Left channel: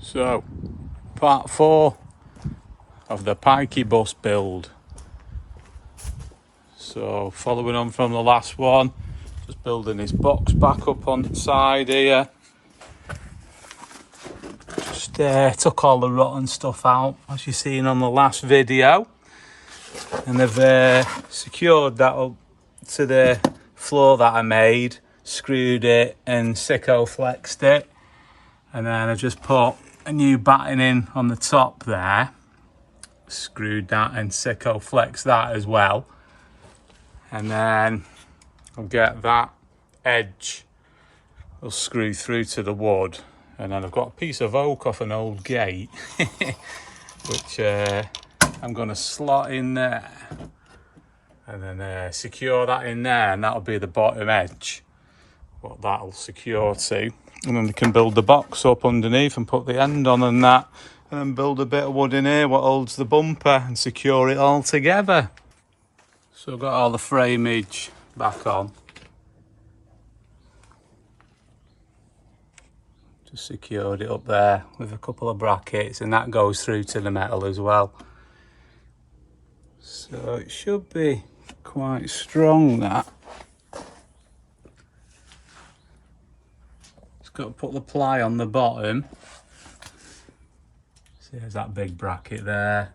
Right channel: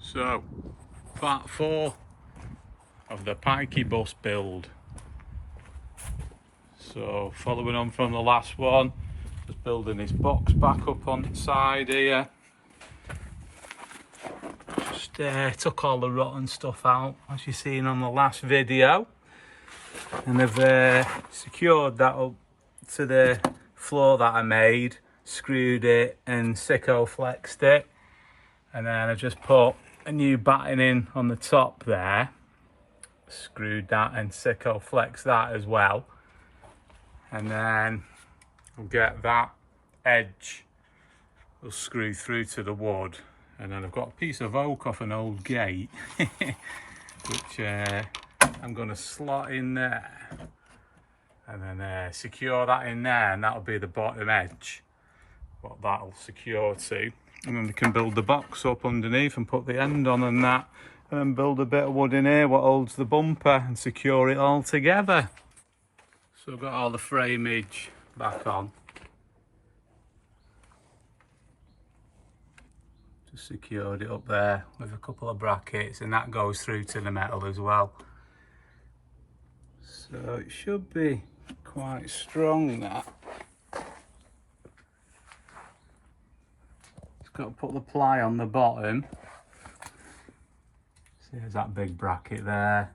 So, part 4 of the pikey bus build. So, following on from the last one, just building this box back up on the side here. Just took all the rotten stuff out, as you've seen on the last video. And I've secured that up to the floor that I made, screwed it and sicko flexed it. And then I just put a new batting in on the top there, screwed that and sicko flexed that as well. And then I'll get that edge, will screw through to the wood. And then I've got a piece of oak off an old gate, which I'm going to slot in there. And then secure that in there, and that'll be the bottom edge, what that'll secure to. And then we can build the box up underneath and put the end on and that. And then build a bit of wood in here, what holds the bumper, and secure it all together. So I've got all the frameage back on. Just secured it up there with a couple of brackets, and that goes through to the metal as well. So it should be quite strong, that. Got to put the ply on the bottom. See, there's that big bracket there.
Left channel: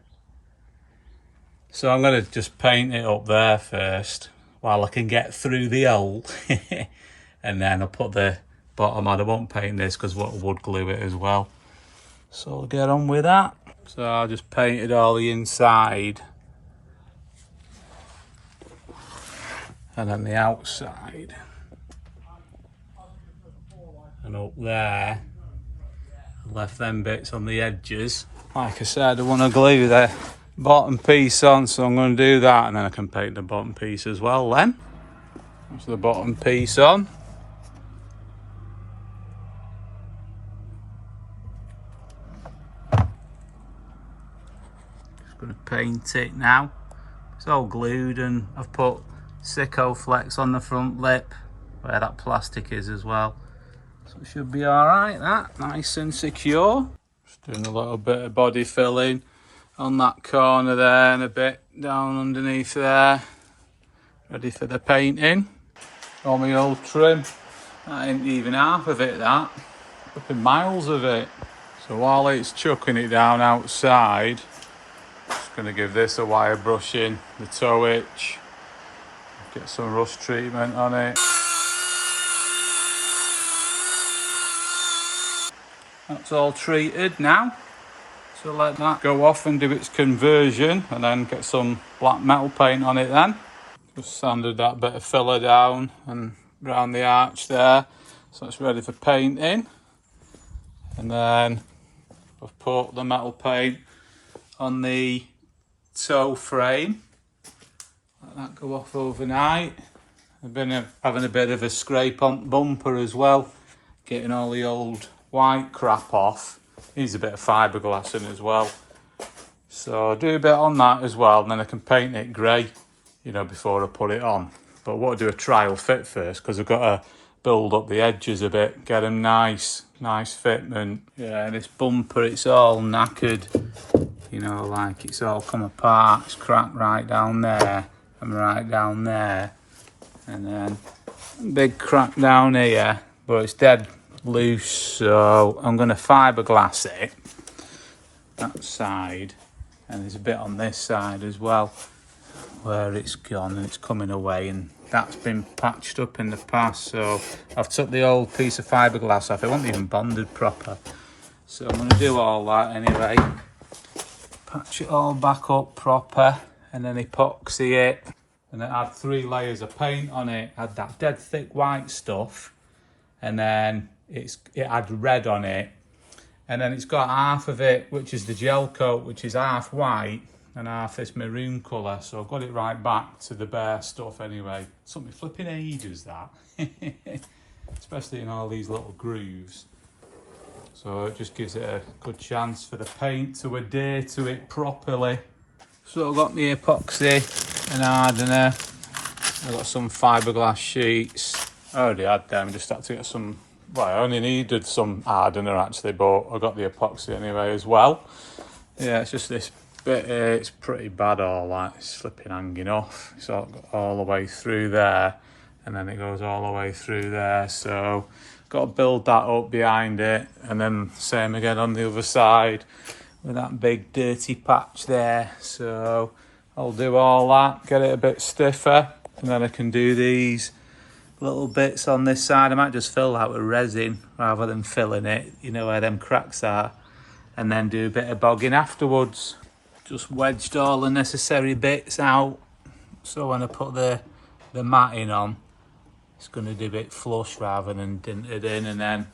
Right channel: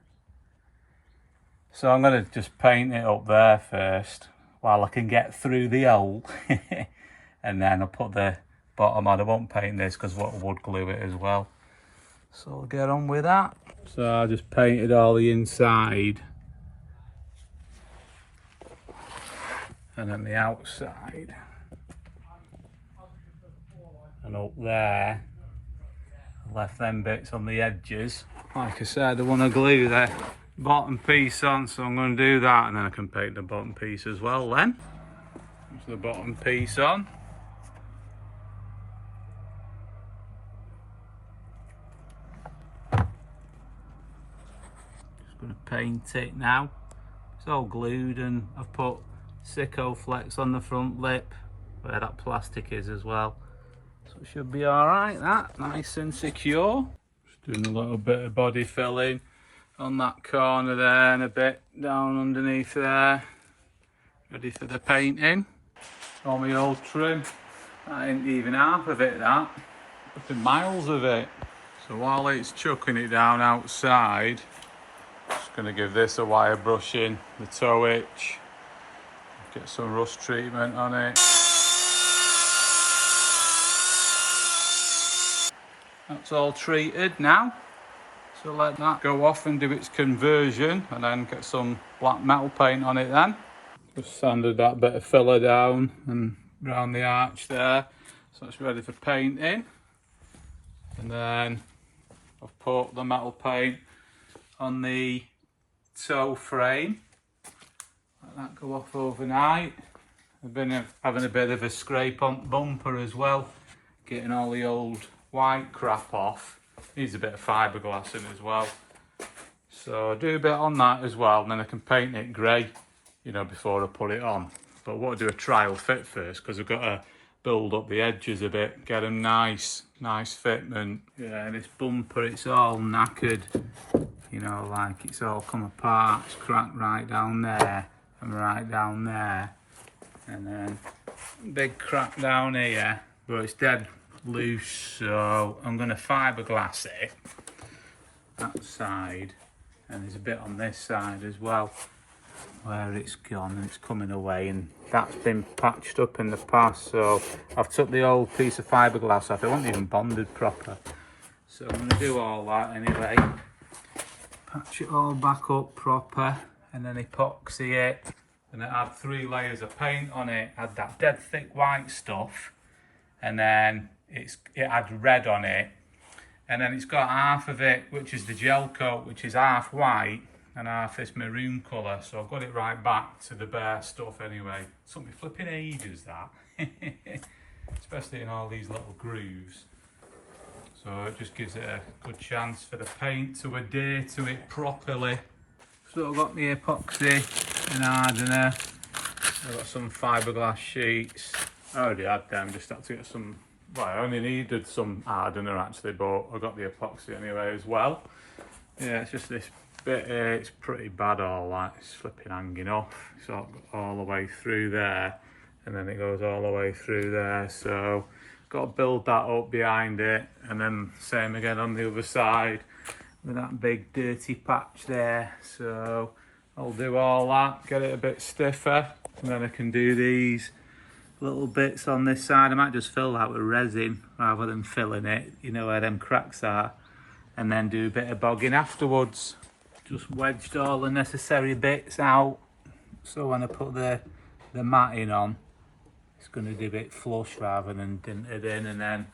So I'm going to just paint it up there first while I can get through the hole. And then I'll put the bottom on. I won't paint this because what would glue it as well. So I'll get on with that. So I just painted all the inside. And then the outside. And up there, I left them bits on the edges. Like I said, I want to glue the bottom piece on, so I'm going to do that, and then I can paint the bottom piece as well then. That's the bottom piece on. Just going to paint it now. It's all glued, and I've put sicko flex on the front lip where that plastic is as well. So it should be alright, that, nice and secure. Just doing a little bit of body filling on that corner there and a bit down underneath there. Ready for the painting. All my old trim. That ain't even half of it, that. Up in miles of it. So while it's chucking it down outside, just going to give this a wire brushing, the toe hitch. Get some rust treatment on it. That's all treated now, so let that go off and do its conversion, and then get some black metal paint on it then. Just sanded that bit of filler down and round the arch there, so it's ready for painting. And then I've put the metal paint on the toe frame. Let that go off overnight. I've been having a bit of a scrape on the bumper as well, getting all the old white crap off. Needs a bit of fiberglass in as well. So I'll do a bit on that as well, and then I can paint it grey, you know, before I put it on. But I want to do a trial fit first, because I've got to build up the edges a bit, get them nice fitment. Yeah, this bumper, it's all knackered, you know, like it's all come apart. It's cracked right down there and right down there, and then big crack down here, but it's dead loose, so I'm going to fiberglass it, that side, and there's a bit on this side as well where it's gone and it's coming away, and that's been patched up in the past. So I've took the old piece of fiberglass off. It wasn't even bonded proper, so I'm going to do all that anyway, patch it all back up proper, and then epoxy it, and then add 3 layers of paint on it. Add that dead thick white stuff, and then it had red on it, and then it's got half of it which is the gel coat, which is half white and half this maroon colour. So I've got it right back to the bare stuff anyway. It took me flipping ages, that. Especially in all these little grooves. So it just gives it a good chance for the paint to adhere to it properly. So I've got my epoxy and hardener. I've got some fiberglass sheets. I already had them, just had to get some well, I only needed some hardener actually, but I got the epoxy anyway as well. Yeah, it's just this bit here, it's pretty bad, all that, it's slipping, hanging off. It's all the way through there, and then it goes all the way through there, so got to build that up behind it, and then same again on the other side with that big dirty patch there. So I'll do all that, get it a bit stiffer, and then I can do these little bits on this side. I might just fill that with resin rather than filling it, you know where them cracks are, and then do a bit of bogging afterwards. Just wedged all the necessary bits out, so when I put the matting on, it's going to do it flush rather than dinted in. And then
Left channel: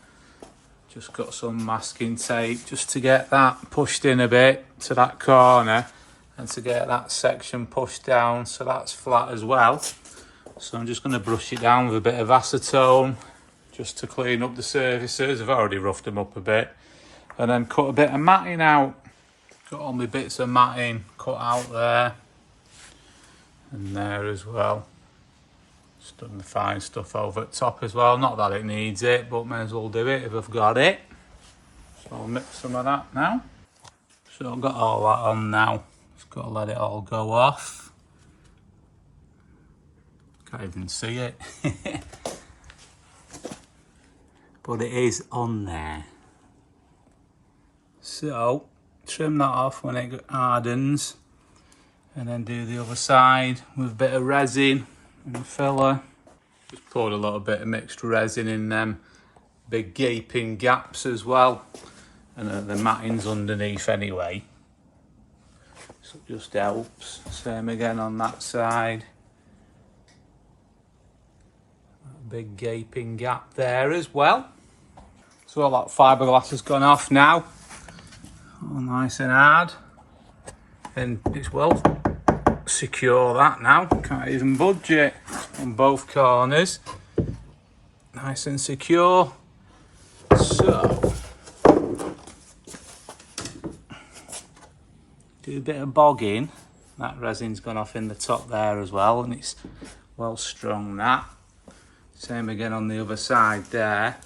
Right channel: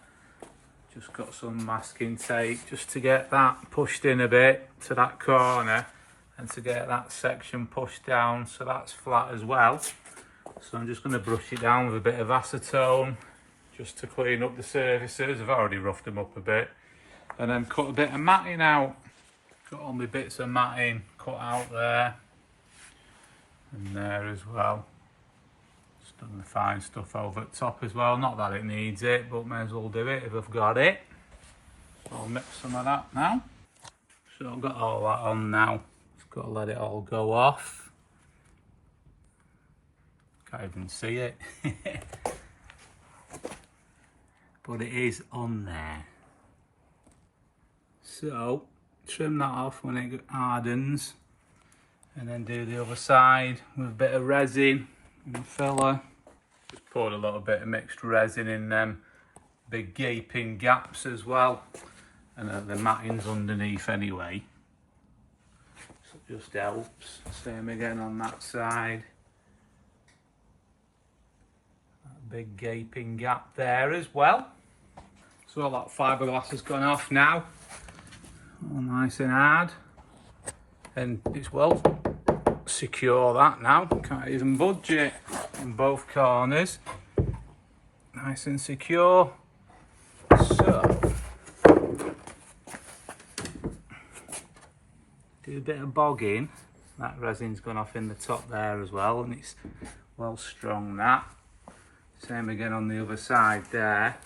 just got some masking tape just to get that pushed in a bit to that corner, and to get that section pushed down so that's flat as well. So I'm just going to brush it down with a bit of acetone just to clean up the surfaces. I've already roughed them up a bit, and then cut a bit of matting out. Got all my bits of matting cut out there and there as well. Just done the fine stuff over at top as well. Not that it needs it, but may as well do it if I've got it. So I'll mix some of that now. So I've got all that on now. Just got to let it all go off. Can't even see it. But it is on there. So trim that off when it hardens, and then do the other side with a bit of resin and filler. Just poured a little bit of mixed resin in them big gaping gaps as well, and the matting's underneath anyway, so it just helps. Same again on that side, that big gaping gap there as well. So all that fiberglass has gone off now, all nice and hard, and it's well secure that now, can't even budge it on both corners, nice and secure. So do a bit of bogging. That resin's gone off in the top there as well, and it's well strung. That same again on the other side there,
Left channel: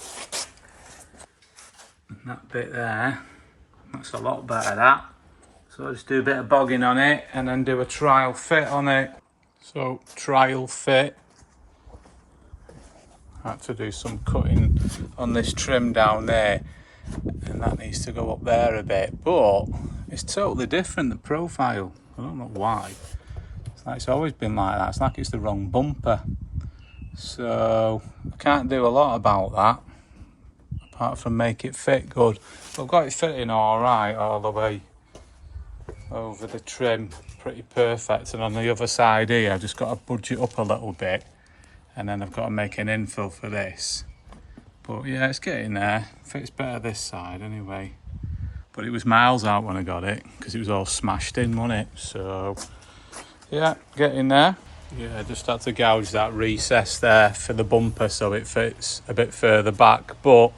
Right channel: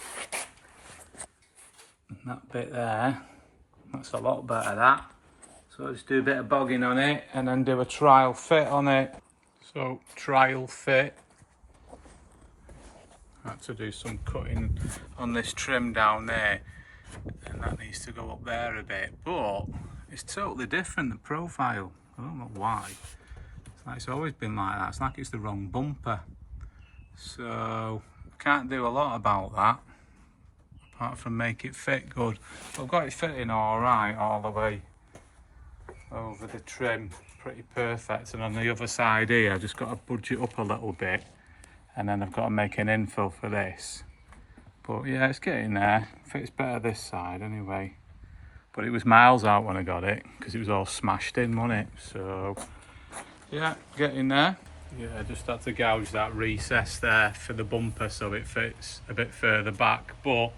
and that bit there, that's a lot better that. So I'll just do a bit of bogging on it and then do a trial fit on it. So trial fit, I had to do some cutting on this trim down there, and that needs to go up there a bit, but it's totally different, the profile. I don't know why. It's always been like that. It's like it's the wrong bumper. So I can't do a lot about that, apart from make it fit good. But I've got it fitting all right all the way over the trim, pretty perfect. And on the other side here, I've just got to budge it up a little bit, and then I've got to make an infill for this. But yeah, it's getting there. Fits better this side anyway. But it was miles out when I got it, because it was all smashed in, wasn't it? So yeah, getting there. Yeah, I just had to gouge that recess there for the bumper so it fits a bit further back. But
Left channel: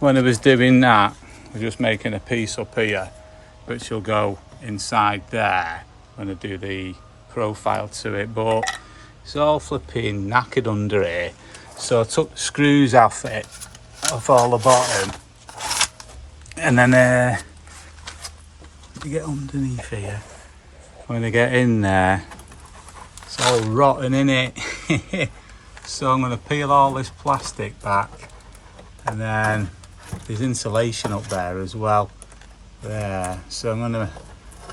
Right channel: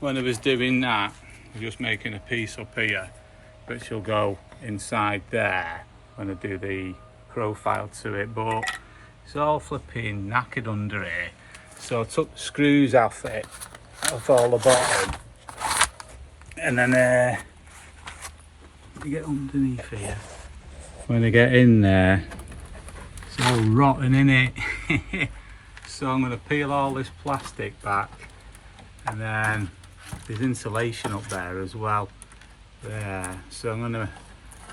when I was doing that, I was just making a piece up here, which will go inside there when I do the profile to it. But it's all flipping knackered under here, so I took the screws off it, off all the bottom, and then get underneath here. When I get in there, it's all rotten in it. So I'm going to peel all this plastic back, and then there's insulation up there as well there, so I'm going to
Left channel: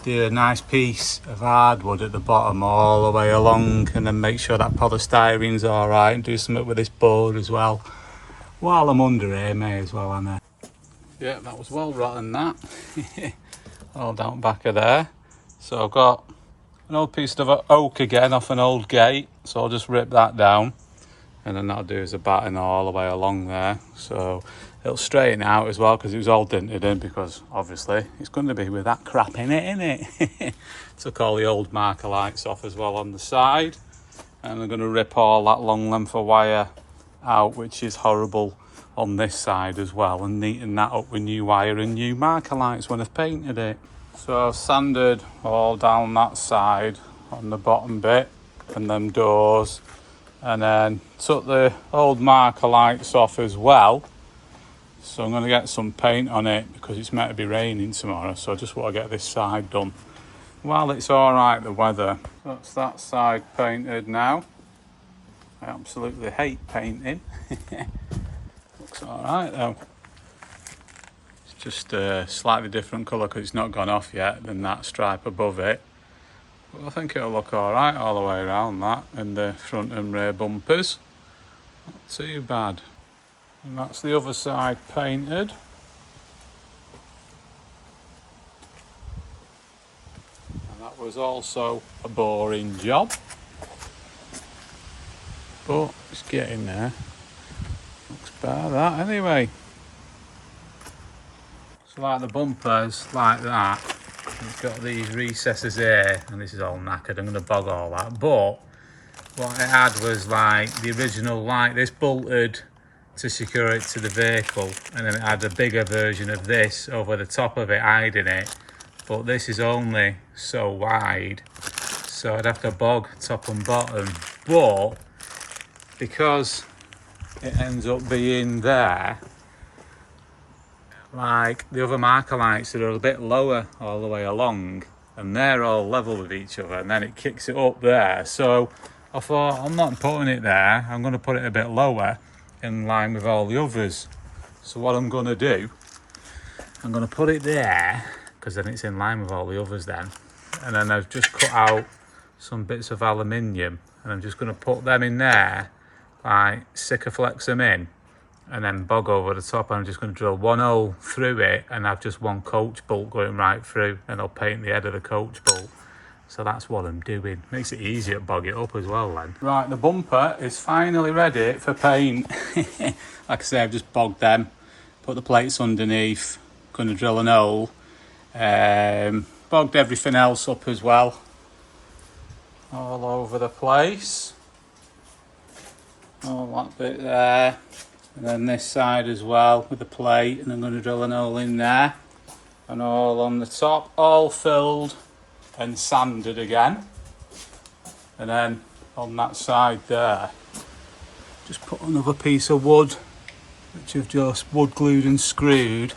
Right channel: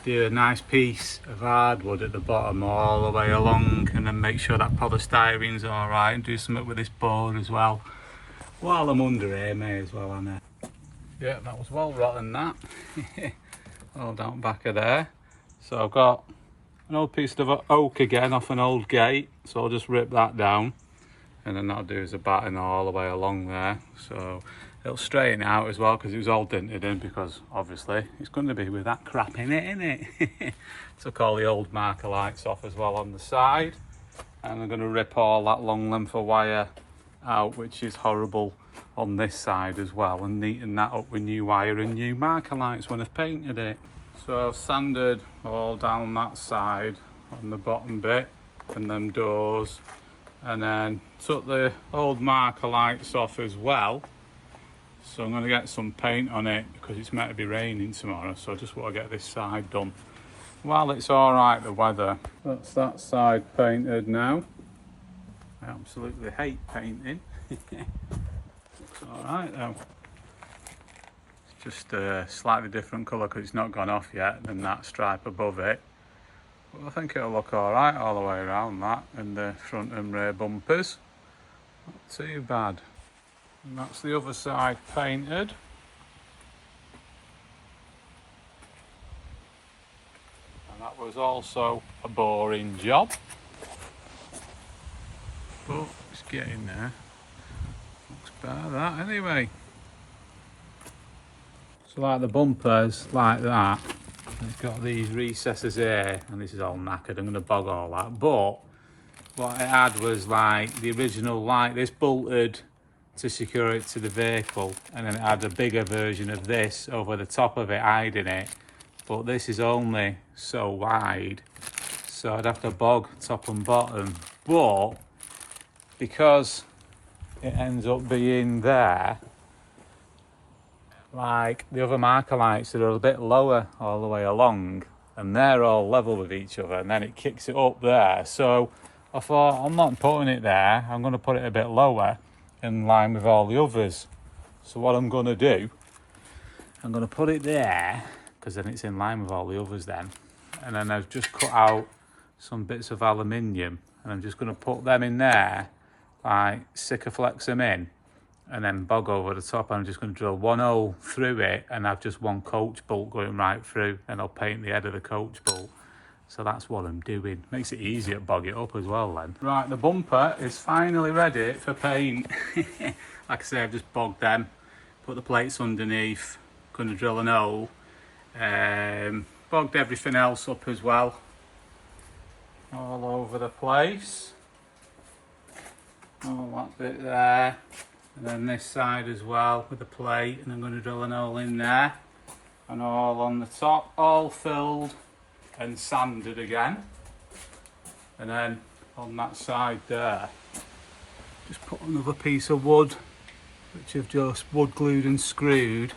do a nice piece of hardwood at the bottom all the way along, and then make sure that polystyrene's all right, and do something with this board as well while I'm under here, may as well. And yeah, that was well rotten, that. All down back of there. So I've got an old piece of oak again off an old gate, so I'll just rip that down, and then that'll do as a batten all the way along there, so it'll straighten it out as well, because it was all dented in, because obviously it's going to be with that crap in it, innit? Took all the old marker lights off as well on the side, and I'm going to rip all that long length of wire out, which is horrible, on this side as well, and neaten that up with new wire and new marker lights when I've painted it. So I've sanded all down that side on the bottom bit and them doors, and then took the old marker lights off as well, So I'm going to get some paint on it because it's meant to be raining tomorrow, so I just want to get this side done while it's alright, the weather. That's that side painted now. I absolutely hate painting. Looks alright though. It's just a slightly different colour because it's not gone off yet than that stripe above it. But I think it'll look alright all the way around that, and the front and rear bumpers. Not too bad. And that's the other side painted. And that was also a boring job, but it's getting there. Looks better that anyway. So like the bumpers like that, it's got these recesses here, and this is all knackered. I'm going to bog all that, but what it had was like the original, like this bolted to secure it to the vehicle, and then it had a bigger version of this over the top of it hiding it, but this is only so wide, so I'd have to bog top and bottom. But because it ends up being there, like the other marker lights that are a bit lower all the way along, and they're all level with each other, and then it kicks it up there. So I thought, I'm not putting it there, I'm going to put it a bit lower in line with all the others. So what I'm going to do, I'm going to put it there because then it's in line with all the others then. And then I've just cut out some bits of aluminium, and I'm just going to put them in there, like Sikaflex them in, and then bog over the top. I'm just going to drill one hole through it and have just one coach bolt going right through, and I'll paint the head of the coach bolt. So that's what I'm doing. Makes it easier to bog it up as well then. Right, the bumper is finally ready for paint. Like I say, I've just bogged them, put the plates underneath, going to drill an hole, bogged everything else up as well, all over the place. All that bit there, and then this side as well with the plate, and I'm going to drill an hole in there, and all on the top, all filled and sanded again. And then on that side there, just put another piece of wood, which I've just wood glued and screwed,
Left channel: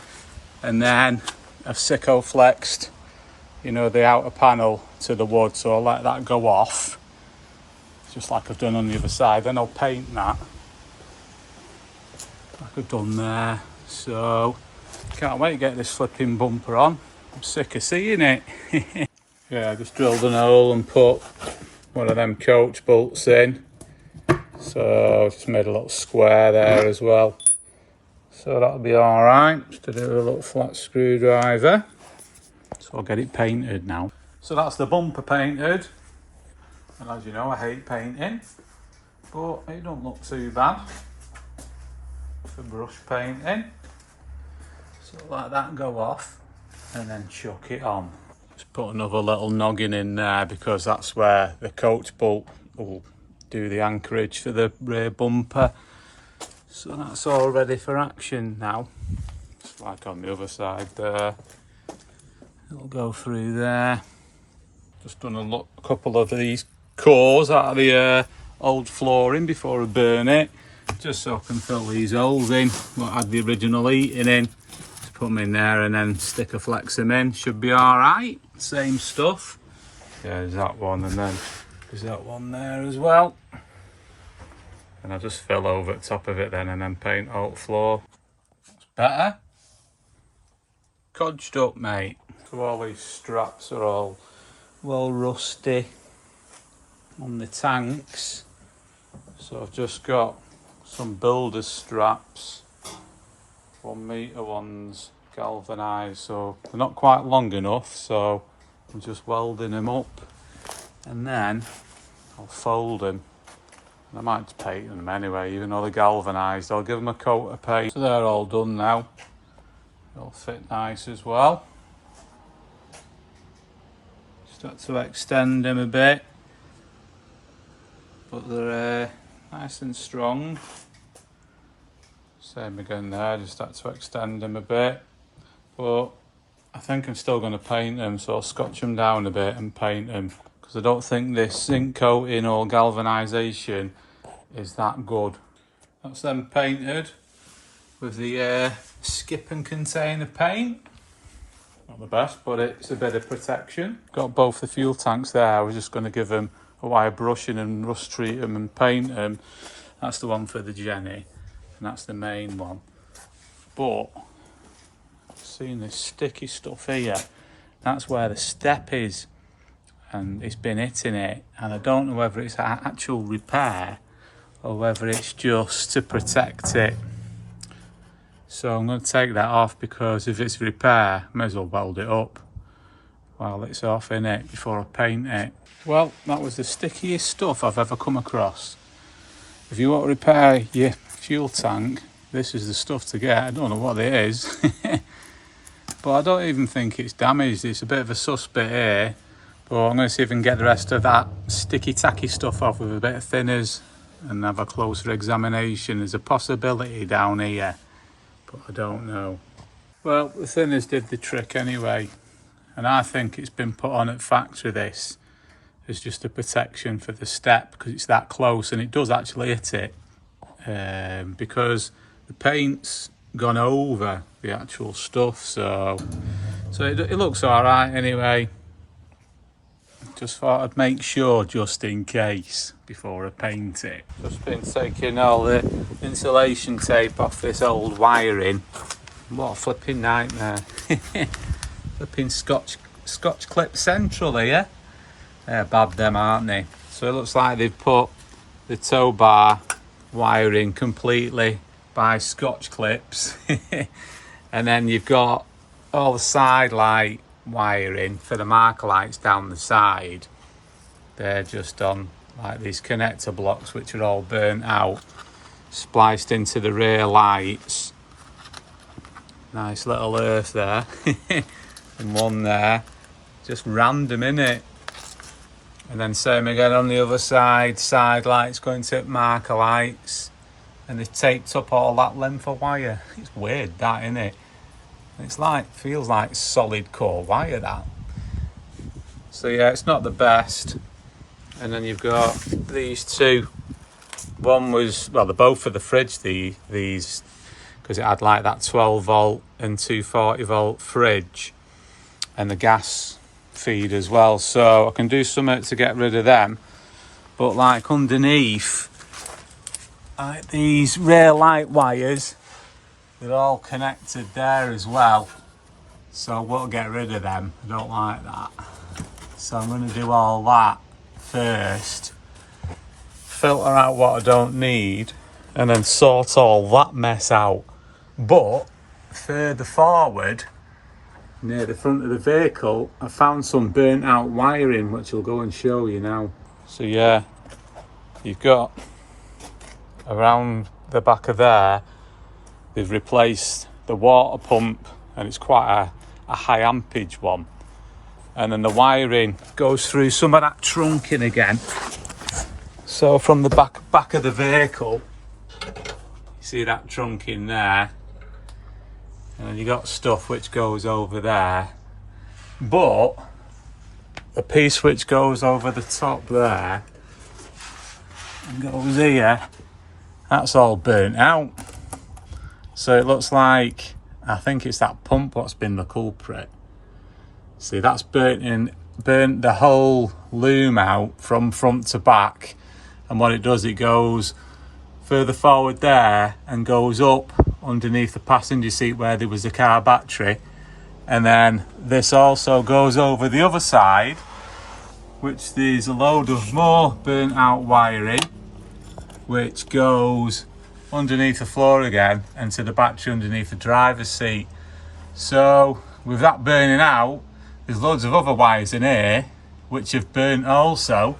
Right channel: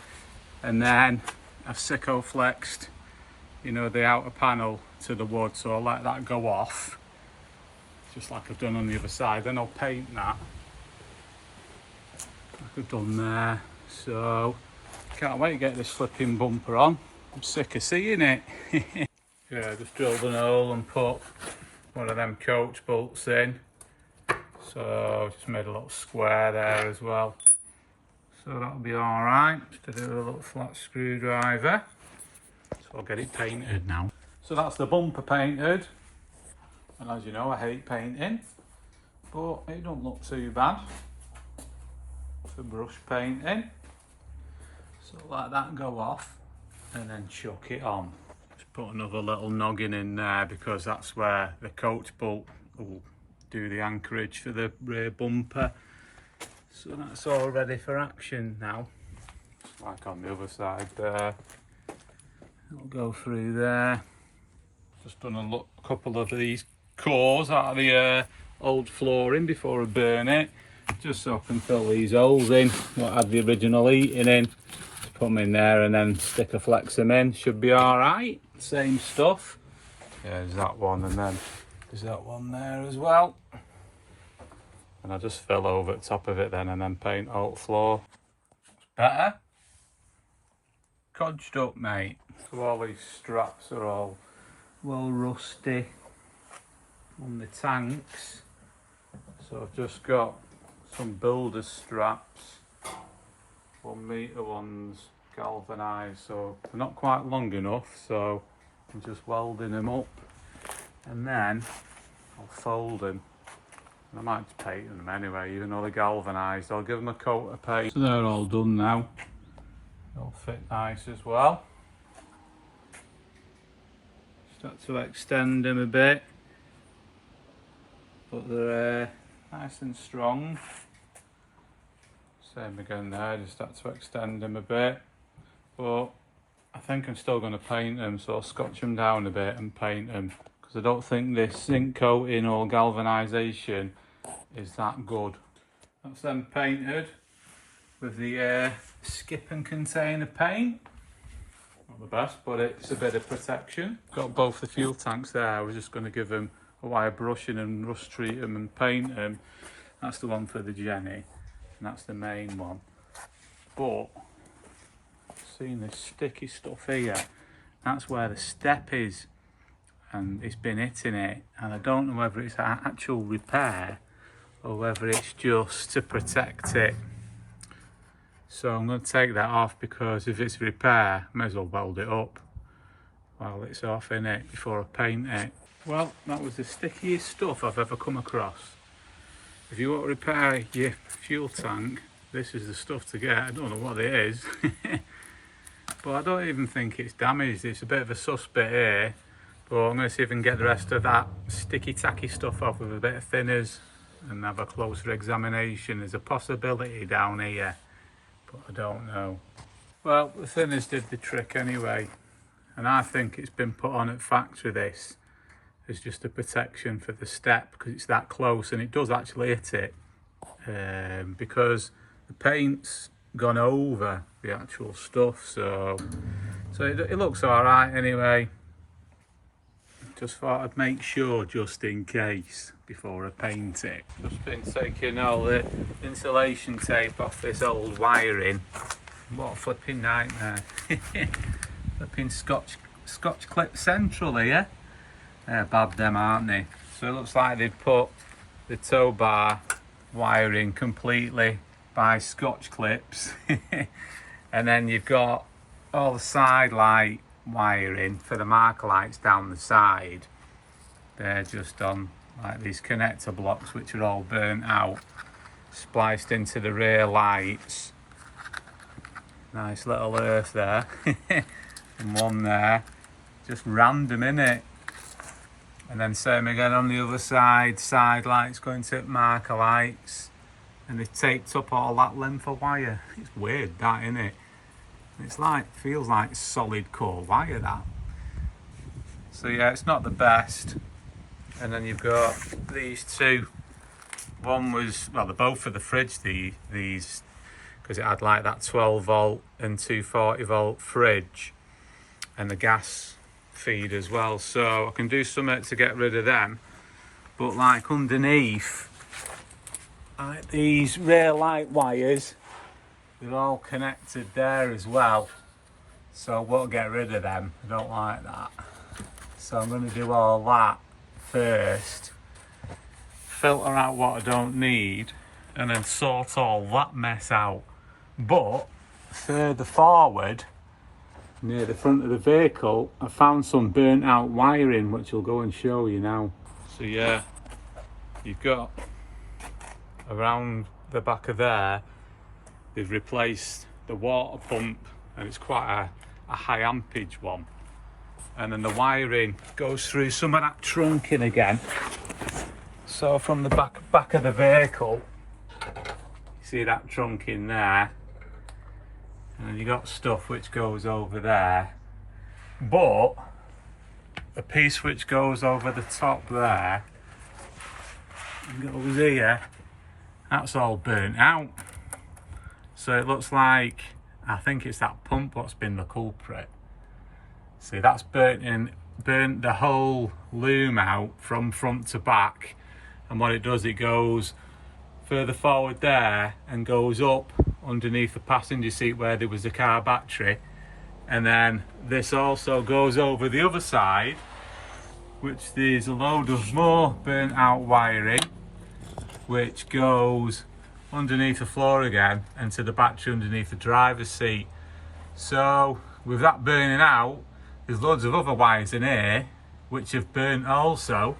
and then I've Sikaflexed, you know, the outer panel to the wood, so I'll let that go off, just like I've done on the other side. Then I'll paint that, like I've done there. So, can't wait to get this flipping bumper on. I'm sick of seeing it. Yeah, I just drilled an hole and put one of them coach bolts in. So, just made a little square there as well. So that'll be alright. Just to do a little flat screwdriver. So I'll get it painted now. So that's the bumper painted. And as you know, I hate painting, but it don't look too bad for brush painting. So let that go off and then chuck it on. Just put another little noggin in there because that's where the coach bolt will do the anchorage for the rear bumper. So that's all ready for action now. It's like on the other side there. It'll go through there. Just done a couple of these cores out of the old flooring before I burn it, just so I can fill these holes in what had the original heating in. Just put them in there and then Sikaflex them in. Should be all right. Same stuff. Yeah, there's that one, and then there's that one there as well. And I'll just fill over the top of it then, and then paint out floor. That's better. Codged up, mate. So all these straps are all well rusty on the tanks. So I've just got some builder's straps, 1 metre ones, galvanised, so they're not quite long enough, so I'm just welding them up, and then I'll fold them. And I might just paint them anyway, even though they're galvanised. I'll give them a coat of paint. So they're all done now. They'll fit nice as well. Start to extend them a bit, but they're nice and strong. Same again there, just start to extend them a bit, but I think I'm still going to paint them, so I'll scotch them down a bit and paint them, because I don't think this zinc coating or galvanisation is that good. That's them painted with the skip and container paint. Not the best, but it's a bit of protection. Got both the fuel tanks there. I was just going to give them a wire brushing and rust treat them and paint them. That's the one for the Jenny, and that's the main one. But I've seen this sticky stuff here. That's where the step is, and it's been hitting it. And I don't know whether it's an actual repair or whether it's just to protect it. So I'm going to take that off, because if it's repair, I may as well weld it up while it's off, innit, before I paint it. Well, that was the stickiest stuff I've ever come across. If you want to repair your fuel tank, this is the stuff to get. I don't know what it is, but I don't even think it's damaged. It's a bit of a sus bit here, but I'm going to see if I can get the rest of that sticky tacky stuff off with a bit of thinners and have a closer examination. There's a possibility down here, but I don't know. Well, the thinners did the trick anyway, and I think it's been put on at factory, this, as just a protection for the step, because it's that close, and it does actually hit it, because the paint's gone over the actual stuff, so it looks all right anyway. Just thought I'd make sure, just in case, before I paint it. Just been taking all the insulation tape off this old wiring. What a flipping nightmare. Flipping Scotch clip central here. They're bad, them, aren't they? So it looks like they've put the tow bar wiring completely by Scotch clips. And then you've got all the side light wiring for the marker lights down the side. They're just on like these connector blocks, which are all burnt out, spliced into the rear lights. Nice little earth there. And one there, just random, innit? And then same again on the other side, side lights going to marker lights, and they've taped up all that length of wire. It's weird, that, isn't it? It's like, feels like solid core wire, that. So yeah, it's not the best. And then you've got these two. One was, well, they're both for the fridge, these, because it had like that 12 volt and 240 volt fridge, and the gas feed as well. So I can do something to get rid of them. But like underneath, like these rear light wires, they're all connected there as well, so we'll get rid of them. I don't like that, so I'm going to do all that first, filter out what I don't need, and then sort all that mess out. But further forward, near the front of the vehicle, I found some burnt out wiring, which I'll go and show you now. So yeah, you've got around the back of there, they've replaced the water pump, and it's quite a high ampage one. And then the wiring goes through some of that trunking again. So from the back of the vehicle, you see that trunking there. And then you got stuff which goes over there. But the piece which goes over the top there and goes here, that's all burnt out. So it looks like, I think it's that pump what's been the culprit. See, that's burnt the whole loom out from front to back. And what it does, it goes further forward there and goes up underneath the passenger seat where there was the car battery. And then this also goes over the other side, which there's a load of more burnt out wiring, which goes underneath the floor again and to the battery underneath the driver's seat. So with that burning out, there's loads of other wires in here which have burnt also.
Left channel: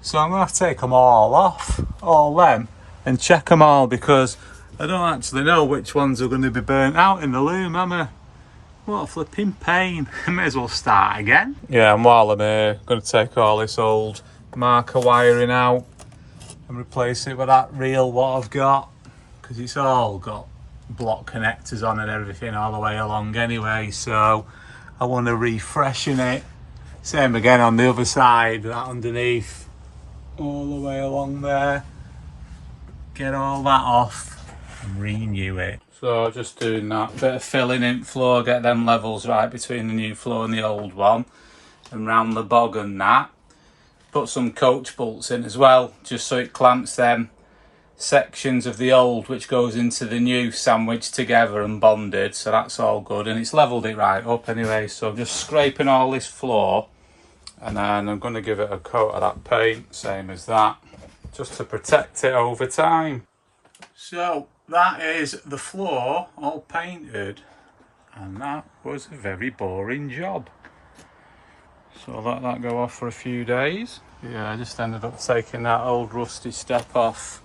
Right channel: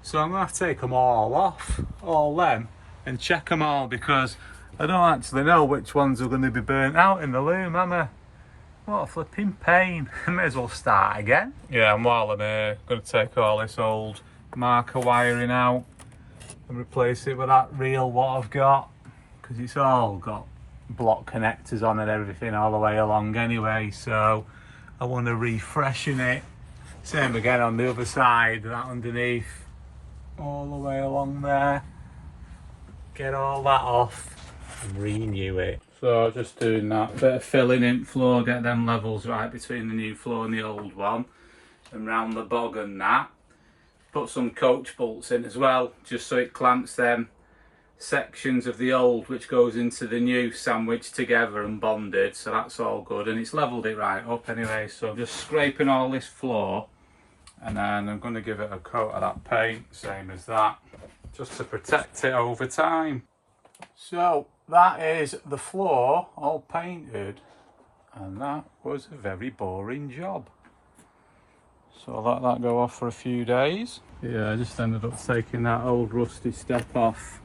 So I'm gonna have to take them all off, all them, and check them all, because I don't actually know which ones are going to be burnt out in the loom, am I? What a flipping pain. I may as well start again. Yeah, and while I'm here, I'm going to take all this old marker wiring out and replace it with that real what I've got, because it's all got block connectors on and everything all the way along anyway, so I want to refreshen it. Same again on the other side, that underneath, all the way along there. Get all that off and renew it. So just doing that, bit of filling in floor, get them levels right between the new floor and the old one, and round the bog and that. Put some coach bolts in as well, just so it clamps them sections of the old which goes into the new sandwiched together and bonded, so that's all good, and it's levelled it right up anyway. So I'm just scraping all this floor, and then I'm going to give it a coat of that paint, same as that, just to protect it over time. So that is the floor all painted, and that was a very boring job. So I'll let that go off for a few days. Yeah, I just ended up taking that old rusty step off.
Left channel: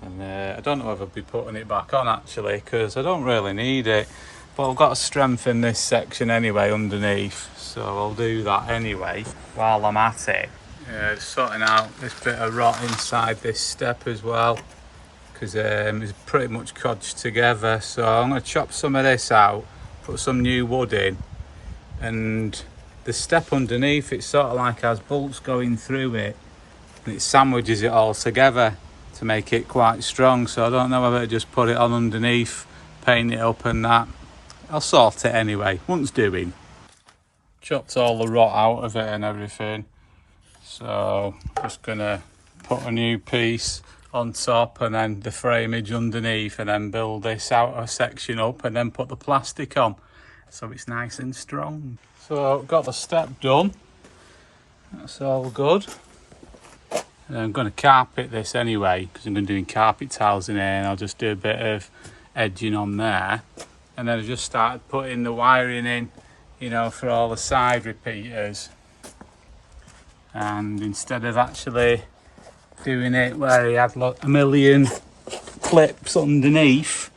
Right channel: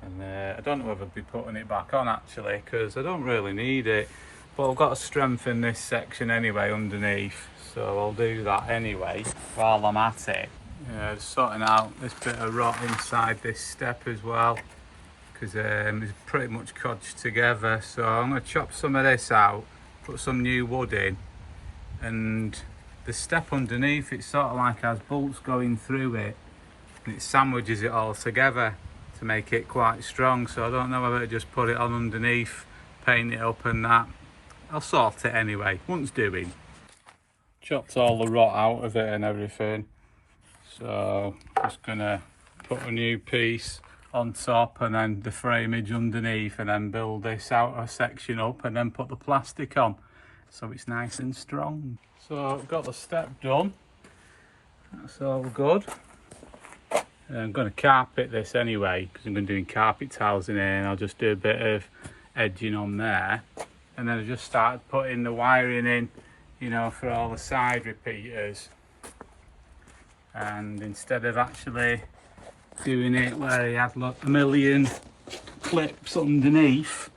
And I don't know whether I'll be putting it back on actually, because I don't really need it. But I've got to strengthen this section anyway underneath, so I'll do that anyway while I'm at it. Yeah, just sorting out this bit of rot inside this step as well, because it's pretty much codged together. So I'm going to chop some of this out, put some new wood in, and the step underneath, it sort of like has bolts going through it, and it sandwiches it all together to make it quite strong. So I don't know whether to just put it on underneath, paint it up and that. I'll sort it anyway, once doing. Chopped all the rot out of it and everything, so just gonna put a new piece on top and then the frameage underneath, and then build this outer section up and then put the plastic on so it's nice and strong. So I've got the step done, that's all good. And I'm going to carpet this anyway, because I'm going to be doing carpet tiles in here, and I'll just do a bit of edging on there. And then I just started putting the wiring in, you know, for all the side repeaters. And instead of actually doing it where he had like a million clips underneath,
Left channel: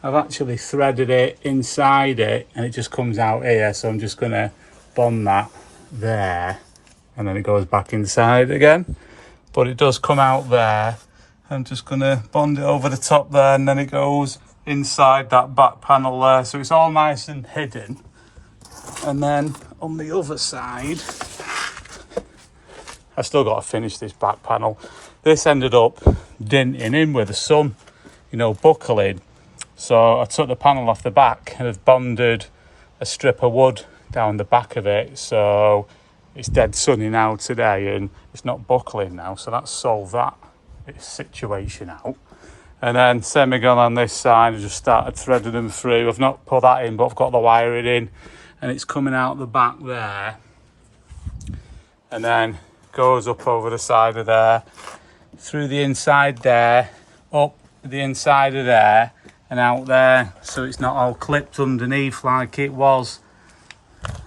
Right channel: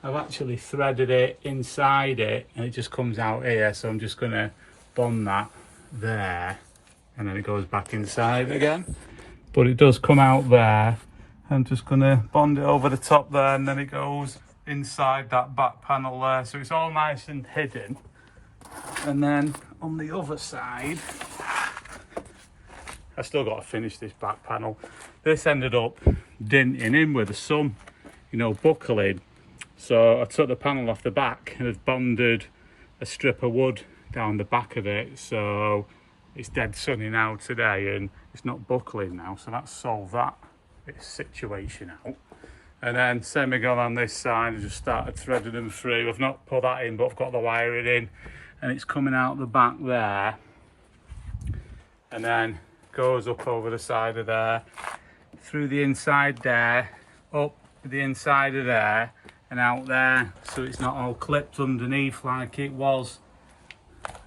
I've actually threaded it inside it, and it just comes out here. So I'm just going to bond that there, and then it goes back inside again. But it does come out there. I'm just going to bond it over the top there, and then it goes inside that back panel there, so it's all nice and hidden. And then on the other side, I still got to finish this back panel. This ended up denting in with the sun, you know, buckling. So I took the panel off the back and have bonded a strip of wood down the back of it, so it's dead sunny now today and it's not buckling now, so that's solved that situation out. And then same again on this side, I just started threading them through. I've not put that in, but I've got the wiring in, and it's coming out the back there, and then goes up over the side of there, through the inside there, up the inside of there, and out there, so it's not all clipped underneath like it was,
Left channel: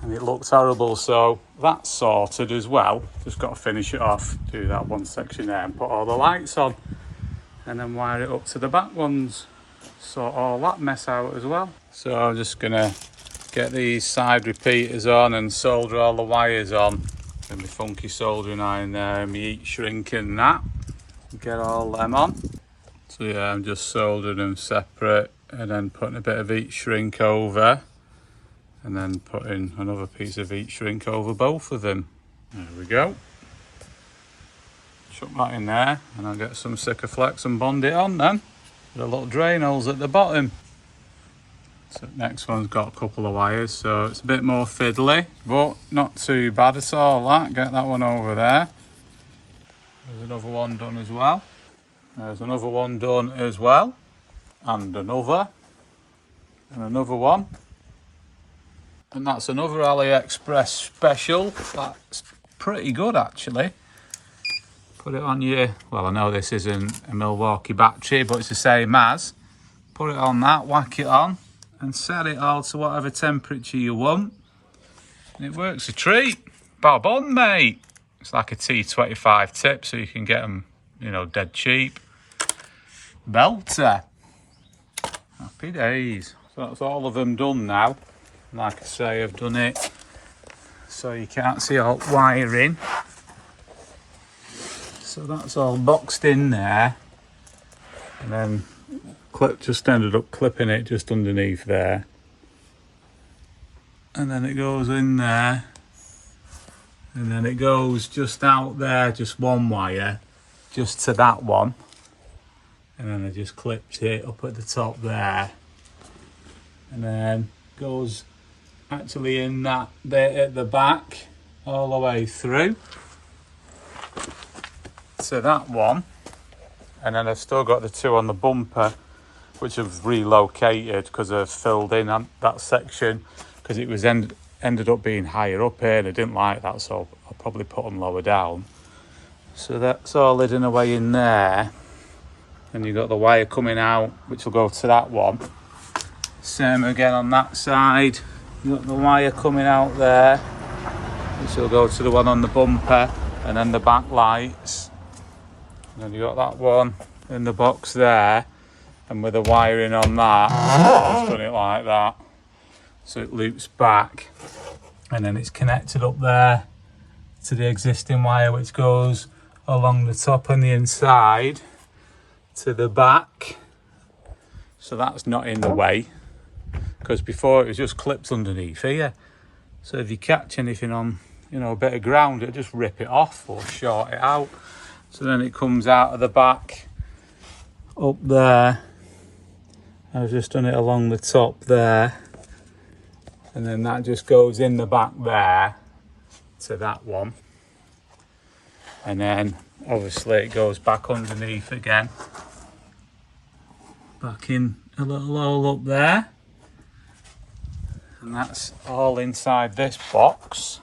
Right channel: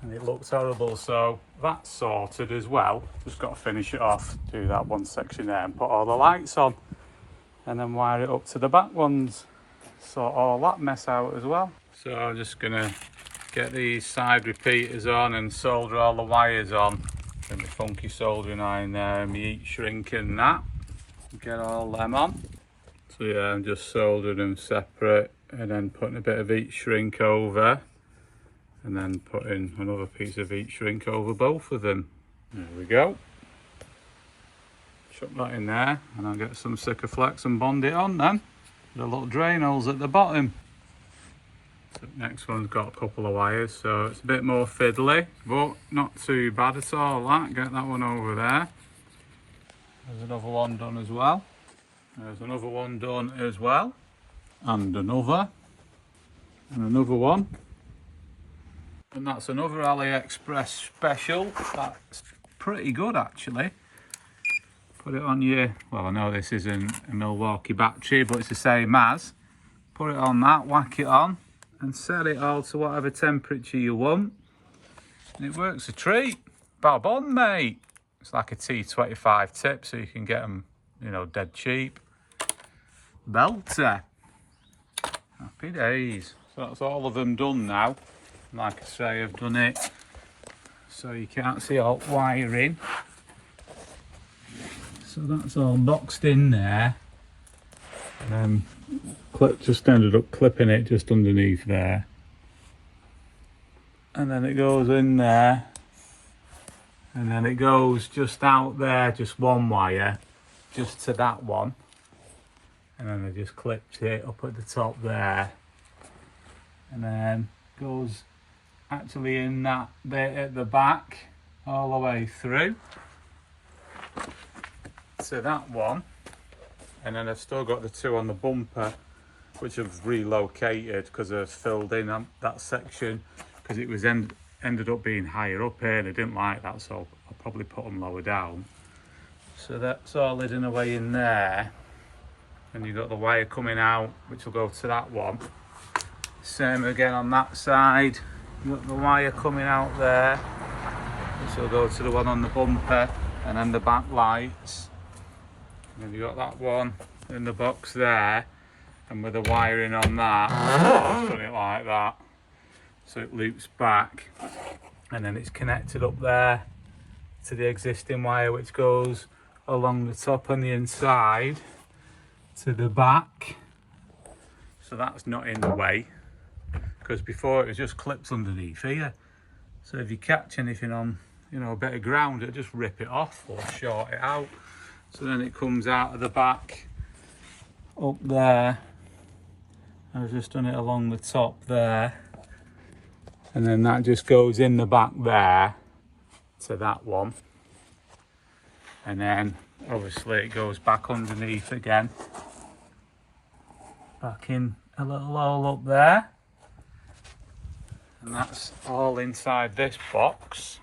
and it looks horrible. So that's sorted as well. Just got to finish it off, do that one section there, and put all the lights on, and then wire it up to the back ones, sort all that mess out as well. So I'm just gonna get these side repeaters on and solder all the wires on, and my funky soldering iron there, and my heat shrink and that, get all them on. So yeah, I'm just soldering them separate, and then putting a bit of heat shrink over, and then putting another piece of heat shrink over both of them. There we go. Chuck that in there, and I'll get some Sikaflex and bond it on then. The little drain holes at the bottom. So next one's got a couple of wires, so it's a bit more fiddly, but not too bad at all. That, get that one over there. There's another one done as well. There's another one done as well, and another one. And that's another AliExpress special. That's pretty good actually. Put it on your, well, I know this isn't a Milwaukee battery, but it's the same as. Put it on that, whack it on, and set it all to whatever temperature you want. And it works a treat. Bob on, mate. It's like a T25 tip, so you can get them, you know, dead cheap. Belter. Happy days. So that's all of them done now. Like I say, I've done it so you can't see all wiring. So that's all boxed in there, and then just ended up clipping it just underneath there, and then it goes in there, and then it goes just out there, just one wire, just to that one, and then I just clipped it up at the top there, and then goes actually in that bit at the back all the way through to that one. And then I've still got the two on the bumper, which I've relocated because I've filled in that section because it was ended up being higher up here and I didn't like that, so I'll probably put them lower down. So that's all hidden away in there. And you've got the wire coming out, which will go to that one. Same again on that side. You've got the wire coming out there, which will go to the one on the bumper, and then the back lights. And then you got that one in the box there, and with the wiring on that, I've done it like that, so it loops back, and then it's connected up there to the existing wire, which goes along the top and the inside to the back. So that's not in the way, because before it was just clipped underneath here. So if you catch anything on, you know, a bit of ground, it'll just rip it off or short it out. So then it comes out of the back up there. I've just done it along the top there, and then that just goes in the back there to that one, and then obviously it goes back underneath again, back in a little hole up there, and that's all inside this box.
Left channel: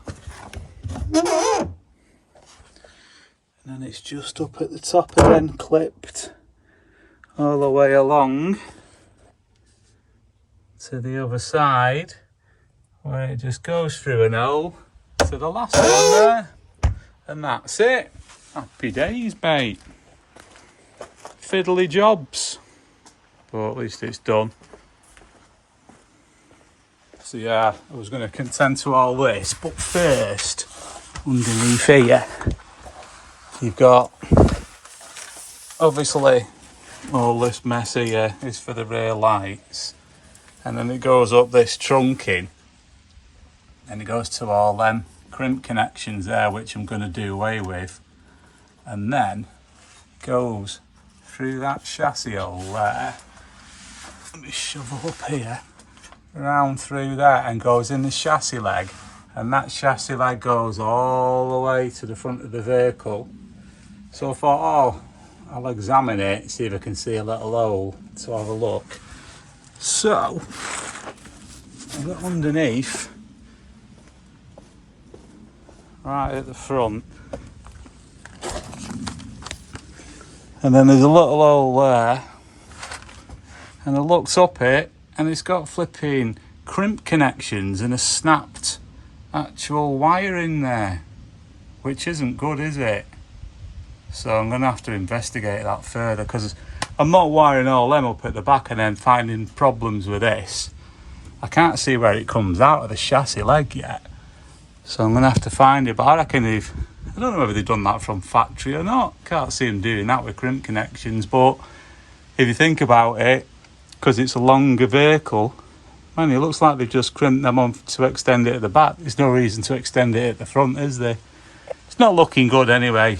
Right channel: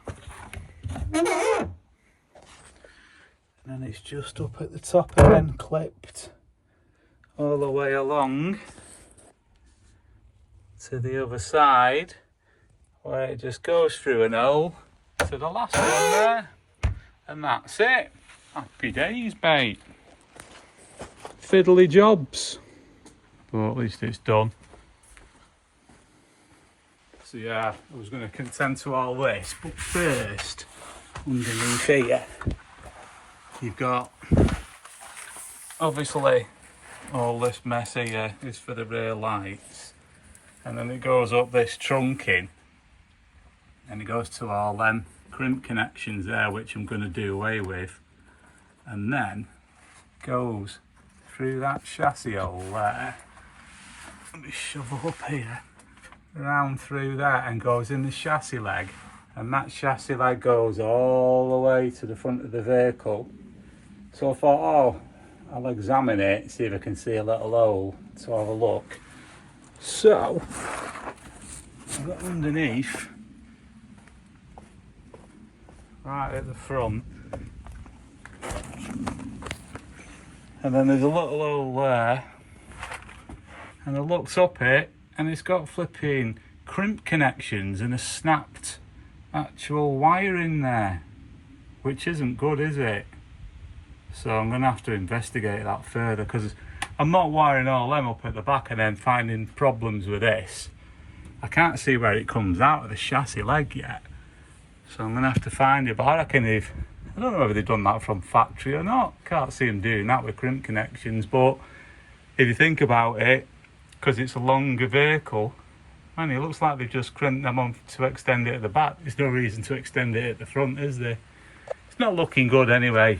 And then it's just up at the top again, clipped all the way along to the other side, where it just goes through an hole to the last one there, and that's it. Happy days, mate. Fiddly jobs, but at least it's done. So yeah, I was going to contend to all this, but first, underneath here, you've got, obviously, all this mess here is for the rear lights, and then it goes up this trunking, and it goes to all them crimp connections there, which I'm going to do away with, and then goes through that chassis hole there. Let me shovel up here, around through there, and goes in the chassis leg, and that chassis leg goes all the way to the front of the vehicle. So I thought, oh, I'll examine it, see if I can see a little hole to have a look. So I've got underneath, right at the front, and then there's a little hole there, and I looked up it, and it's got flipping crimp connections and a snapped actual wire in there, which isn't good, is it? So I'm going to have to investigate that further, because I'm not wiring all them up at the back and then finding problems with this. I can't see where it comes out of the chassis leg yet, so I'm going to have to find it. But I reckon I don't know whether they've done that from factory or not. Can't see them doing that with crimp connections. But if you think about it, because it's a longer vehicle, man, it looks like they've just crimped them on to extend it at the back. There's no reason to extend it at the front, is there? It's not looking good anyway,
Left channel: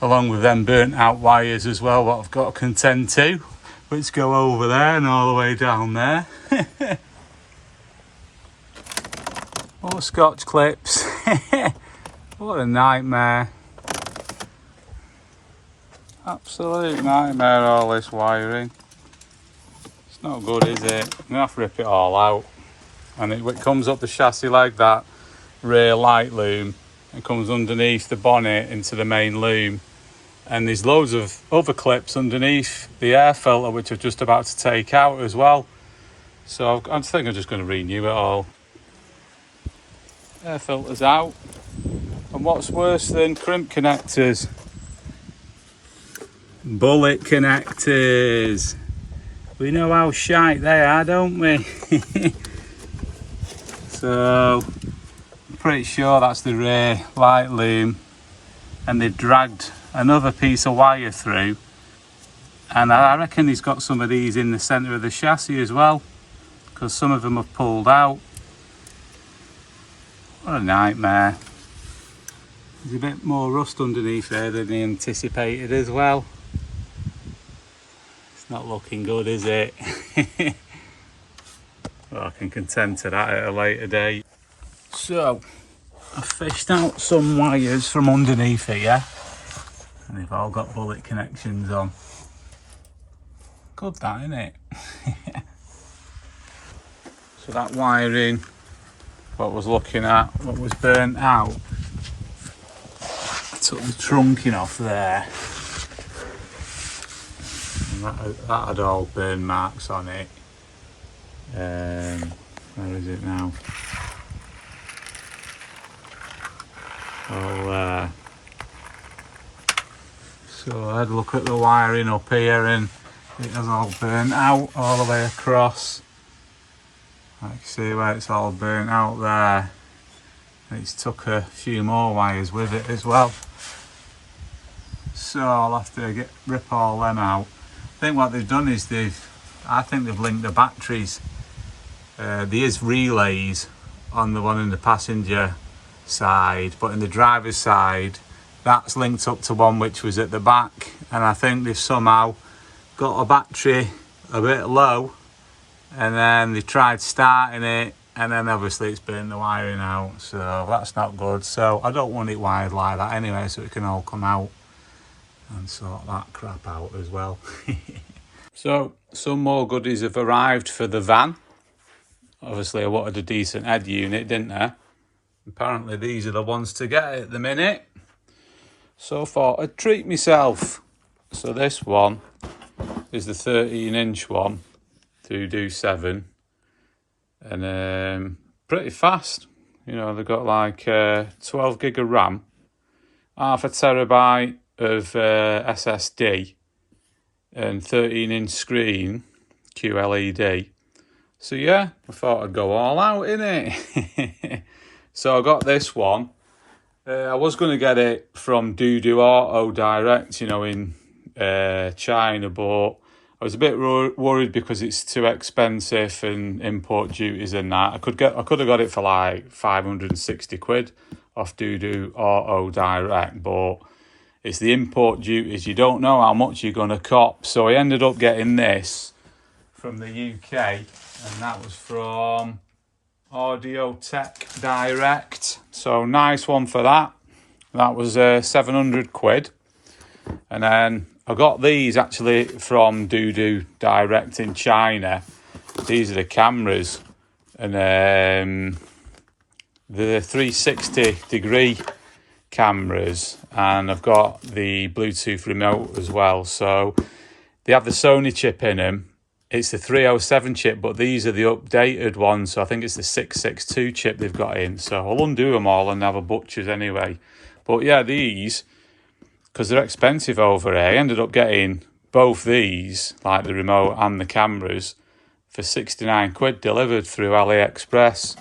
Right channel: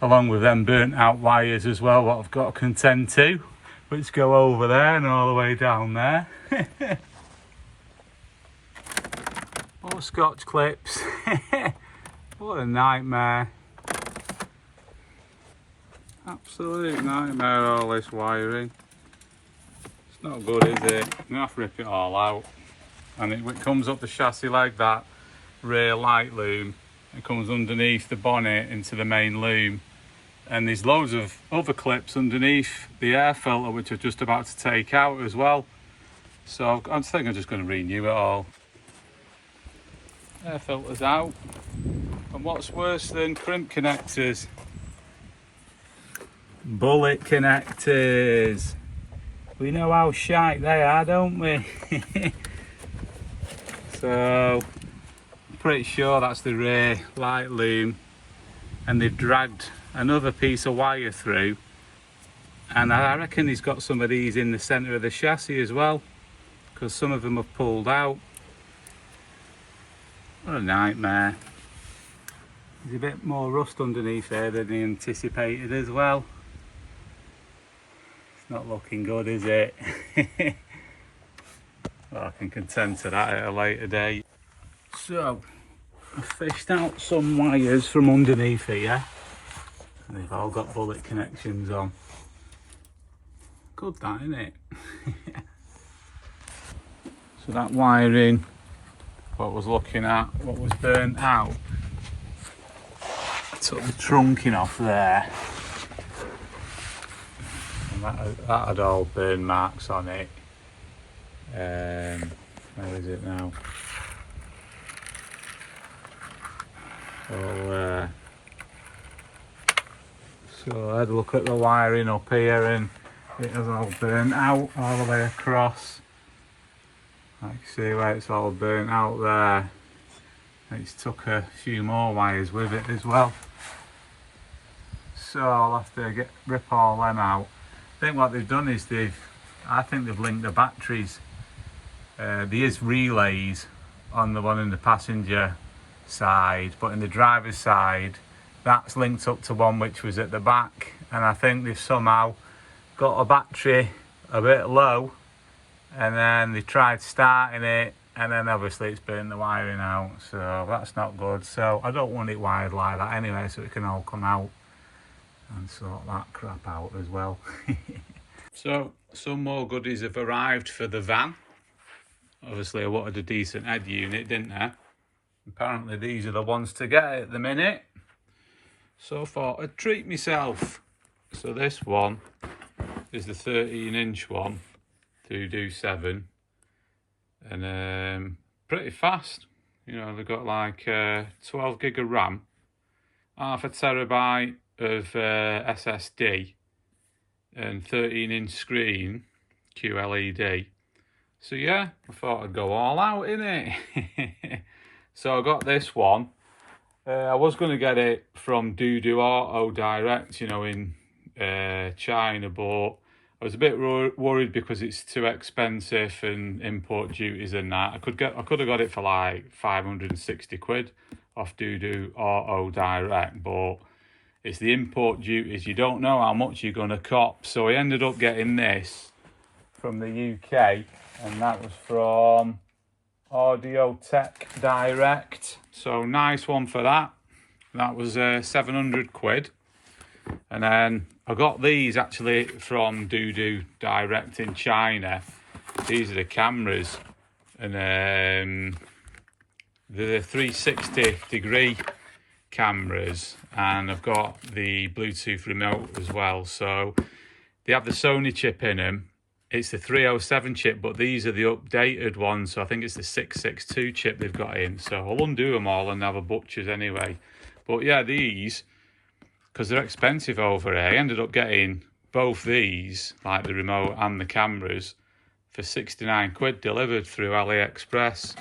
along with them burnt out wires as well, what I've got to contend to, which go over there and all the way down there. More Scotch clips. What a nightmare. Absolute nightmare, all this wiring. It's not good, is it? I'm going to have to rip it all out. And it comes up the chassis like that rear light loom, and comes underneath the bonnet into the main loom. And there's loads of other clips underneath the air filter, which I'm just about to take out as well. So I think I'm just going to renew it all. Air filter's out. And what's worse than crimp connectors? Bullet connectors. We know how shite they are, don't we? So I'm pretty sure that's the rear light loom, and they've dragged another piece of wire through, and I reckon he's got some of these in the centre of the chassis as well, because some of them have pulled out. What a nightmare. There's a bit more rust underneath there than he anticipated as well. Not looking good, is it? Well, I can contend to that at a later date. So, I fished out some wires from underneath here. And they've all got bullet connections on. Good that, isn't it? So that wiring, what I was looking at, what was burnt out, I took the trunking off there. And that had all burn marks on it. Where is it now? All so I had a look at the wiring up here and it was all burnt out all the way across. I can see where it's all burnt out there. It's took a few more wires with it as well. So I'll have to rip all them out. I think what they've done is I think they've linked the batteries. There is relays on the one in the passenger side, but in the driver's side, that's linked up to one which was at the back. And I think they've somehow got a battery a bit low, and then they tried starting it, and then obviously it's burnt the wiring out. So that's not good. So I don't want it wired like that anyway, so it can all come out and sort that crap out as well. So some more goodies have arrived for the van. Obviously I wanted a decent head unit, didn't I? Apparently these are the ones to get at the minute. So I thought I'd treat myself. So this one is the 13-inch one, 2do7, and pretty fast. You know, they've got like 12 gig of RAM, half a terabyte of SSD, and 13-inch screen, QLED. So yeah, I thought I'd go all out, innit? So I got this one. I was going to get it from Doodoo Auto Direct, you know, in China, but I was a bit worried because it's too expensive and import duties and that. I could have got it for like 560 quid off Doodoo Auto Direct, but it's the import duties. You don't know how much you're going to cop. So I ended up getting this from the UK, and that was from Audio Tech Direct. So nice one for that. That was 700 quid. And then I got these actually from Doodoo Direct in China. These are the cameras, and the 360 degree cameras, and I've got the Bluetooth remote as well. So they have the Sony chip in them. It's the 307 chip, but these are the updated ones. So I think it's the 662 chip they've got in. So I'll undo them all and have a butcher's anyway. But yeah, these, because they're expensive over here, I ended up getting both these, like the remote and the cameras, for 69 quid delivered through AliExpress,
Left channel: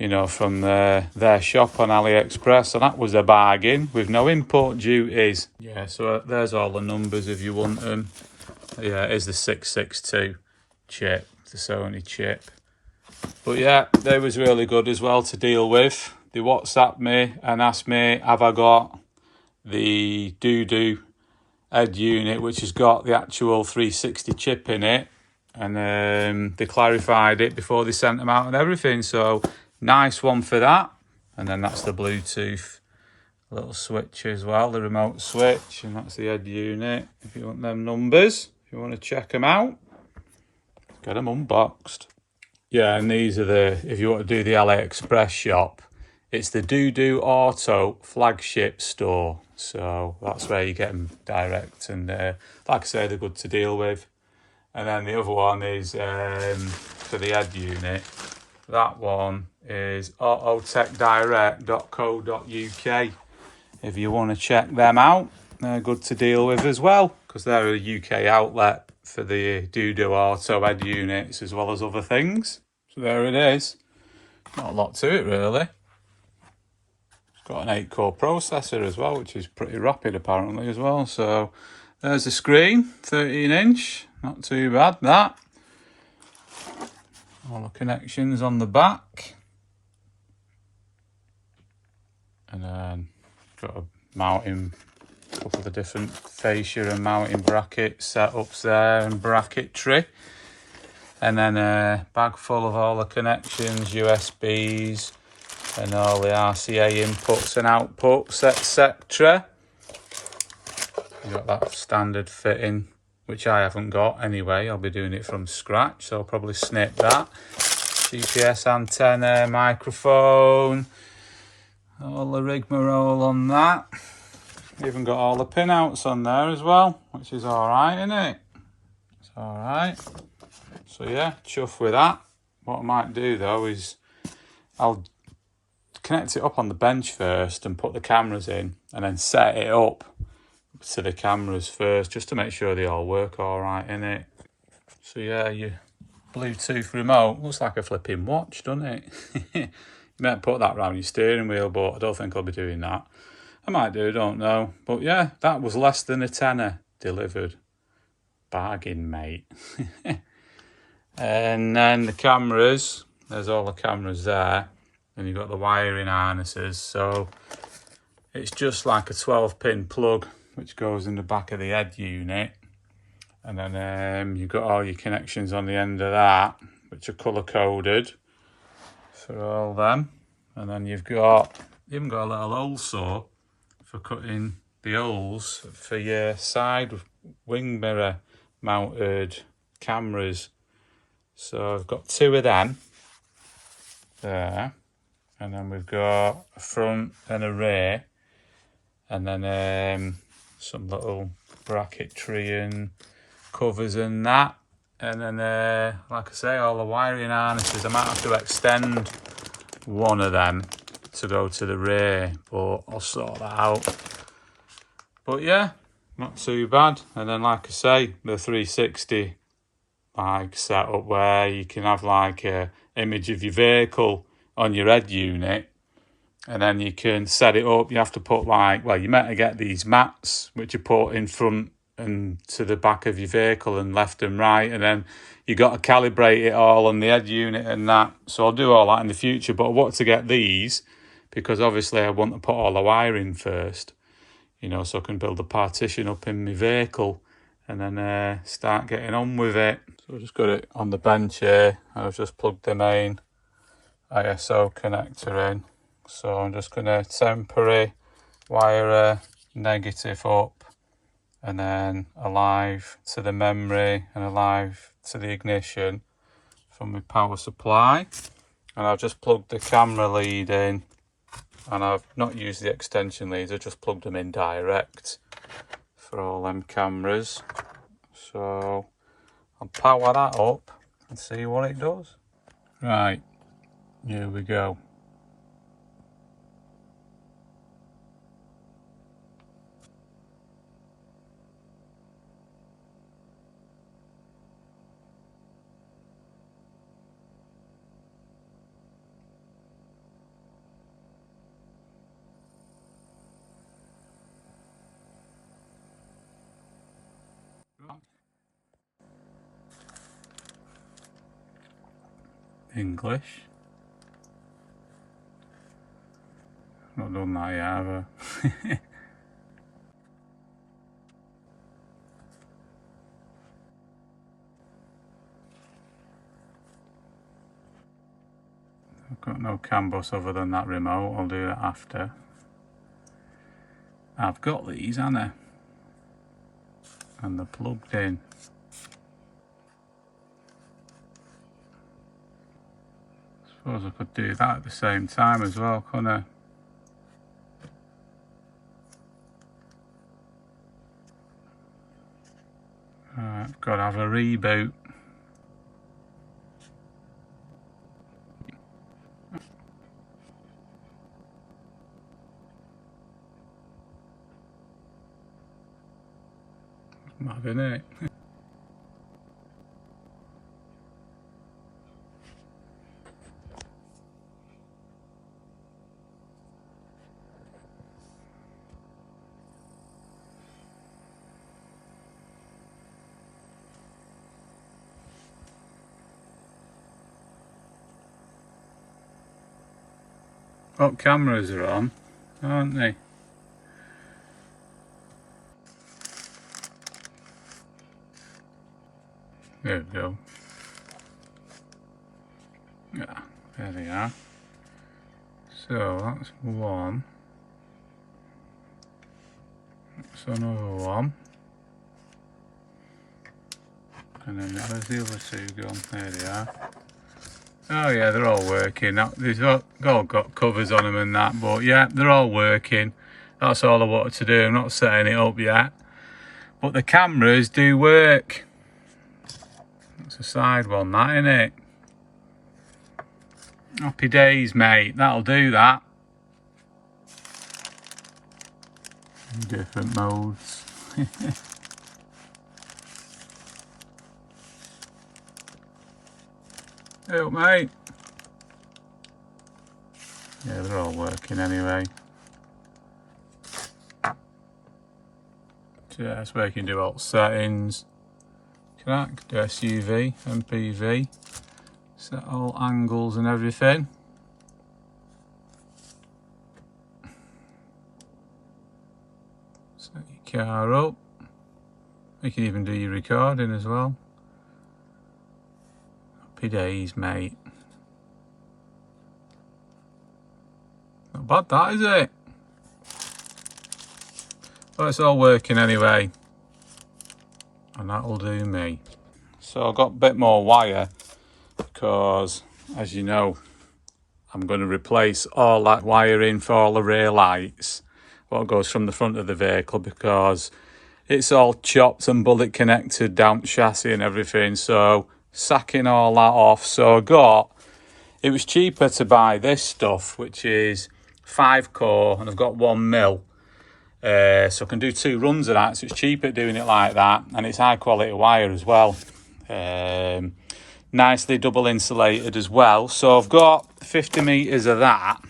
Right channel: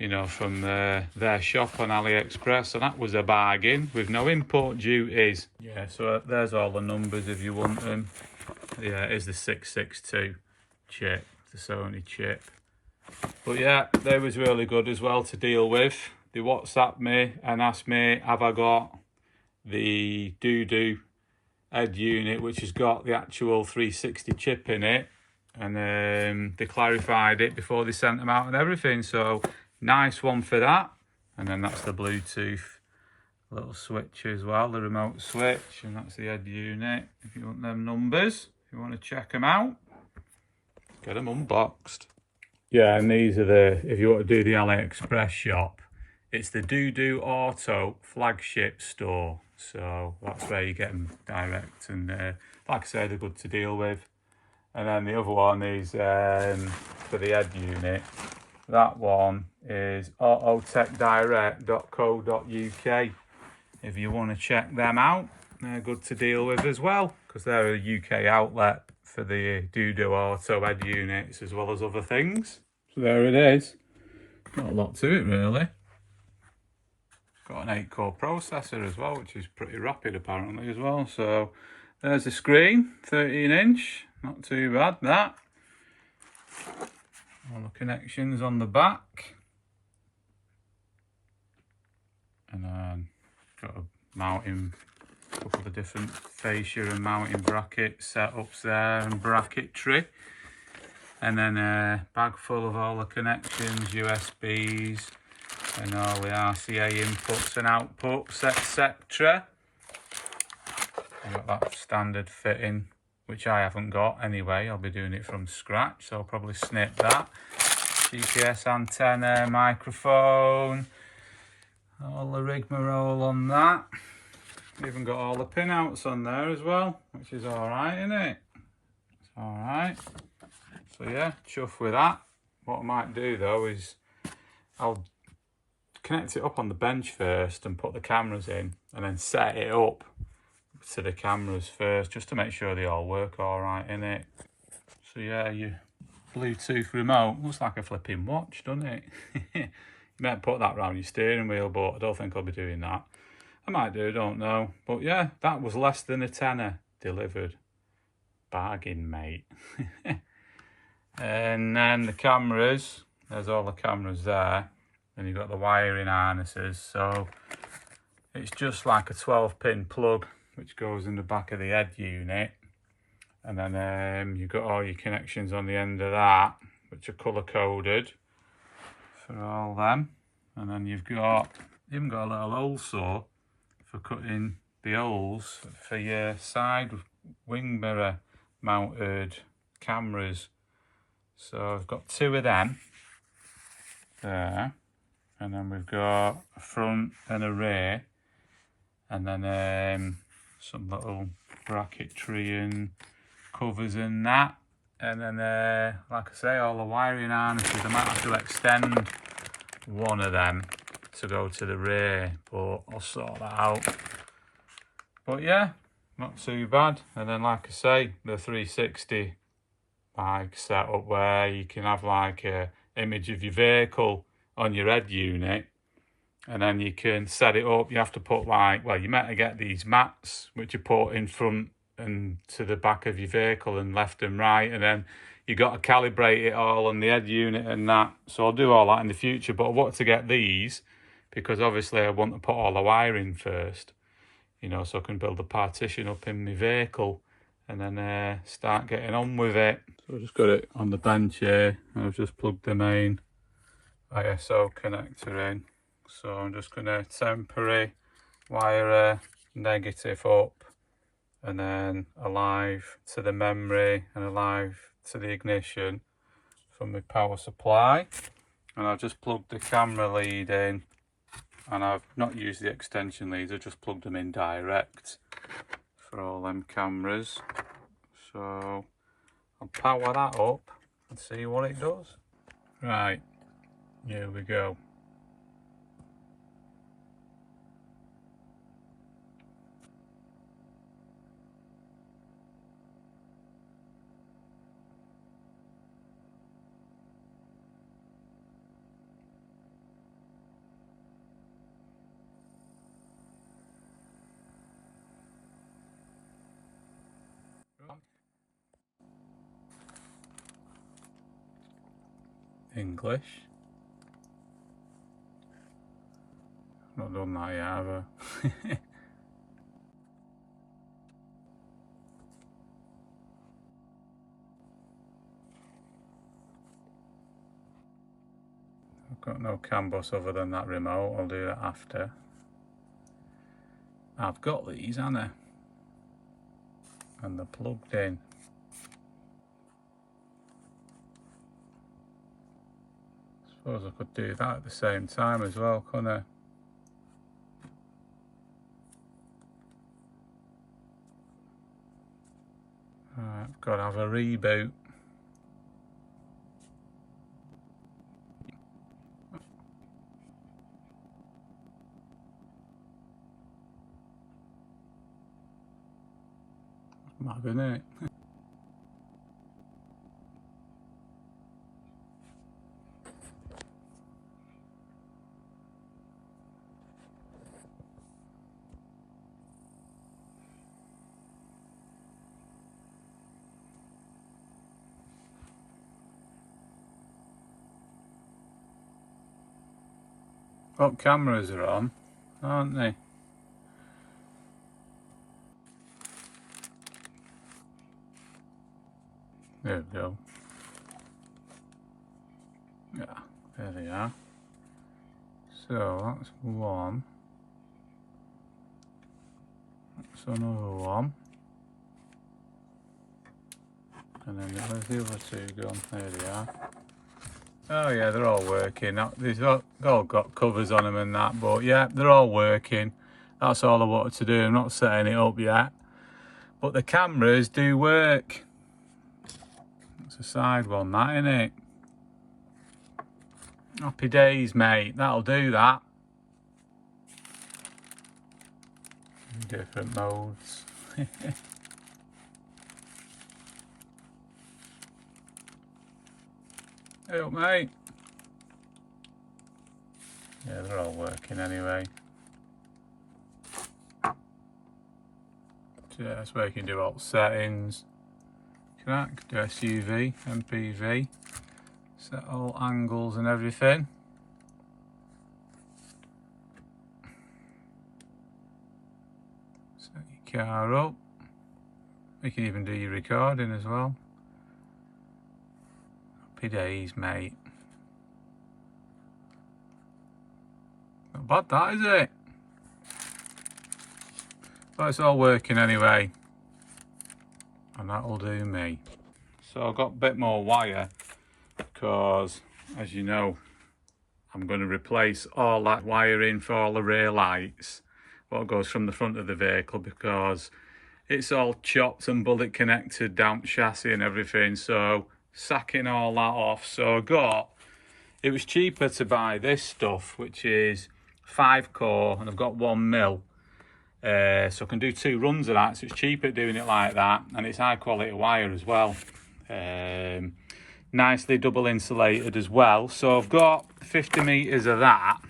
you know, from their shop on AliExpress. So that was a bargain with no import duties. Yeah, so there's all the numbers if you want them. Yeah, it is the 662 chip, the Sony chip. But yeah, they was really good as well to deal with. They WhatsApped me and asked me, have I got the Doodoo head unit, which has got the actual 360 chip in it. And they clarified it before they sent them out and everything. So nice one for that. And then that's the Bluetooth little switch as well, the remote switch. And that's the head unit. If you want them numbers, if you want to check them out, get them unboxed. Yeah, and these are if you want to do the AliExpress shop, it's the Doodoo Auto flagship store. So that's where you get them direct. And like I say, they're good to deal with. And then the other one is for the head unit. That one is autotechdirect.co.uk. If you want to check them out, they're good to deal with as well, because they're a UK outlet for the Doodoo Auto head units as well as other things. So there it is. Not a lot to it really. It's got an 8-core processor as well, which is pretty rapid apparently as well. So there's the screen, 13-inch, not too bad that. All the connections on the back. And then got a mounting couple of the different fascia and mounting bracket setups there and bracketry. And then a bag full of all the connections, USBs, and all the RCA inputs and outputs, etc. You've got that standard fitting, which I haven't got anyway. I'll be doing it from scratch, so I'll probably snip that. GPS antenna, microphone, all the rigmarole on that. Even got all the pinouts on there as well, which is alright, isn't it? It's alright. So yeah, chuff with that. What I might do though is I'll connect it up on the bench first and put the cameras in, and then set it up to the cameras first, just to make sure they all work alright, innit? So yeah, your Bluetooth remote looks like a flipping watch, doesn't it? You might put that around your steering wheel, but I don't think I'll be doing that. I might do, don't know. But yeah, that was less than a tenner delivered. Bargain, mate. And then the cameras, there's all the cameras there. And you've got the wiring harnesses. So it's just like a 12-pin plug, which goes in the back of the head unit. And then you've got all your connections on the end of that, which are colour-coded for all them. And then you've even got a little hole saw for cutting the holes for your side wing mirror mounted cameras. So I've got 2 of them there, and then we've got a front and a rear, and then some little bracketry and covers and that, and then like I say, all the wiring harnesses. I might have to extend one of them to go to the rear, but I'll sort that out. But yeah, not too bad. And then like I say, the 360 like setup where you can have like a image of your vehicle on your head unit, and then you can set it up. You have to put like, well, you meant get these mats which you put in front and to the back of your vehicle and left and right, and then you got to calibrate it all on the head unit and that. So I'll do all that in the future, but I want to get these because obviously I want to put all the wiring first, you know, so I can build a partition up in my vehicle and then start getting on with it. So I just got it on the bench here, and I've just plugged the main ISO connector in. So I'm just going to temporary wire a negative up, and then a live to the memory and a live to the ignition from my power supply. And I've just plugged the camera lead in, and I've not used the extension leads, I've just plugged them in direct for all them cameras. So I'll power that up and see what it does. Right, here we go. English. Not done that yet, have I? I've got no CAN bus other than that remote. I'll do that after. I've got these, haven't I? And they're plugged in. Suppose I could do that at the same time as well, couldn't I? Right, I've got to have a reboot. Mad, isn't it? What cameras are on, aren't they? There we go. Yeah, there they are. So that's one. That's another one. And then where's the other two gone? There they are. Oh yeah, they're all working. They've all got covers on them and that, but yeah, they're all working. That's all I wanted to do. I'm not setting it up yet. But the cameras do work. It's a side one, that, isn't it? Happy days, mate. That'll do that. Different modes. Help, mate. Yeah, they're all working anyway. So yeah, that's where you can do alt settings. Connect, SUV, MPV. Set all angles and everything. Set your car up. You can even do your recording as well. Happy days, mate. Not bad that, is it? But it's all working anyway. And that'll do me. So I've got a bit more wire because, as you know, I'm going to replace all that wiring for all the rear lights, what goes from the front of the vehicle, because it's all chopped and bullet connected down to chassis and everything. So sacking all that off. So it was cheaper to buy this stuff, which is 5 core, and I've got 1 mil. So I can do 2 runs of that, so it's cheaper doing it like that, and it's high quality wire as well. Nicely double insulated as well. So I've got 50 metres of that,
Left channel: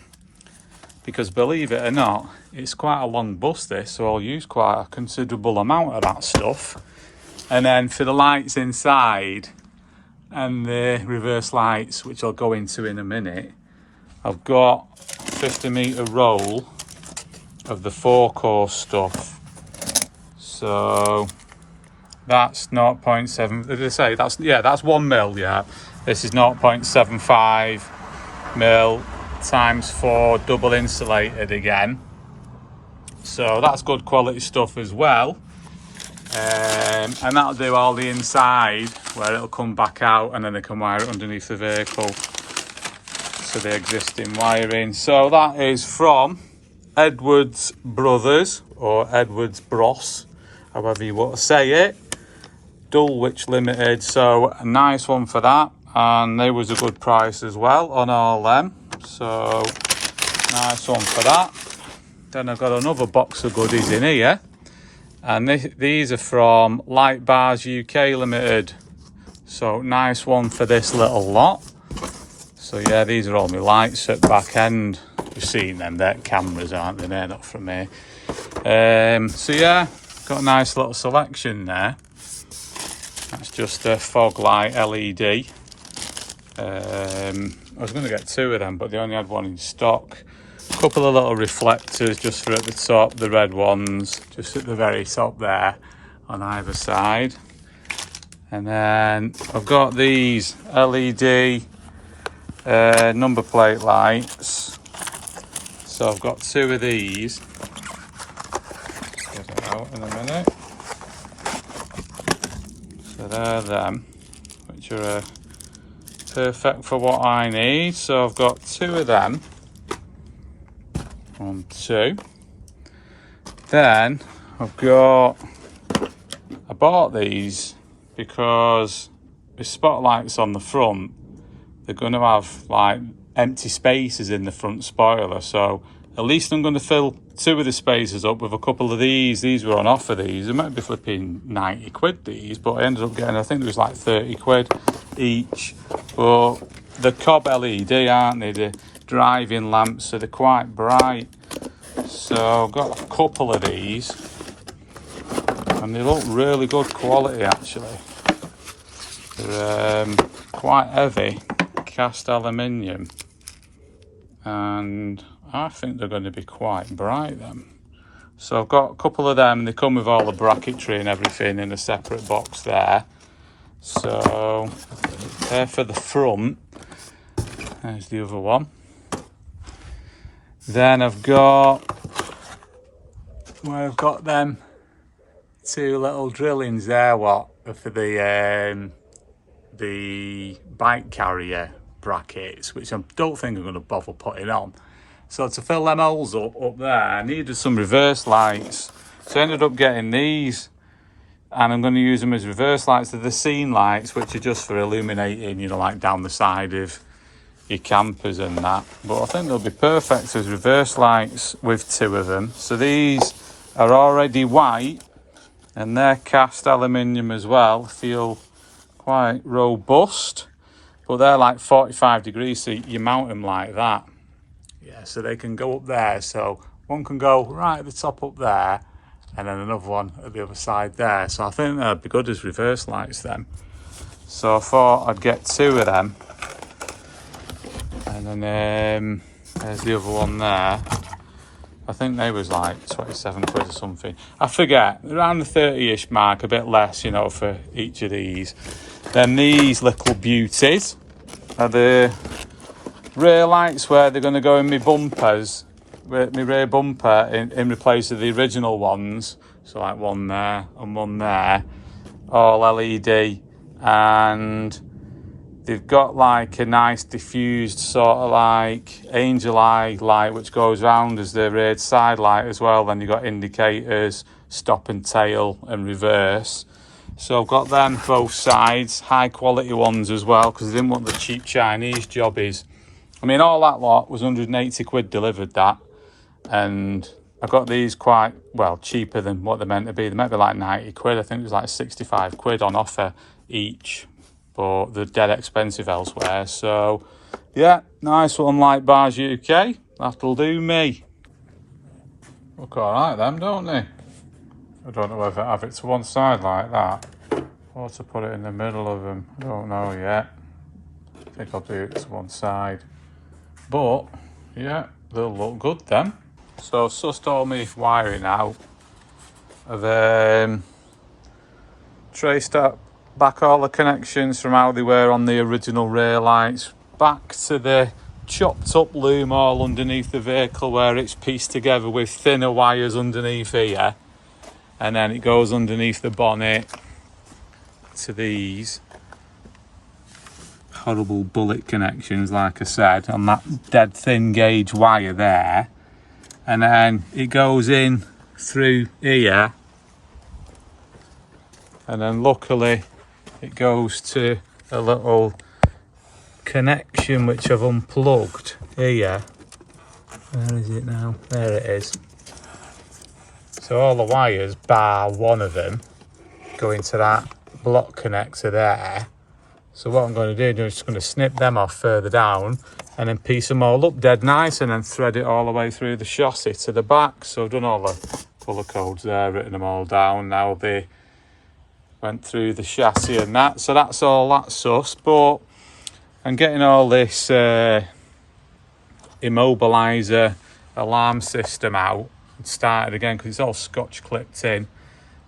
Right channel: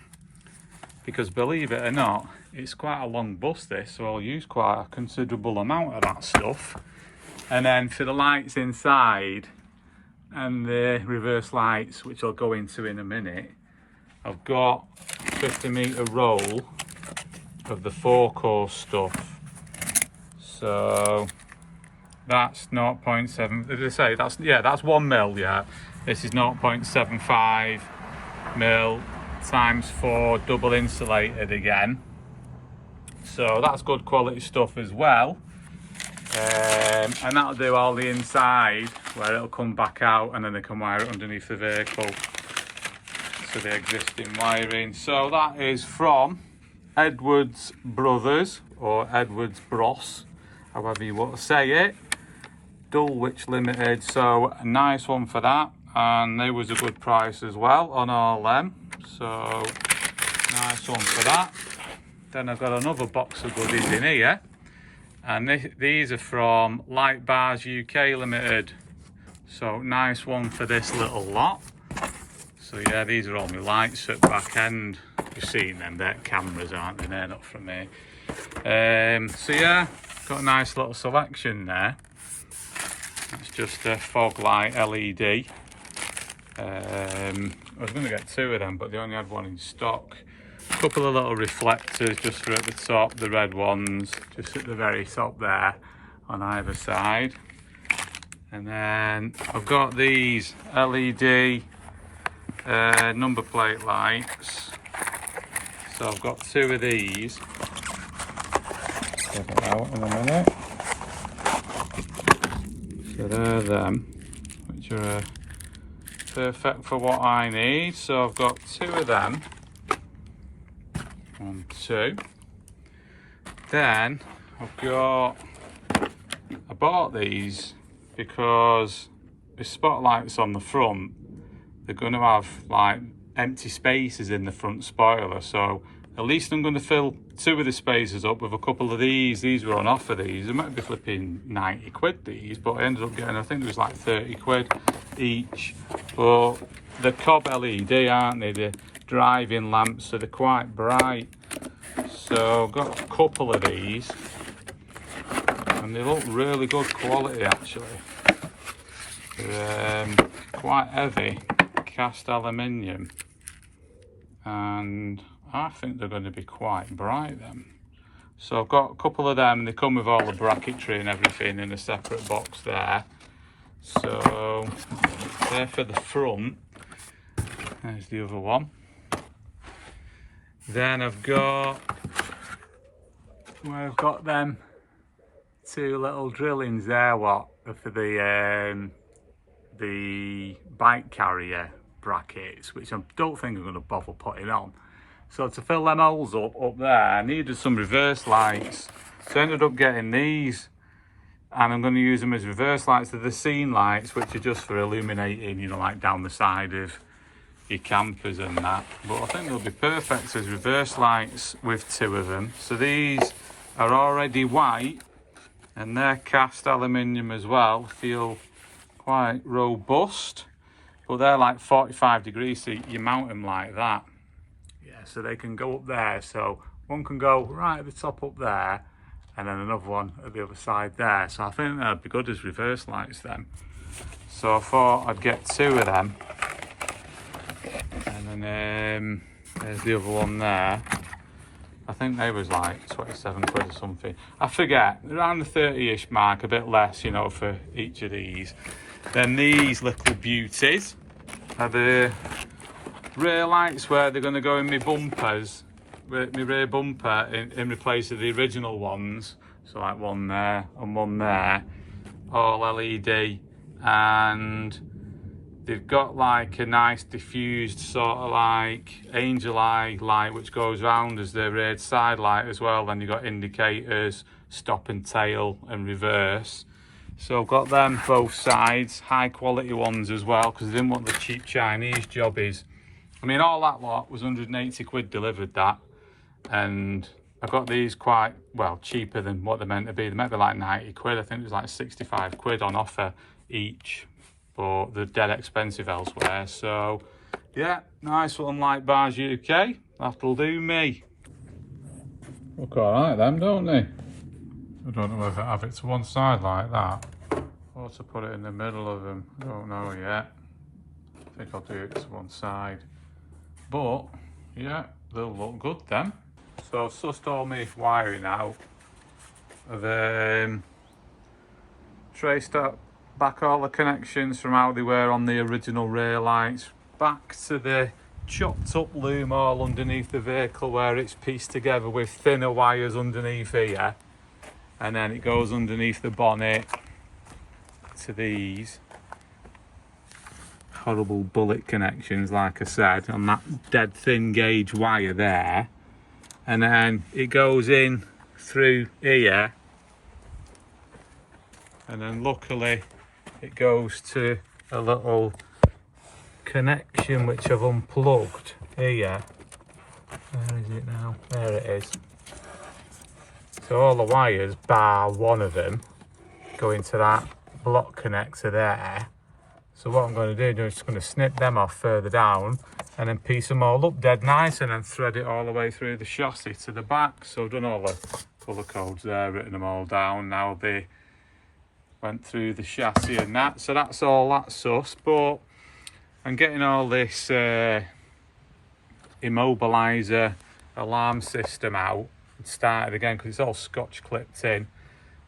because believe it or not, it's quite a long bus this, so I'll use quite a considerable amount of that stuff. And then for the lights inside and the reverse lights, which I'll go into in a minute, I've got 50 metre roll of the 4 core stuff. So that's 0.7, as I say, that's 1 mil, yeah. This is 0.75 mil times 4 double insulated again. So that's good quality stuff as well. And that'll do all the inside, where it'll come back out, and then they can wire it underneath the vehicle. So the existing wiring. So that is from Edwards Brothers, or Edwards Bros, however you want to say it. Dulwich Limited, so a nice one for that, and there was a good price as well on all them, so nice one for that. Then I've got another box of goodies in here, and these are from Light Bars UK Limited, so nice one for this little lot. So yeah, these are all my lights at back end. You've seen them, they're cameras, aren't they? They're not from me. So yeah, got a nice little selection there. That's just a fog light LED. I was going to get 2 of them, but they only had 1 in stock. A couple of little reflectors just for at the top, the red ones, just at the very top there on either side. And then I've got these LED number plate lights. So I've got 2 of these. Get them out in a minute. So they're them, which are perfect for what I need. So I've got 2 of them. 1, 2. Then I bought these because with spotlights on the front, they're going to have like empty spaces in the front spoiler. So at least I'm going to fill 2 of the spaces up with a couple of these. These were on offer, these. They might be flipping 90 quid, these, but I ended up getting, I think it was like 30 quid each. But the cob LED, aren't they? The driving lamps, so they're quite bright. So I've got a couple of these, and they look really good quality actually. They're quite heavy, cast aluminium, and I think they're going to be quite bright then. So I've got a couple of them, and they come with all the bracketry and everything in a separate box there. So there for the front. There's the other one. Then I've got them two little drillings there, what are for the bike carrier brackets, which I don't think I'm going to bother putting on. So to fill them holes up there, I needed some reverse lights. So I ended up getting these, and I'm going to use them as reverse lights. They're the scene lights, which are just for illuminating, you know, like down the side of your campers and that. But I think they'll be perfect as reverse lights with two of them. So these are already white, and they're cast aluminium as well. Feel quite robust, but they're like 45 degrees, so you mount them like that. Yeah, so they can go up there. So one can go right at the top up there, and then another one at the other side there. So I think they'll be good as reverse lights then. So I thought I'd get two of them. And then there's the other one there. I think they was like 27 quid or something. I forget, around the 30-ish mark, a bit less, you know, for each of these. Then these little beauties are the rear lights where they're going to go in my bumpers, my rear bumper in replace of the original ones. So like one there and one there, all LED, and they've got like a nice diffused sort of like angel eye light which goes round as the rear side light as well. Then you've got indicators, stop and tail and reverse. So I've got them both sides, high quality ones as well, because I didn't want the cheap Chinese jobbies. I mean, all that lot was 180 quid delivered that, and I got these quite, well, cheaper than what they're meant to be. They might be like 90 quid. I think it was like 65 quid on offer each, but they're dead expensive elsewhere. So yeah, nice one, Light Bars UK. That'll do me. Look all right them, don't they? I don't know whether to have it to one side like that or to put it in the middle of them. I don't know yet. I think I'll do it to one side. But yeah, they'll look good then. So I've sussed all my wiring out. I've traced up back all the connections from how they were on the original rear lights back to the chopped up loom all underneath the vehicle where it's pieced together with thinner wires underneath here, and then it goes underneath the bonnet to these horrible bullet connections, like I said, on that dead thin gauge wire there, and then it goes in through here, and then luckily it goes to a little connection which I've unplugged here. Where is it now? There it is. So all the wires, bar one of them, go into that block connector there. So what I'm going to do is just going to snip them off further down and then piece them all up dead nice, and then thread it all the way through the chassis to the back. So I've done all the colour codes there, written them all down. Now they went through the chassis and that. So that's all that sus. But I'm getting all this immobiliser alarm system out and started again because it's all scotch clipped in.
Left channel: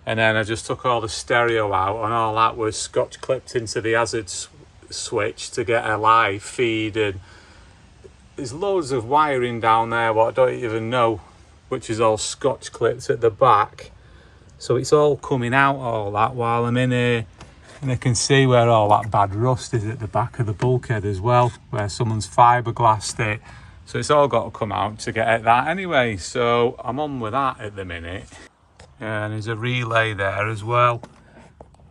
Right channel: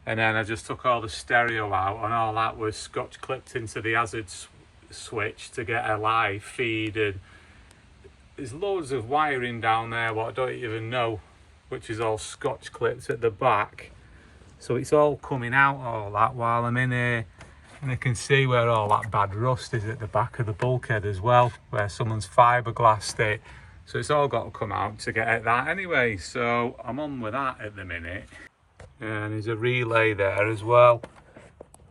And then I just took all the stereo out, and all that was scotch clipped into the hazard switch to get a live feed. And there's loads of wiring down there what I don't even know, which is all scotch clipped at the back. So it's all coming out, all that, while I'm in here. And I can see where all that bad rust is at the back of the bulkhead as well, where someone's fiberglassed it. So it's all got to come out to get at that anyway. So I'm on with that at the minute. And there's a relay there as well,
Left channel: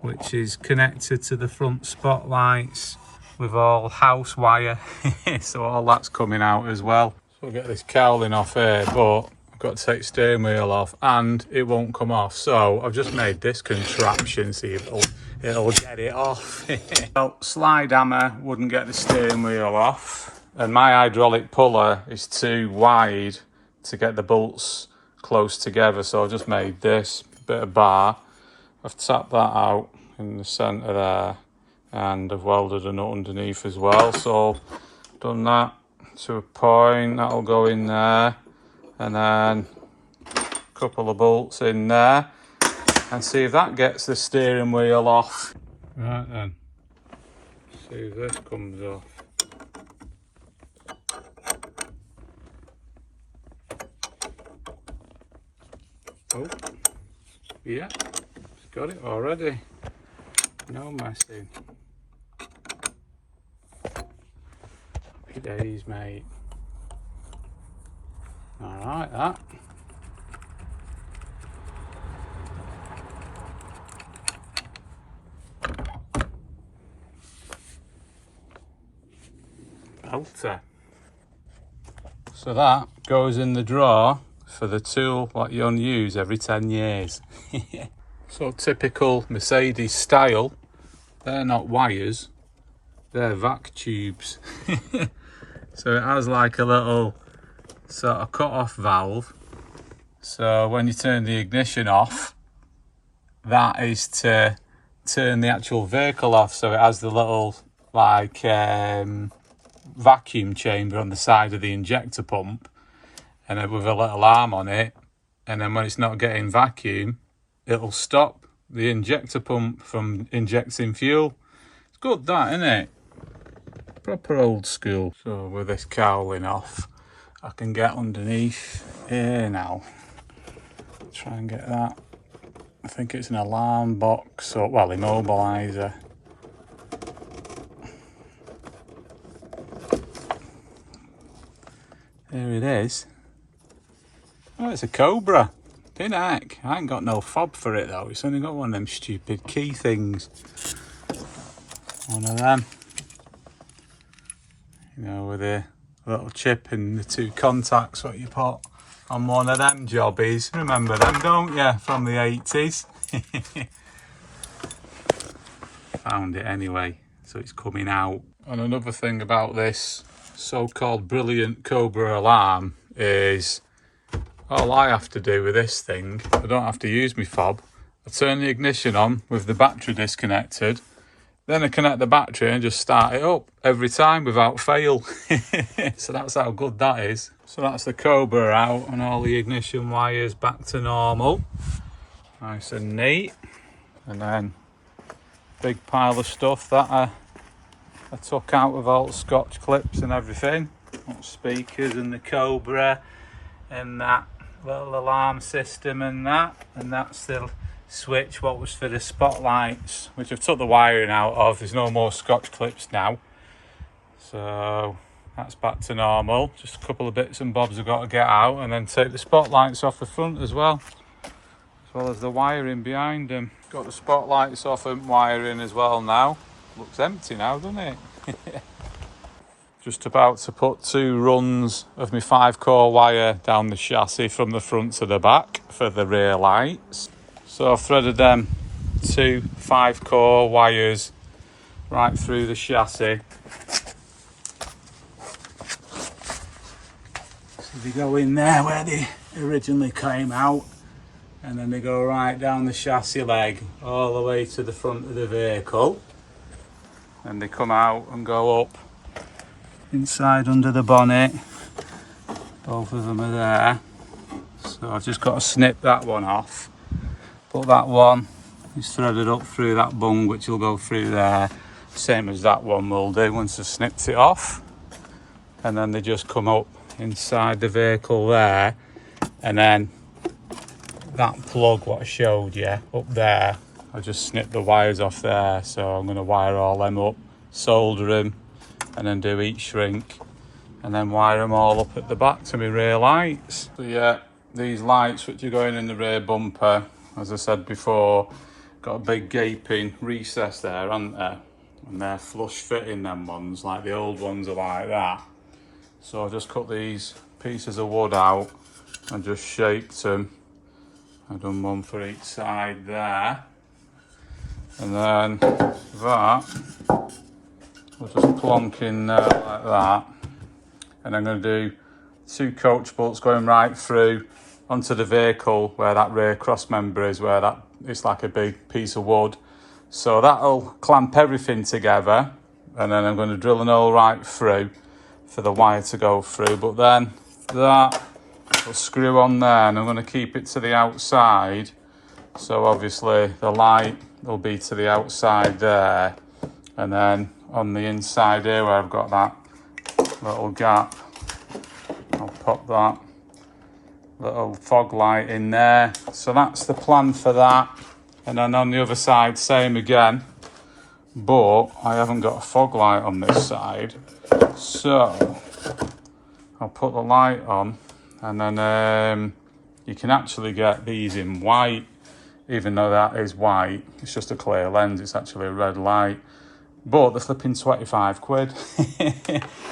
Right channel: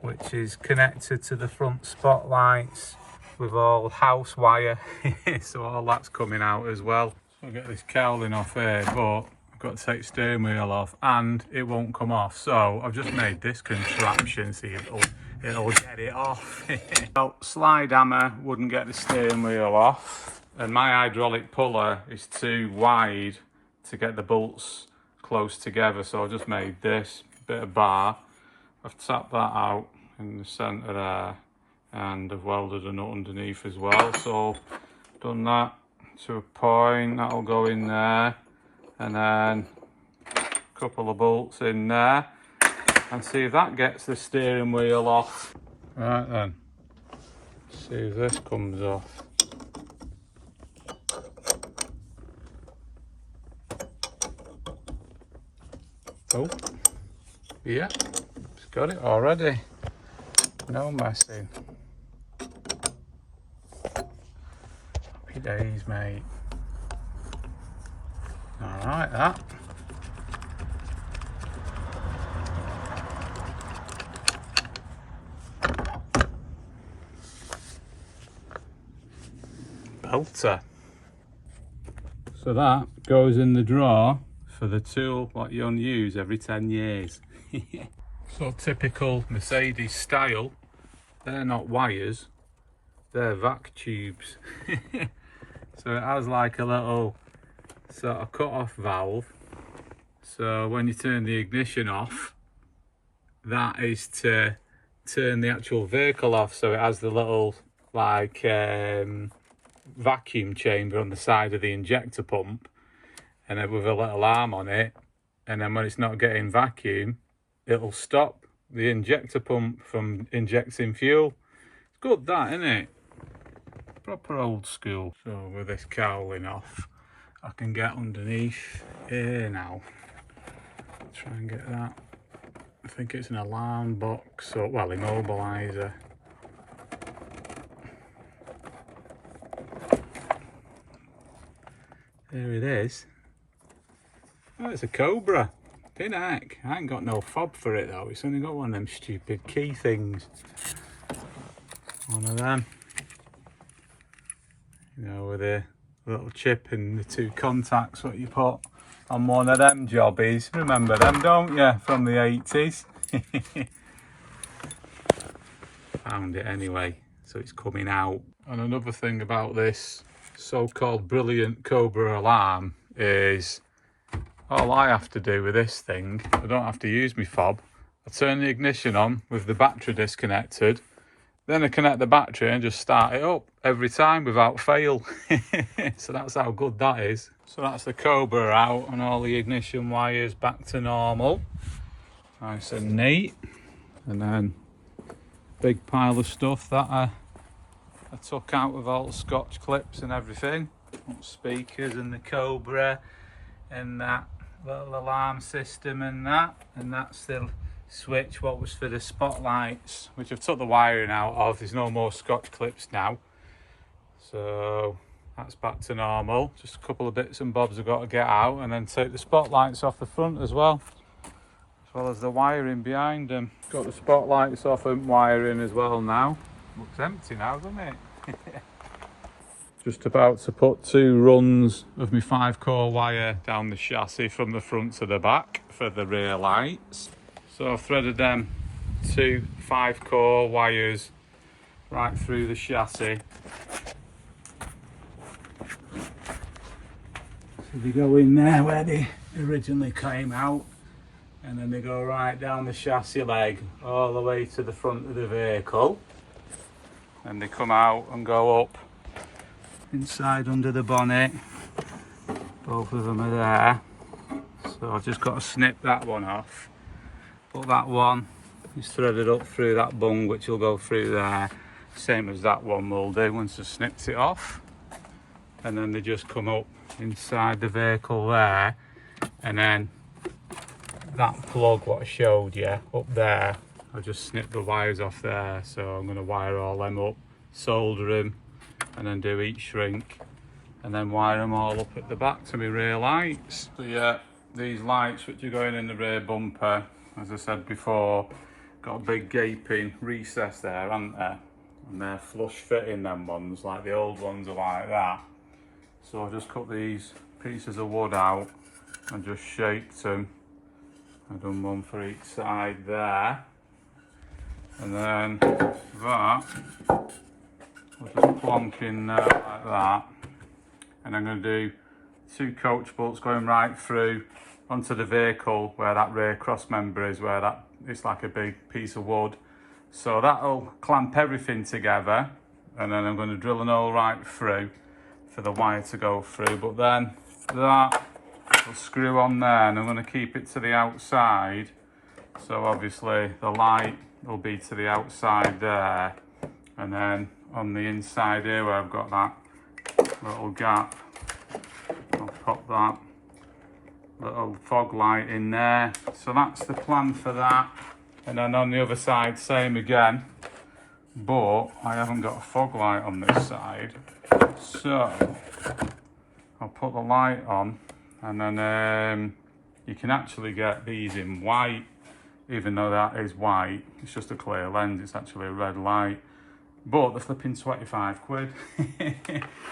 which is connected to the front spotlights with all house wire. So all that's coming out as well. So I'll get this cowling off here, but I've got to take steering wheel off and it won't come off. So I've just made this contraption, see if it'll get it off. Well, slide hammer wouldn't get the steering wheel off, and my hydraulic puller is too wide to get the bolts close together, so I've just made this bit of bar. I've tapped that out in the centre there, and I've welded a nut underneath as well. So done that to a point, that'll go in there, and then a couple of bolts in there, and see if that gets the steering wheel off. Right then, see if this comes off. Oh, yeah, it's got it already. No messing. Happy days, mate. Alright, that. Belter. So that goes in the drawer for the tool what you unuse every 10 years. So typical Mercedes style, they're not wires, they're vac tubes. So it has like a little sort of cut off valve. So when you turn the ignition off, that is to turn the actual vehicle off. So it has the little like vacuum chamber on the side of the injector pump, and then with a little arm on it, and then when it's not getting vacuum, it'll stop the injector pump from injecting fuel. It's good, that, isn't it? Proper old school. So with this cowling off, I can get underneath here now. Try and get that. I think it's an alarm box, or well, immobiliser. There it is. Oh, it's a Cobra. Tin heck. I ain't got no fob for it though. It's only got one of them stupid key things. One of them. You know, with a little chip and the two contacts what you put on one of them jobbies. Remember them, don't you? From the 80s. Found it anyway, so it's coming out. And another thing about this so-called brilliant Cobra alarm is all I have to do with this thing, I don't have to use my fob. I turn the ignition on with the battery disconnected, then I connect the battery and just start it up every time without fail. So that's how good that is. So that's the Cobra out and all the ignition wires back to normal. Nice and neat. And then big pile of stuff that I took out with all the Scotch clips and everything. Speakers and the Cobra and that little alarm system and that's the switch what was for the spotlights, which I've took the wiring out of. There's no more Scotch clips now, so that's back to normal. Just a couple of bits and bobs I've got to get out, and then take the spotlights off the front as well as the wiring behind them. Got the spotlights off and wiring as well now. Looks empty now, doesn't it? Just about to put 2 runs of my 5-core wire down the chassis from the front to the back for the rear lights. So I've threaded them 2 5-core wires right through the chassis. So they go in there where they originally came out, and then they go right down the chassis leg all the way to the front of the vehicle. And they come out and go up inside under the bonnet. Both of them are there. So I've just got to snip that one off. But that one is threaded up through that bung, which will go through there, same as that one will do once I've snipped it off. And then they just come up inside the vehicle there, and then that plug what I showed you up there, I just snipped the wires off there. So I'm going to wire all them up, solder them, and then do each shrink, and then wire them all up at the back to my rear lights. So yeah, these lights which are going in the rear bumper, as I said before, got a big gaping recess there, haven't they? And they're flush fitting, them ones, like the old ones are like that. So I've just cut these pieces of wood out and just shaped them. I've done one for each side there. And then that, we'll just plonk in there like that. And I'm going to do 2 coach bolts going right through onto the vehicle where that rear cross member is, where that it's like a big piece of wood. So that'll clamp everything together, and then I'm going to drill an hole right through for the wire to go through. But then that will screw on there, and I'm going to keep it to the outside. So obviously the light will be to the outside there, and then on the inside here where I've got that little gap, I'll pop that little fog light in there. So that's the plan for that. And then on the other side, same again, but I haven't got a fog light on this side, so I'll put the light on, and then you can actually get these in white, even though that is white. It's just a clear lens, it's actually a red light, but they're flipping 25 quid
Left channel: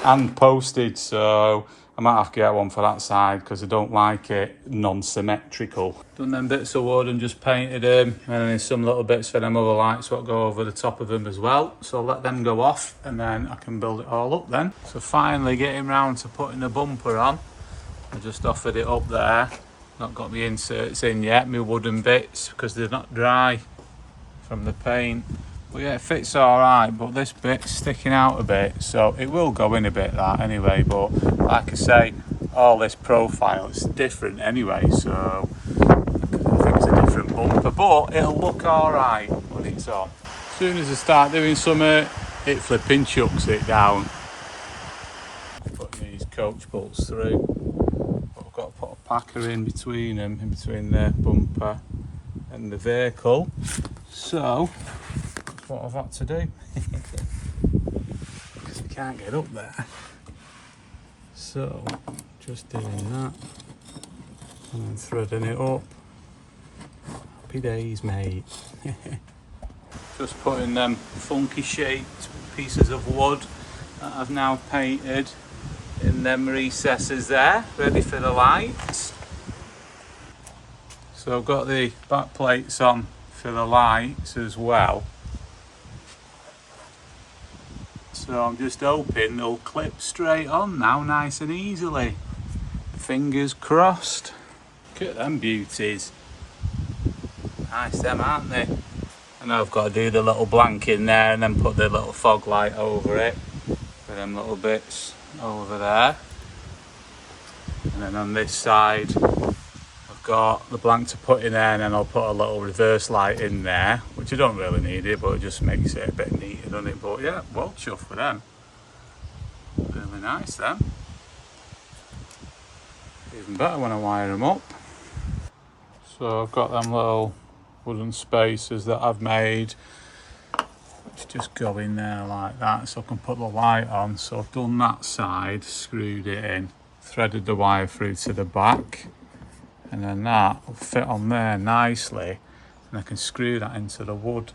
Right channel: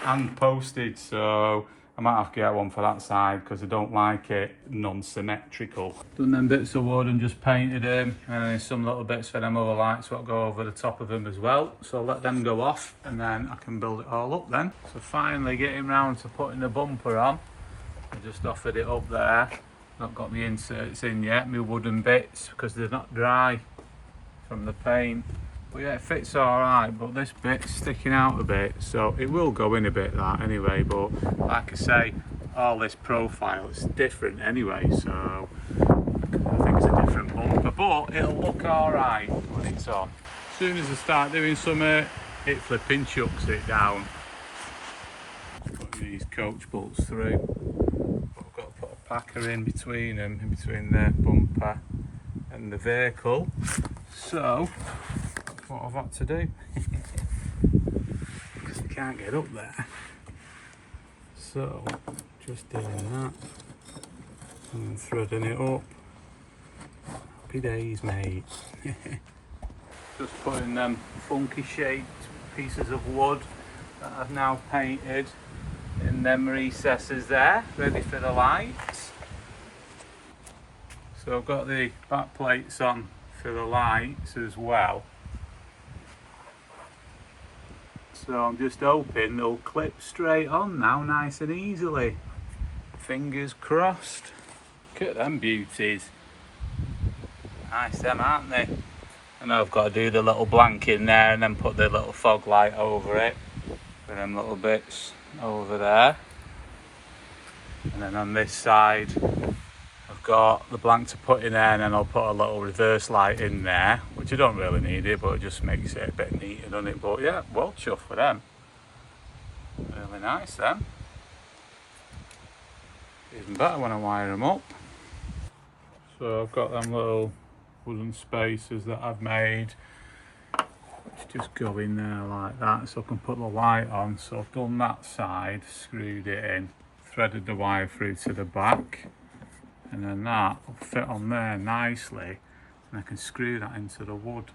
and postage, so I might have to get one for that side because I don't like it non-symmetrical. Done them bits of wood and just painted them, and then some little bits for them other lights what go over the top of them as well. So I'll let them go off and then I can build it all up then. So finally getting round to putting the bumper on. I just offered it up there. Not got my inserts in yet, my wooden bits, because they're not dry from the paint. But yeah, it fits all right, but this bit's sticking out a bit, so it will go in a bit that anyway. But like I say, all this profile is different anyway, so I think it's a different bumper, but it'll look all right when it's on. As soon as I start doing something, it flipping chucks it down. Put these coach bolts through, but I've got to put a packer in between them, in between the bumper and the vehicle. So what I've had to do because I can't get up there, so just doing that and then threading it up. Happy days, mate. Just putting them funky shaped pieces of wood that I've now painted in them recesses there, ready for the lights. So I've got the back plates on for the lights as well. So I'm just hoping they'll clip straight on now, nice and easily. Fingers crossed. Look at them beauties. Nice them, aren't they? And I've got to do the little blank in there and then put the little fog light over it with them little bits over there. And then on this side, I've got the blank to put in there, and then I'll put a little reverse light in there, which I don't really need it, but it just makes it a bit neater, doesn't it? But yeah, well chuffed with them. Really nice then. Even better when I wire them up. So I've got them little wooden spacers that I've made, which just go in there like that, so I can put the light on. So I've done that side, screwed it in, threaded the wire through to the back, and then that will fit on there nicely, and I can screw that into the wood.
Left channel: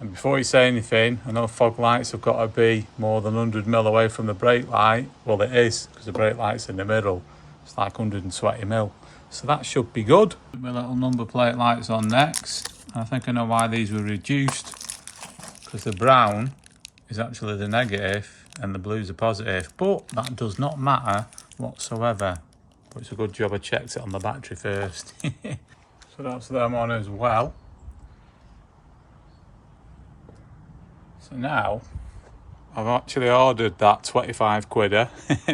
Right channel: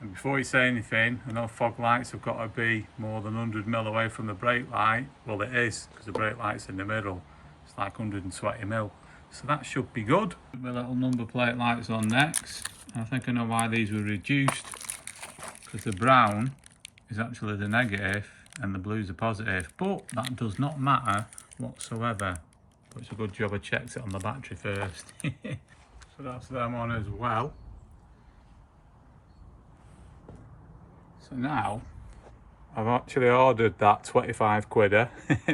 And before you say anything, I know fog lights have got to be more than 100mm away from the brake light. Well, it is, because the brake light's in the middle. It's like 120mm, so that should be good. Put my little number plate lights on next. I think I know why these were reduced, because the brown is actually the negative and the blue's the positive, but that does not matter whatsoever. But it's a good job I checked it on the battery first. So that's them on as well. So now I've actually ordered that 25 quidder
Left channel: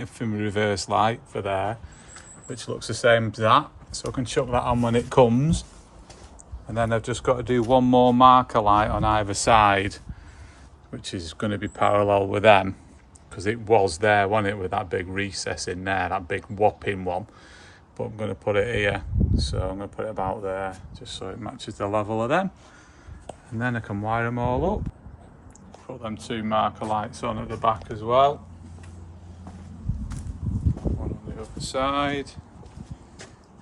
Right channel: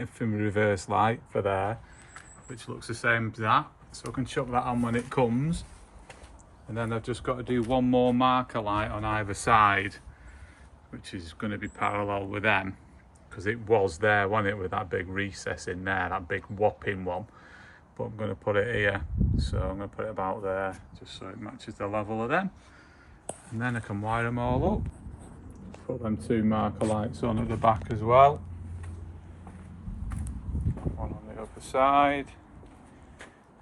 for my reverse light for there, which looks the same as that, so I can chuck that on when it comes. And then I've just got to do one more marker light on either side, which is going to be parallel with them, because it was there, wasn't it, with that big recess in there, that big whopping one. But I'm going to put it here, so I'm going to put it about there, just so it matches the level of them. And then I can wire them all up. Put them two marker lights on at the back as well. One on the other side.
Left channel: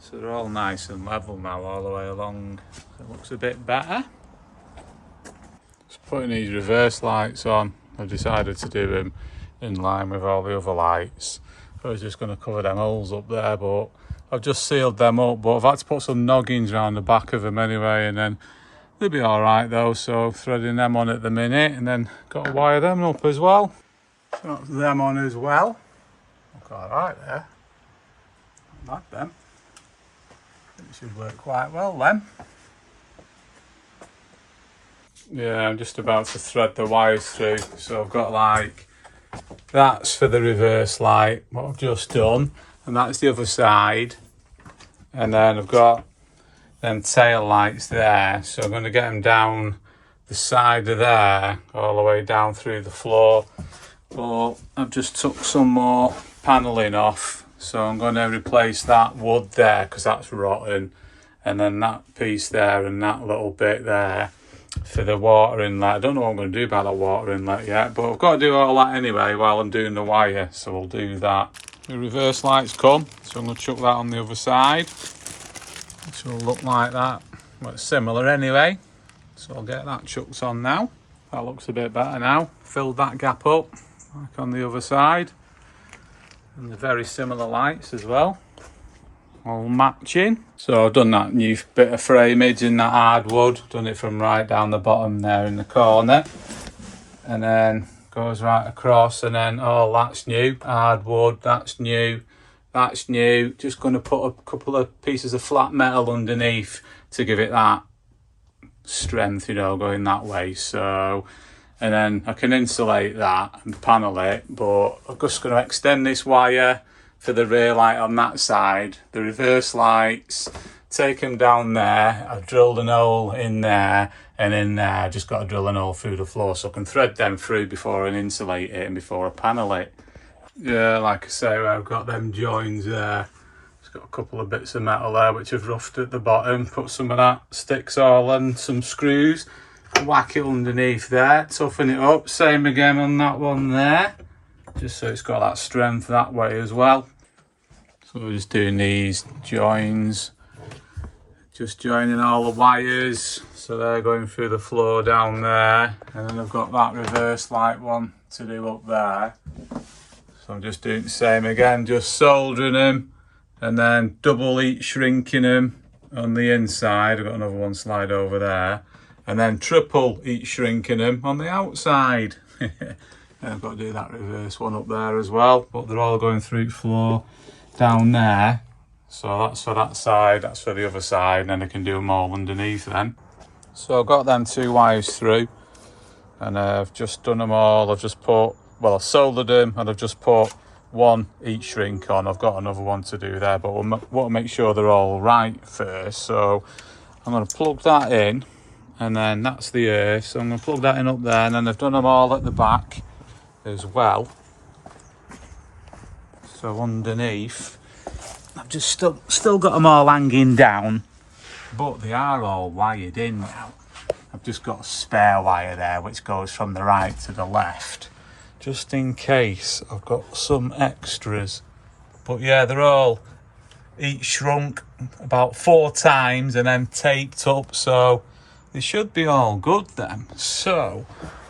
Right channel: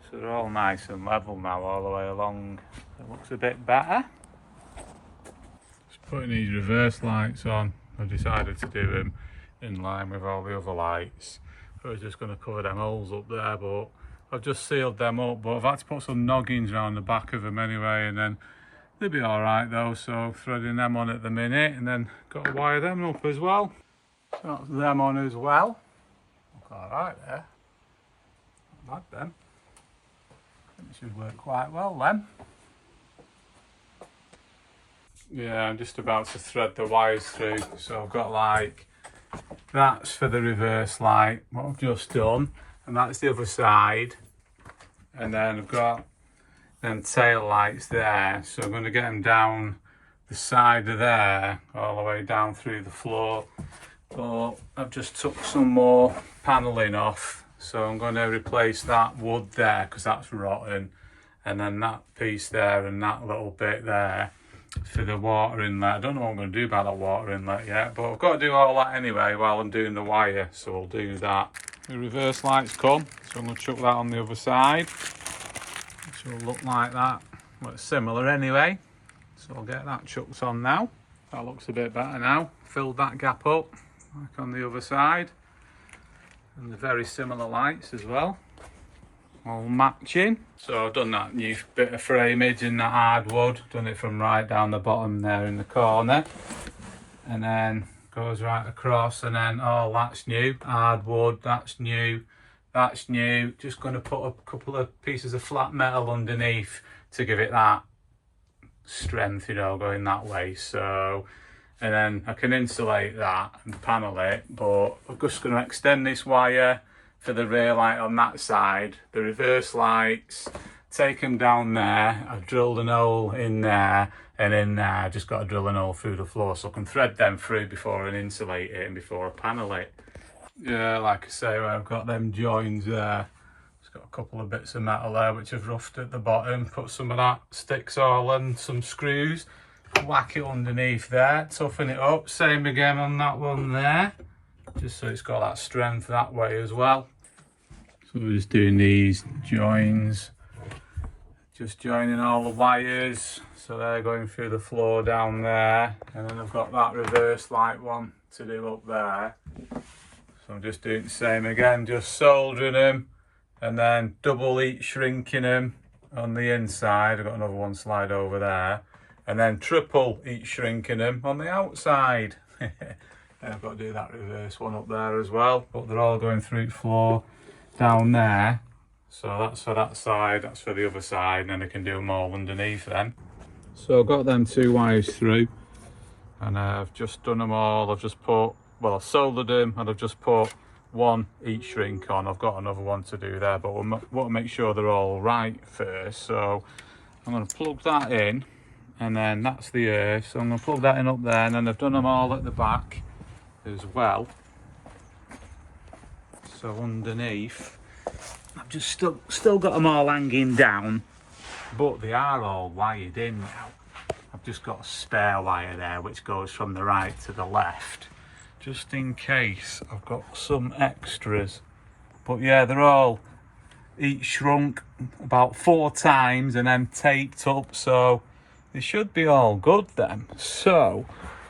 So they're all nice and level now all the way along. It looks a bit better. Just putting these reverse lights on. I've decided to do them in line with all the other lights. I was just going to cover them holes up there, but I've just sealed them up. But I've had to put some noggins around the back of them anyway, and then they'll be all right though. So threading them on at the minute, and then got to wire them up as well. So that's them on as well. Look all right there. Not bad them. It should work quite well then. Yeah, I'm just about to thread the wires through. So I've got like, that's for the reverse light, what I've just done, and that's the other side. And then I've got them tail lights there. So I'm going to get them down the side of there, all the way down through the floor. But I've just took some more panelling off, so I'm going to replace that wood there because that's rotten, and then that piece there and that little bit there for the water inlet. I don't know what I'm going to do about that water inlet yet, but I've got to do all that anyway while I'm doing the wire, so we'll do that. The reverse lights come, so I'm going to chuck that on the other side, which will look like that. Well, it's similar anyway, so I'll get that chucked on now. That looks a bit better now. Filled that gap up like on the other side, and the very similar lights as well, all matching. So I've done that new bit of framage in that hardwood, done it from right down the bottom there in the corner, and then goes right across, and then that's new hardwood, that's new, that's new. Just going to put a couple of pieces of flat metal underneath to give it that strength, you know, going that way. So, and then I can insulate that and panel it, but I'm just going to extend this wire for the rear light on that side, the reverse lights, take them down there. I've drilled an hole in there, and in there I just got to drill an hole through the floor so I can thread them through before I insulate it and before I panel it. Yeah, like I say, I've got them joins there. It's got a couple of bits of metal there which I've roughed at the bottom, put some of that sticks all and some screws, whack it underneath there, toughen it up, same again on that one there, just so it's got that strength that way as well. So we're just doing these joins, just joining all the wires, so they're going through the floor down there, and then I've got that reverse light one to do up there. So I'm just doing the same again, just soldering them, and then double heat shrinking them on the inside. I've got another one slide over there, and then triple heat shrinking them on the outside. And I've got to do that reverse one up there as well, but they're all going through the floor down there. So that's for that side, that's for the other side, and then I can do them all underneath then. So I've got them two wires through, and I've just done them all. I've just put, well, I've soldered them, and I've just put one heat shrink on. I've got another one to do there, but we'll want to make sure they're all right first. So I'm going to plug that in, and then that's the earth. So I'm going to plug that in up there, and then I've done them all at the back as well. So underneath, I've just still got them all hanging down, but they are all wired in now. I've just got a spare wire there which goes from the right to the left, just in case I've got some extras. But yeah, they're all heat shrunk about 4 times and then taped up, so they should be all good then. So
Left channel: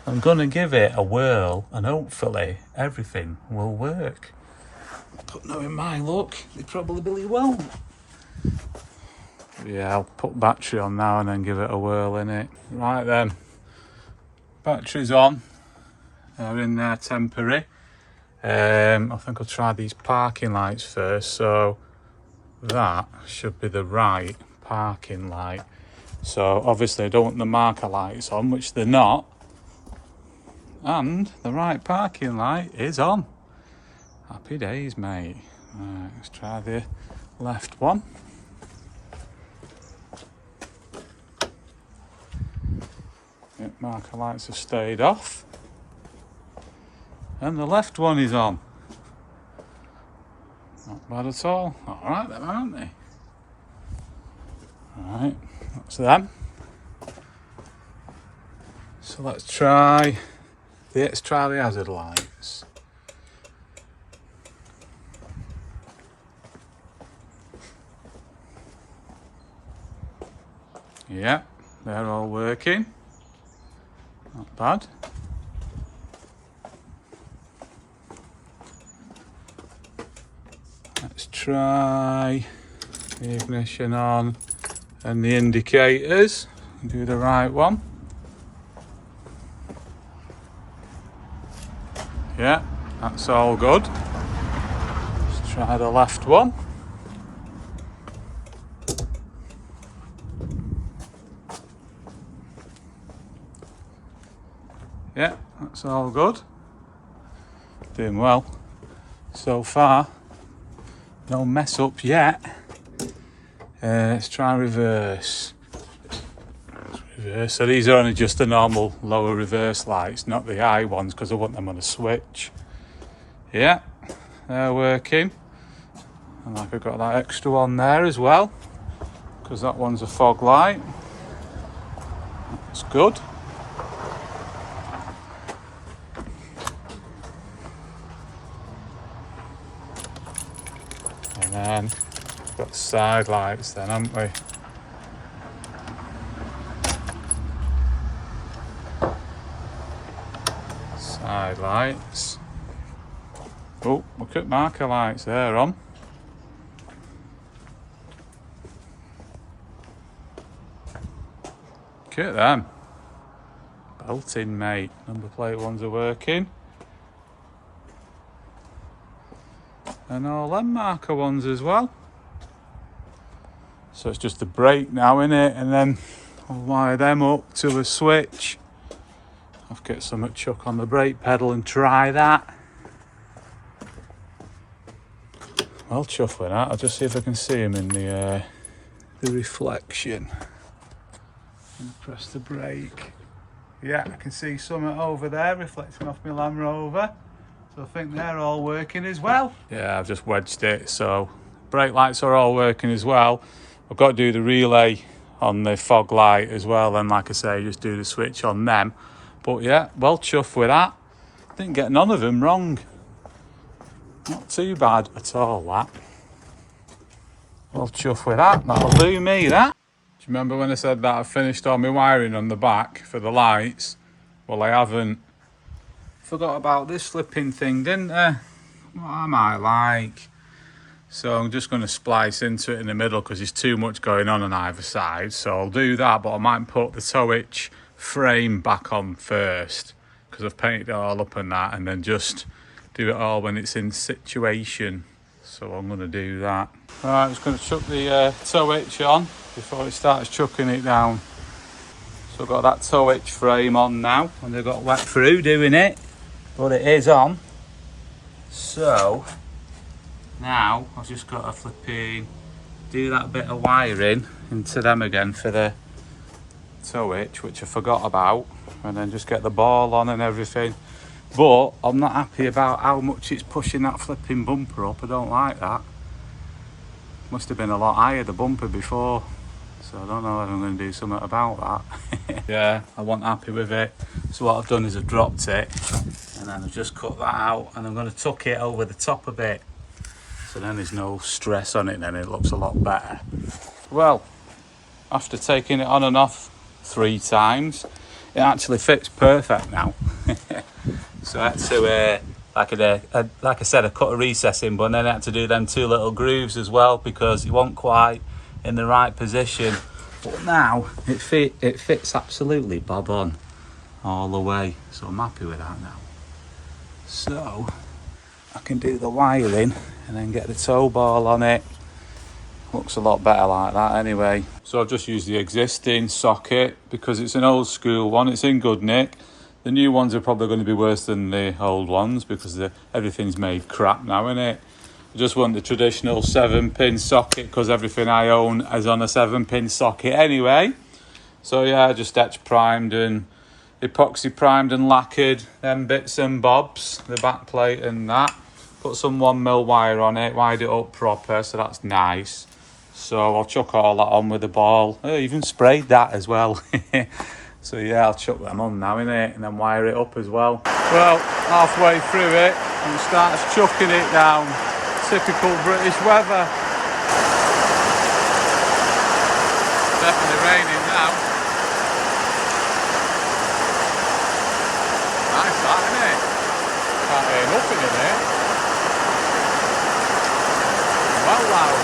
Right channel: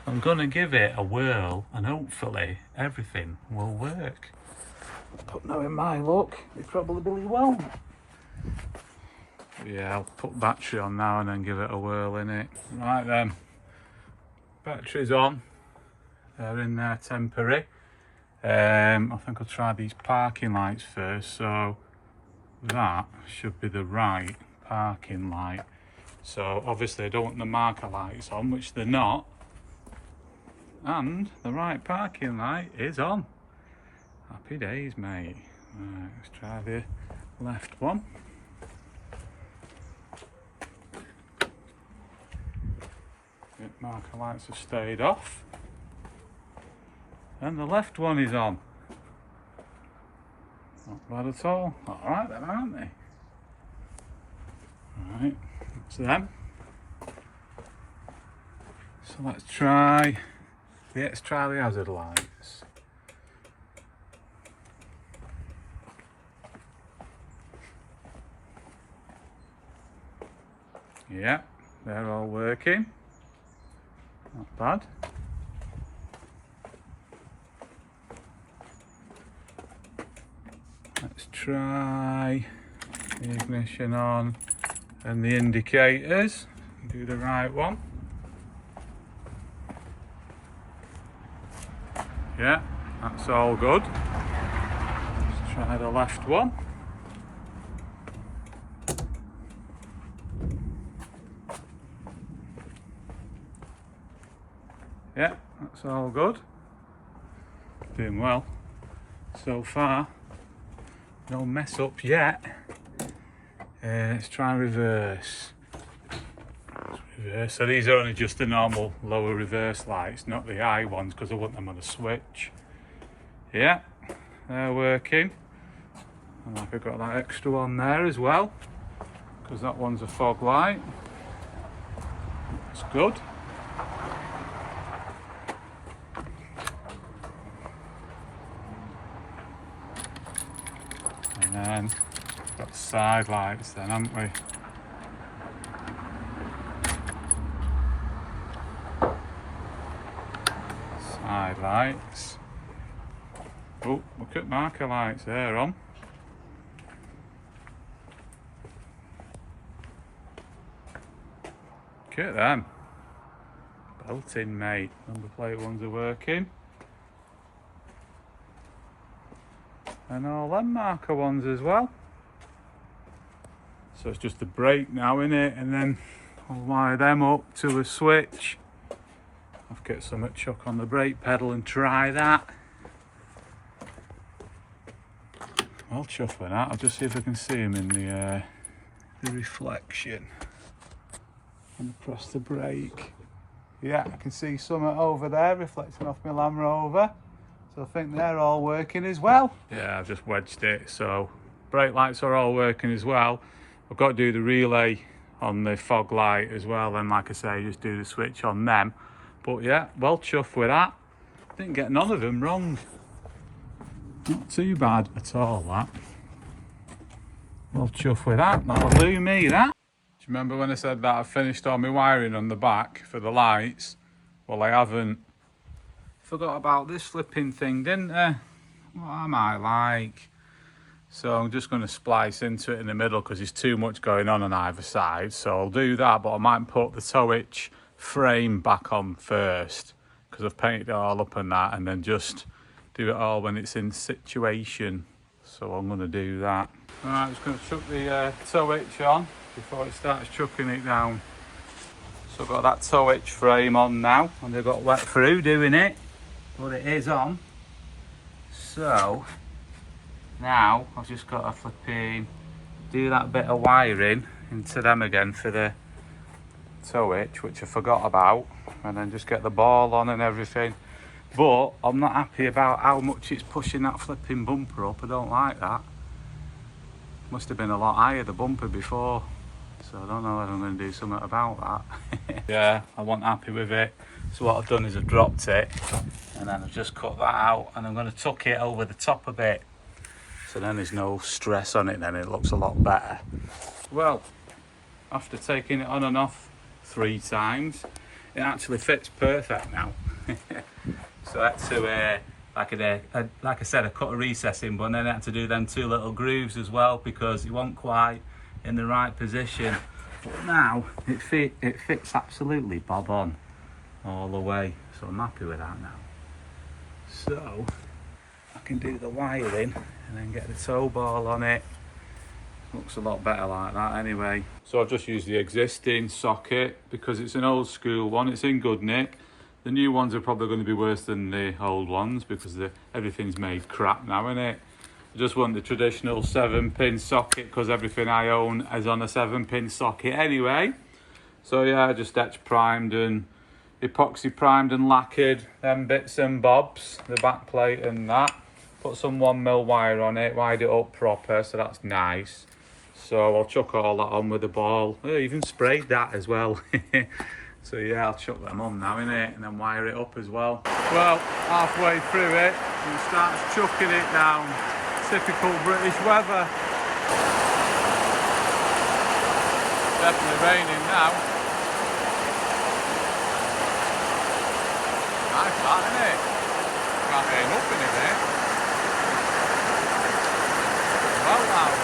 I'm gonna give it a whirl, and hopefully everything will work. But knowing my luck, they probably won't. Yeah, I'll put battery on now and then give it a whirl in it. Right then, battery's on. They're in there temporary. I think I'll try these parking lights first. So that should be the right parking light. So obviously I don't want the marker lights on, which they're not. And the right parking light is on. Happy days, mate. Right, let's try the left one. Yep, marker lights have stayed off. And the left one is on. Not bad at all. Alright then, aren't they? Alright, that's them. So let's try the hazard lights. Yeah, they're all working. Not bad. Let's try the ignition on and the indicators. Do the right one. Yeah, that's all good. Let's try the left one. Yeah, that's all good. Doing well so far. No mess up yet. Let's try reverse. So these are only just the normal lower reverse lights, not the high ones, because I want them on a switch. Yeah, they're working. And like I've got that extra one there as well, because that one's a fog light. That's good. And then we've got the side lights then, haven't we? Side lights. Oh, look at marker lights there on. Look at them. Belting, mate. Number plate ones are working. And all them marker ones as well. So it's just the brake now, innit? And then I'll wire them up to a switch. I'll get some chuck on the brake pedal and try that. I'll chuff with that. I'll just see if I can see him in the reflection. And press the brake. Yeah, I can see something over there reflecting off my Land Rover. So I think they're all working as well. Yeah, I've just wedged it. So brake lights are all working as well. I've got to do the relay on the fog light as well. And like I say, just do the switch on them. But yeah, well chuffed with that. Didn't get none of them wrong. Not too bad at all, that. Well chuffed with that. That'll do me, that. Do you remember when I said that I finished all my wiring on the back for the lights? Well, I haven't. Forgot about this flipping thing, didn't I? What am I like? So I'm just going to splice into it in the middle because there's too much going on either side. So I'll do that, but I might put the tow hitch frame back on first because I've painted it all up and that, and then just do it all when it's in situation. So I'm going to do that. All right, I'm just going to chuck the tow hitch on before it starts chucking it down. So I've got that tow hitch frame on now, and they've got wet through doing it, but it is on. So now I've just got to flipping do that bit of wiring into them again for the tow hitch, which I forgot about, and then just get the ball on and everything. But I'm not happy about how much it's pushing that flipping bumper up. I don't like that. Must have been a lot higher, the bumper, before. So I don't know if I'm going to do something about that. Yeah, I wasn't happy with it. So what I've done is I've dropped it, and then I've just cut that out, and I'm going to tuck it over the top a bit. So then there's no stress on it, then it looks a lot better. Well, after taking it on and off 3 times, it actually fits perfect now. So I had to, like I said, I cut a recess in, but then I had to do them 2 little grooves as well because it wasn't quite in the right position. But now it fits absolutely bob on all the way. So I'm happy with that now. So I can do the wiring and then get the tow ball on it. Looks a lot better like that anyway. So I've just used the existing socket because it's an old school one. It's in good nick. The new ones are probably going to be worse than the old ones because everything's made crap now, innit? I just want the traditional 7-pin socket because everything I own is on a 7-pin socket anyway. So yeah, I just etch primed and epoxy primed and lacquered them bits and bobs, the back plate and that. Put some 1mm wire on it, wired it up proper, so that's nice. So I'll chuck all that on with the ball. I even sprayed that as well. So yeah, I'll chuck them on now, innit? And then wire it up as well. Well, halfway through it, and it starts chucking it down. Typical British weather. Definitely raining now. Nice that, isn't it? Can't hear nothing in it. Well loud.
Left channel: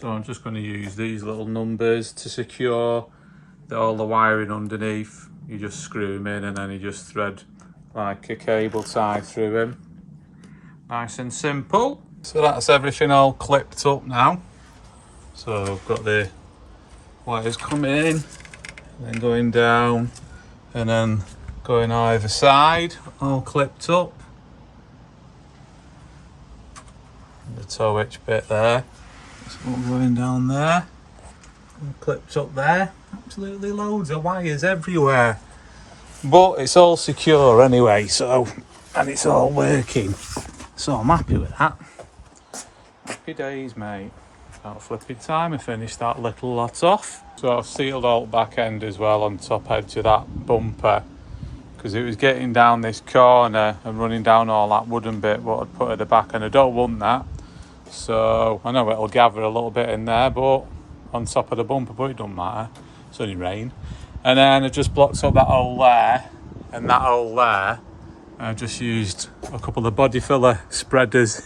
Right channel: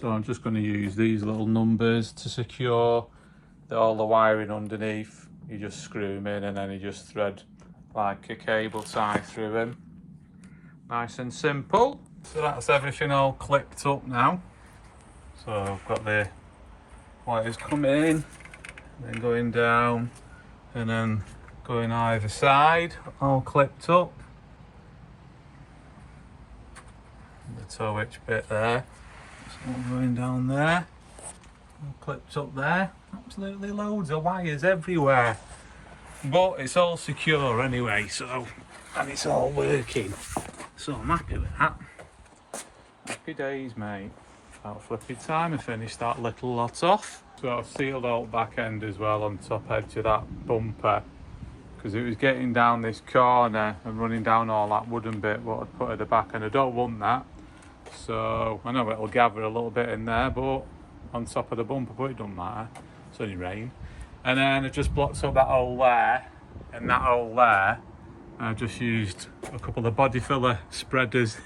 So I'm just going to use these little numbers to secure all the wiring underneath. You just screw them in and then you just thread like a cable tie through them. Nice and simple. So that's everything all clipped up now. So I've got the wires coming in, and then going down, and then going either side, all clipped up. tow hitch bit there. That's all going down there. All clips up there. Absolutely loads of wires everywhere. But it's all secure anyway, so, and it's all working. So I'm happy with that. Happy days, mate. About flipping time I finished that little lot off. So I've sealed all the back end as well on top edge of that bumper, because it was getting down this corner and running down all that wooden bit what I'd put at the back, and I don't want that. So I know it'll gather a little bit in there, but on top of the bumper, but it doesn't matter. It's only rain. And then I just blocked up that hole there and that hole there. I've just used a couple of body filler spreaders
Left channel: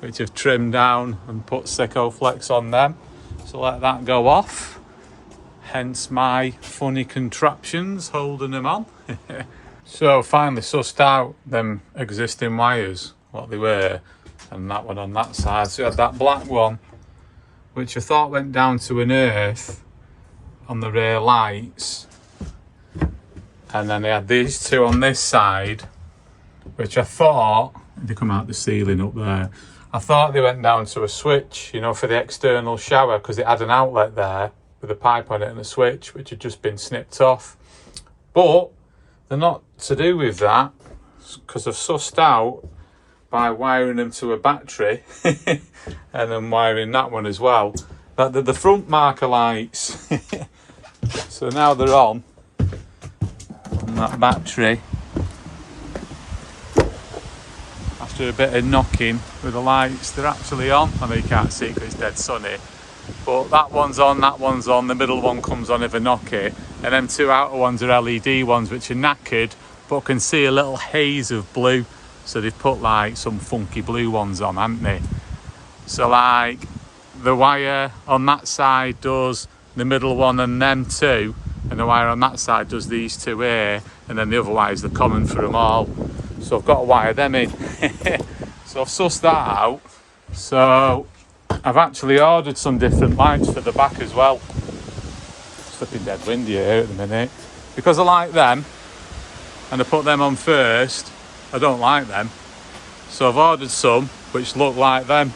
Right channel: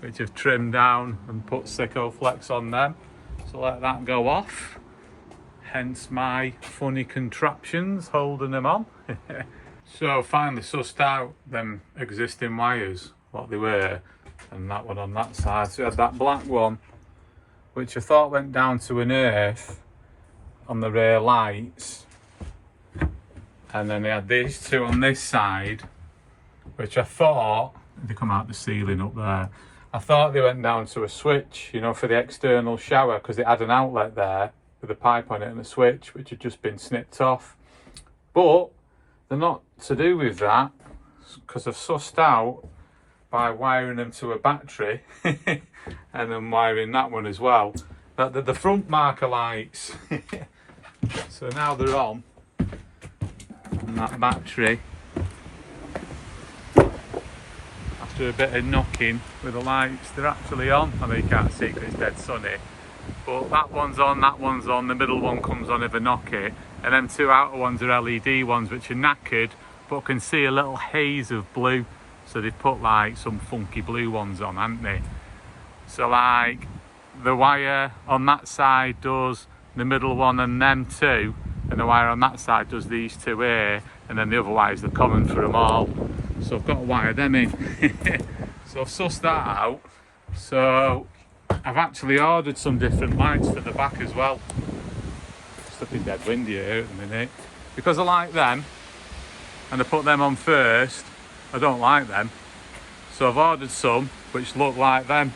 which I've trimmed down and put Sicko Flex on them. So let that go off. Hence my funny contraptions holding them on. So finally sussed out them existing wires, what they were, and that one on that side. So you had that black one, which I thought went down to an earth on the rear lights, and then they had these two on this side, which I thought they come out the ceiling up there. I thought they went down to a switch, you know, for the external shower, because it had an outlet there with a pipe on it and a switch, which had just been snipped off. But they're not to do with that, because I've sussed out by wiring them to a battery and then wiring that one as well. That the front marker lights. So now they're on that battery. After a bit of knocking with the lights, they're actually on. I know you can't see because it's dead sunny, but that one's on, the middle one comes on if I knock it, and then two outer ones are LED ones which are knackered but can see a little haze of blue. So they've put like some funky blue ones on, haven't they? So like the wire on that side does the middle one and them two, and the wire on that side does these two here, and then the other wires are common for them all. So I've got to wire them in. So I've sussed that out. So I've actually ordered some different lights for the back as well. It's flipping dead windy here at the minute. Because I like them, and I put them on first, I don't like them. So I've ordered some which look like them,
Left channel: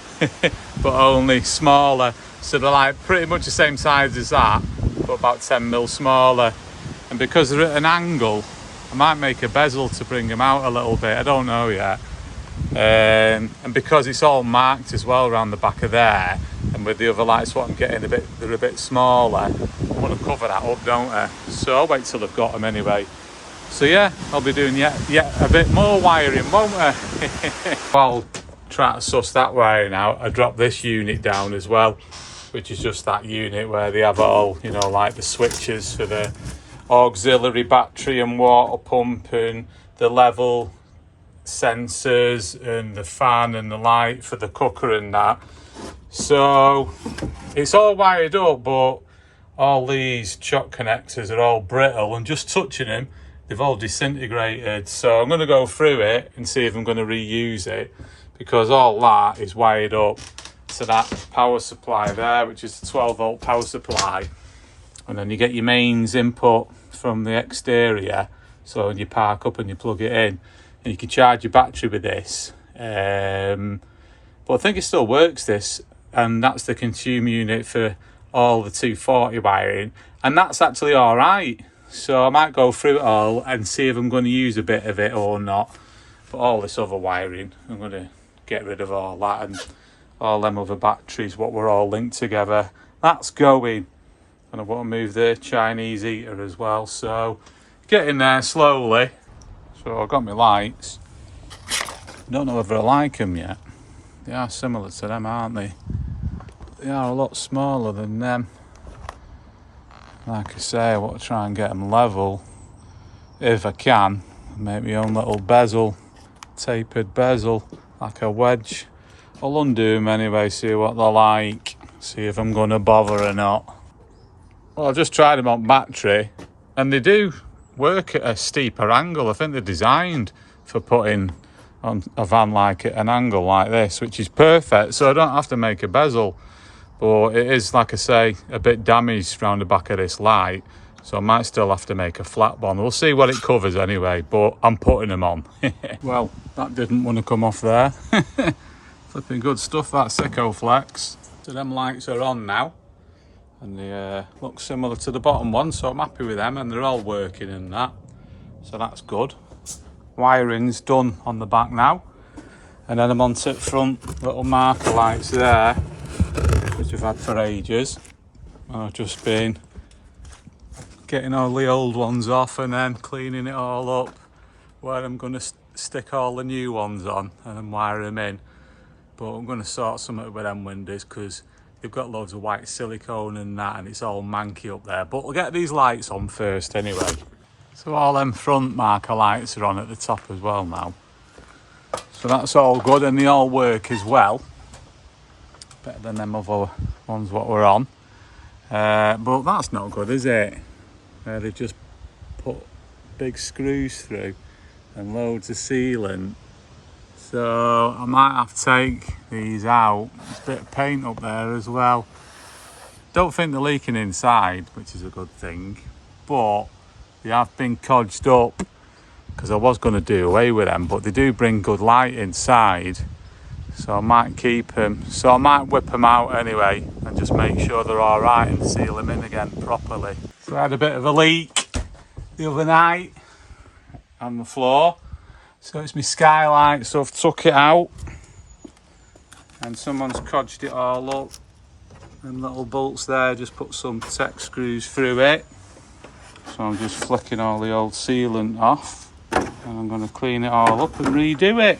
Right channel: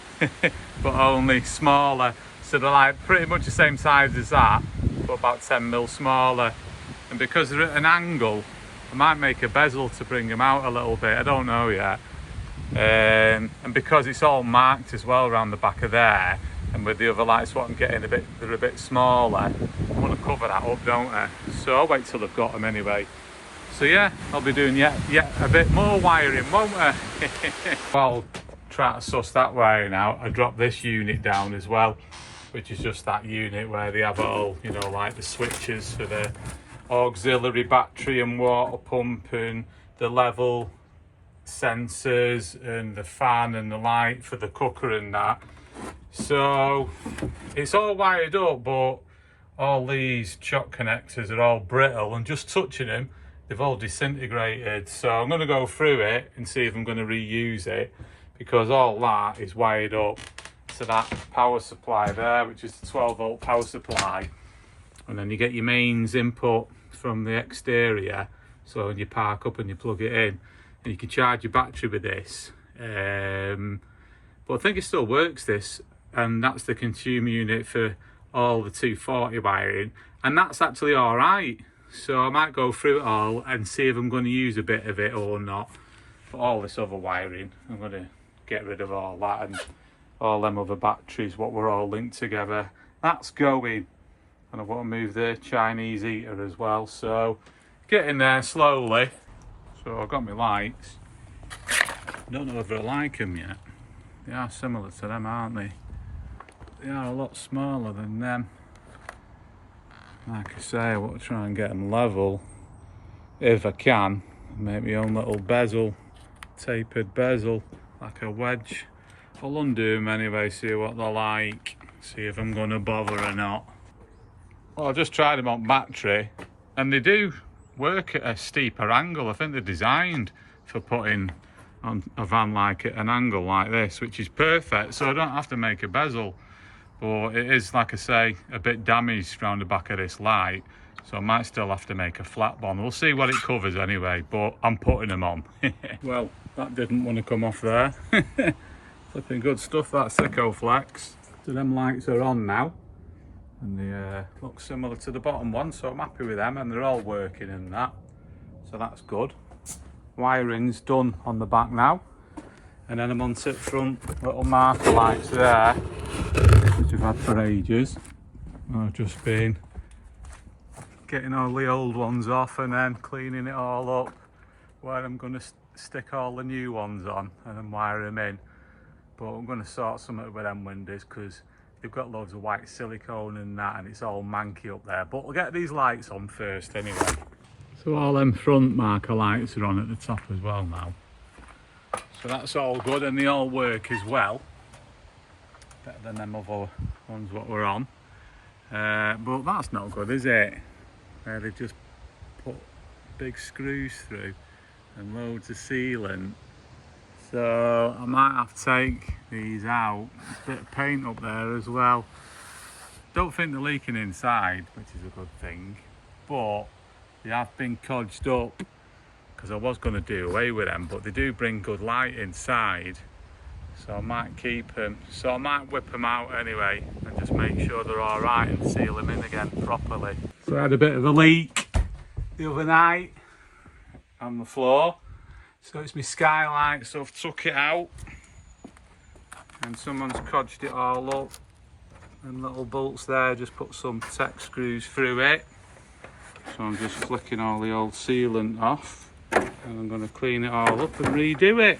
but only smaller. So they're like pretty much the same size as that, but about 10mm smaller. And because they're at an angle, I might make a bezel to bring them out a little bit. I don't know yet. And because it's all marked as well around the back of there, and with the other lights what I'm getting they're a bit smaller, I want to cover that up, don't I? So I'll wait till I've got them anyway. So yeah, I'll be doing yet a bit more wiring, won't I? I'll try to suss that wiring out. I dropped this unit down as well, which is just that unit where they have all, you know, like the switches for the auxiliary battery and water pump and the level sensors and the fan and the light for the cooker and that. So it's all wired up, but all these chock connectors are all brittle, and just touching them, they've all disintegrated. So I'm going to go through it and see if I'm going to reuse it, because all that is wired up to that power supply there, which is a 12-volt power supply. And then you get your mains input from the exterior, so when you park up and you plug it in, and you can charge your battery with this. But I think it still works, this, and that's the consumer unit for all the 240 wiring, and that's actually all right. So I might go through it all and see if I'm going to use a bit of it or not. But all this other wiring, I'm going to get rid of all that, and all them other batteries, what were all linked together, that's going. And I want to move the Chinese heater as well, so getting there slowly. So I've got my lights. Don't know whether I like them yet. They are similar to them, aren't they? They are a lot smaller than them. Like I say, I want to try and get them level if I can. Make my own little bezel, tapered bezel, like a wedge. I'll undo them anyway, see what they're like, see if I'm going to bother or not. Well, I've just tried them on battery, and they do work at a steeper angle. I think they're designed for putting on a van like at an angle like this, which is perfect, so I don't have to make a bezel. But it is, like I say, a bit damaged around the back of this light, so I might still have to make a flat one. We'll see what it covers anyway, but I'm putting them on. Well, that didn't want to come off there. Flipping good stuff, that Secoflex. So them lights are on now, and they look similar to the bottom one, so I'm happy with them, and they're all working and that, so that's good. Wiring's done on the back now, and then I'm on to the front little marker lights there, which I've had for ages. I've just been getting all the old ones off and then cleaning it all up, where I'm going to stick all the new ones on and then wire them in. But I'm going to sort something with them windows because they've got loads of white silicone and that, and it's all manky up there. But we'll get these lights on first anyway. So all them front marker lights are on at the top as well now. So that's all good, and they all work as well. Better than them other ones what we're on. But that's not good, is it? They've just put big screws through and loads of sealant. So I might have to take these out. There's a bit of paint up there as well. Don't think they're leaking inside, which is a good thing. But they have been codged up because I was going to do away with them, but they do bring good light inside. So I might keep them. So I might whip them out anyway and just make sure they're all right and seal them in again properly. So I had a bit of a leak the other night on the floor. So it's my skylight, so I've took it out and someone's codged it all up. And little bolts there, just put some tech screws through it. So I'm just flicking all the old sealant off and I'm going to clean it all up and redo it.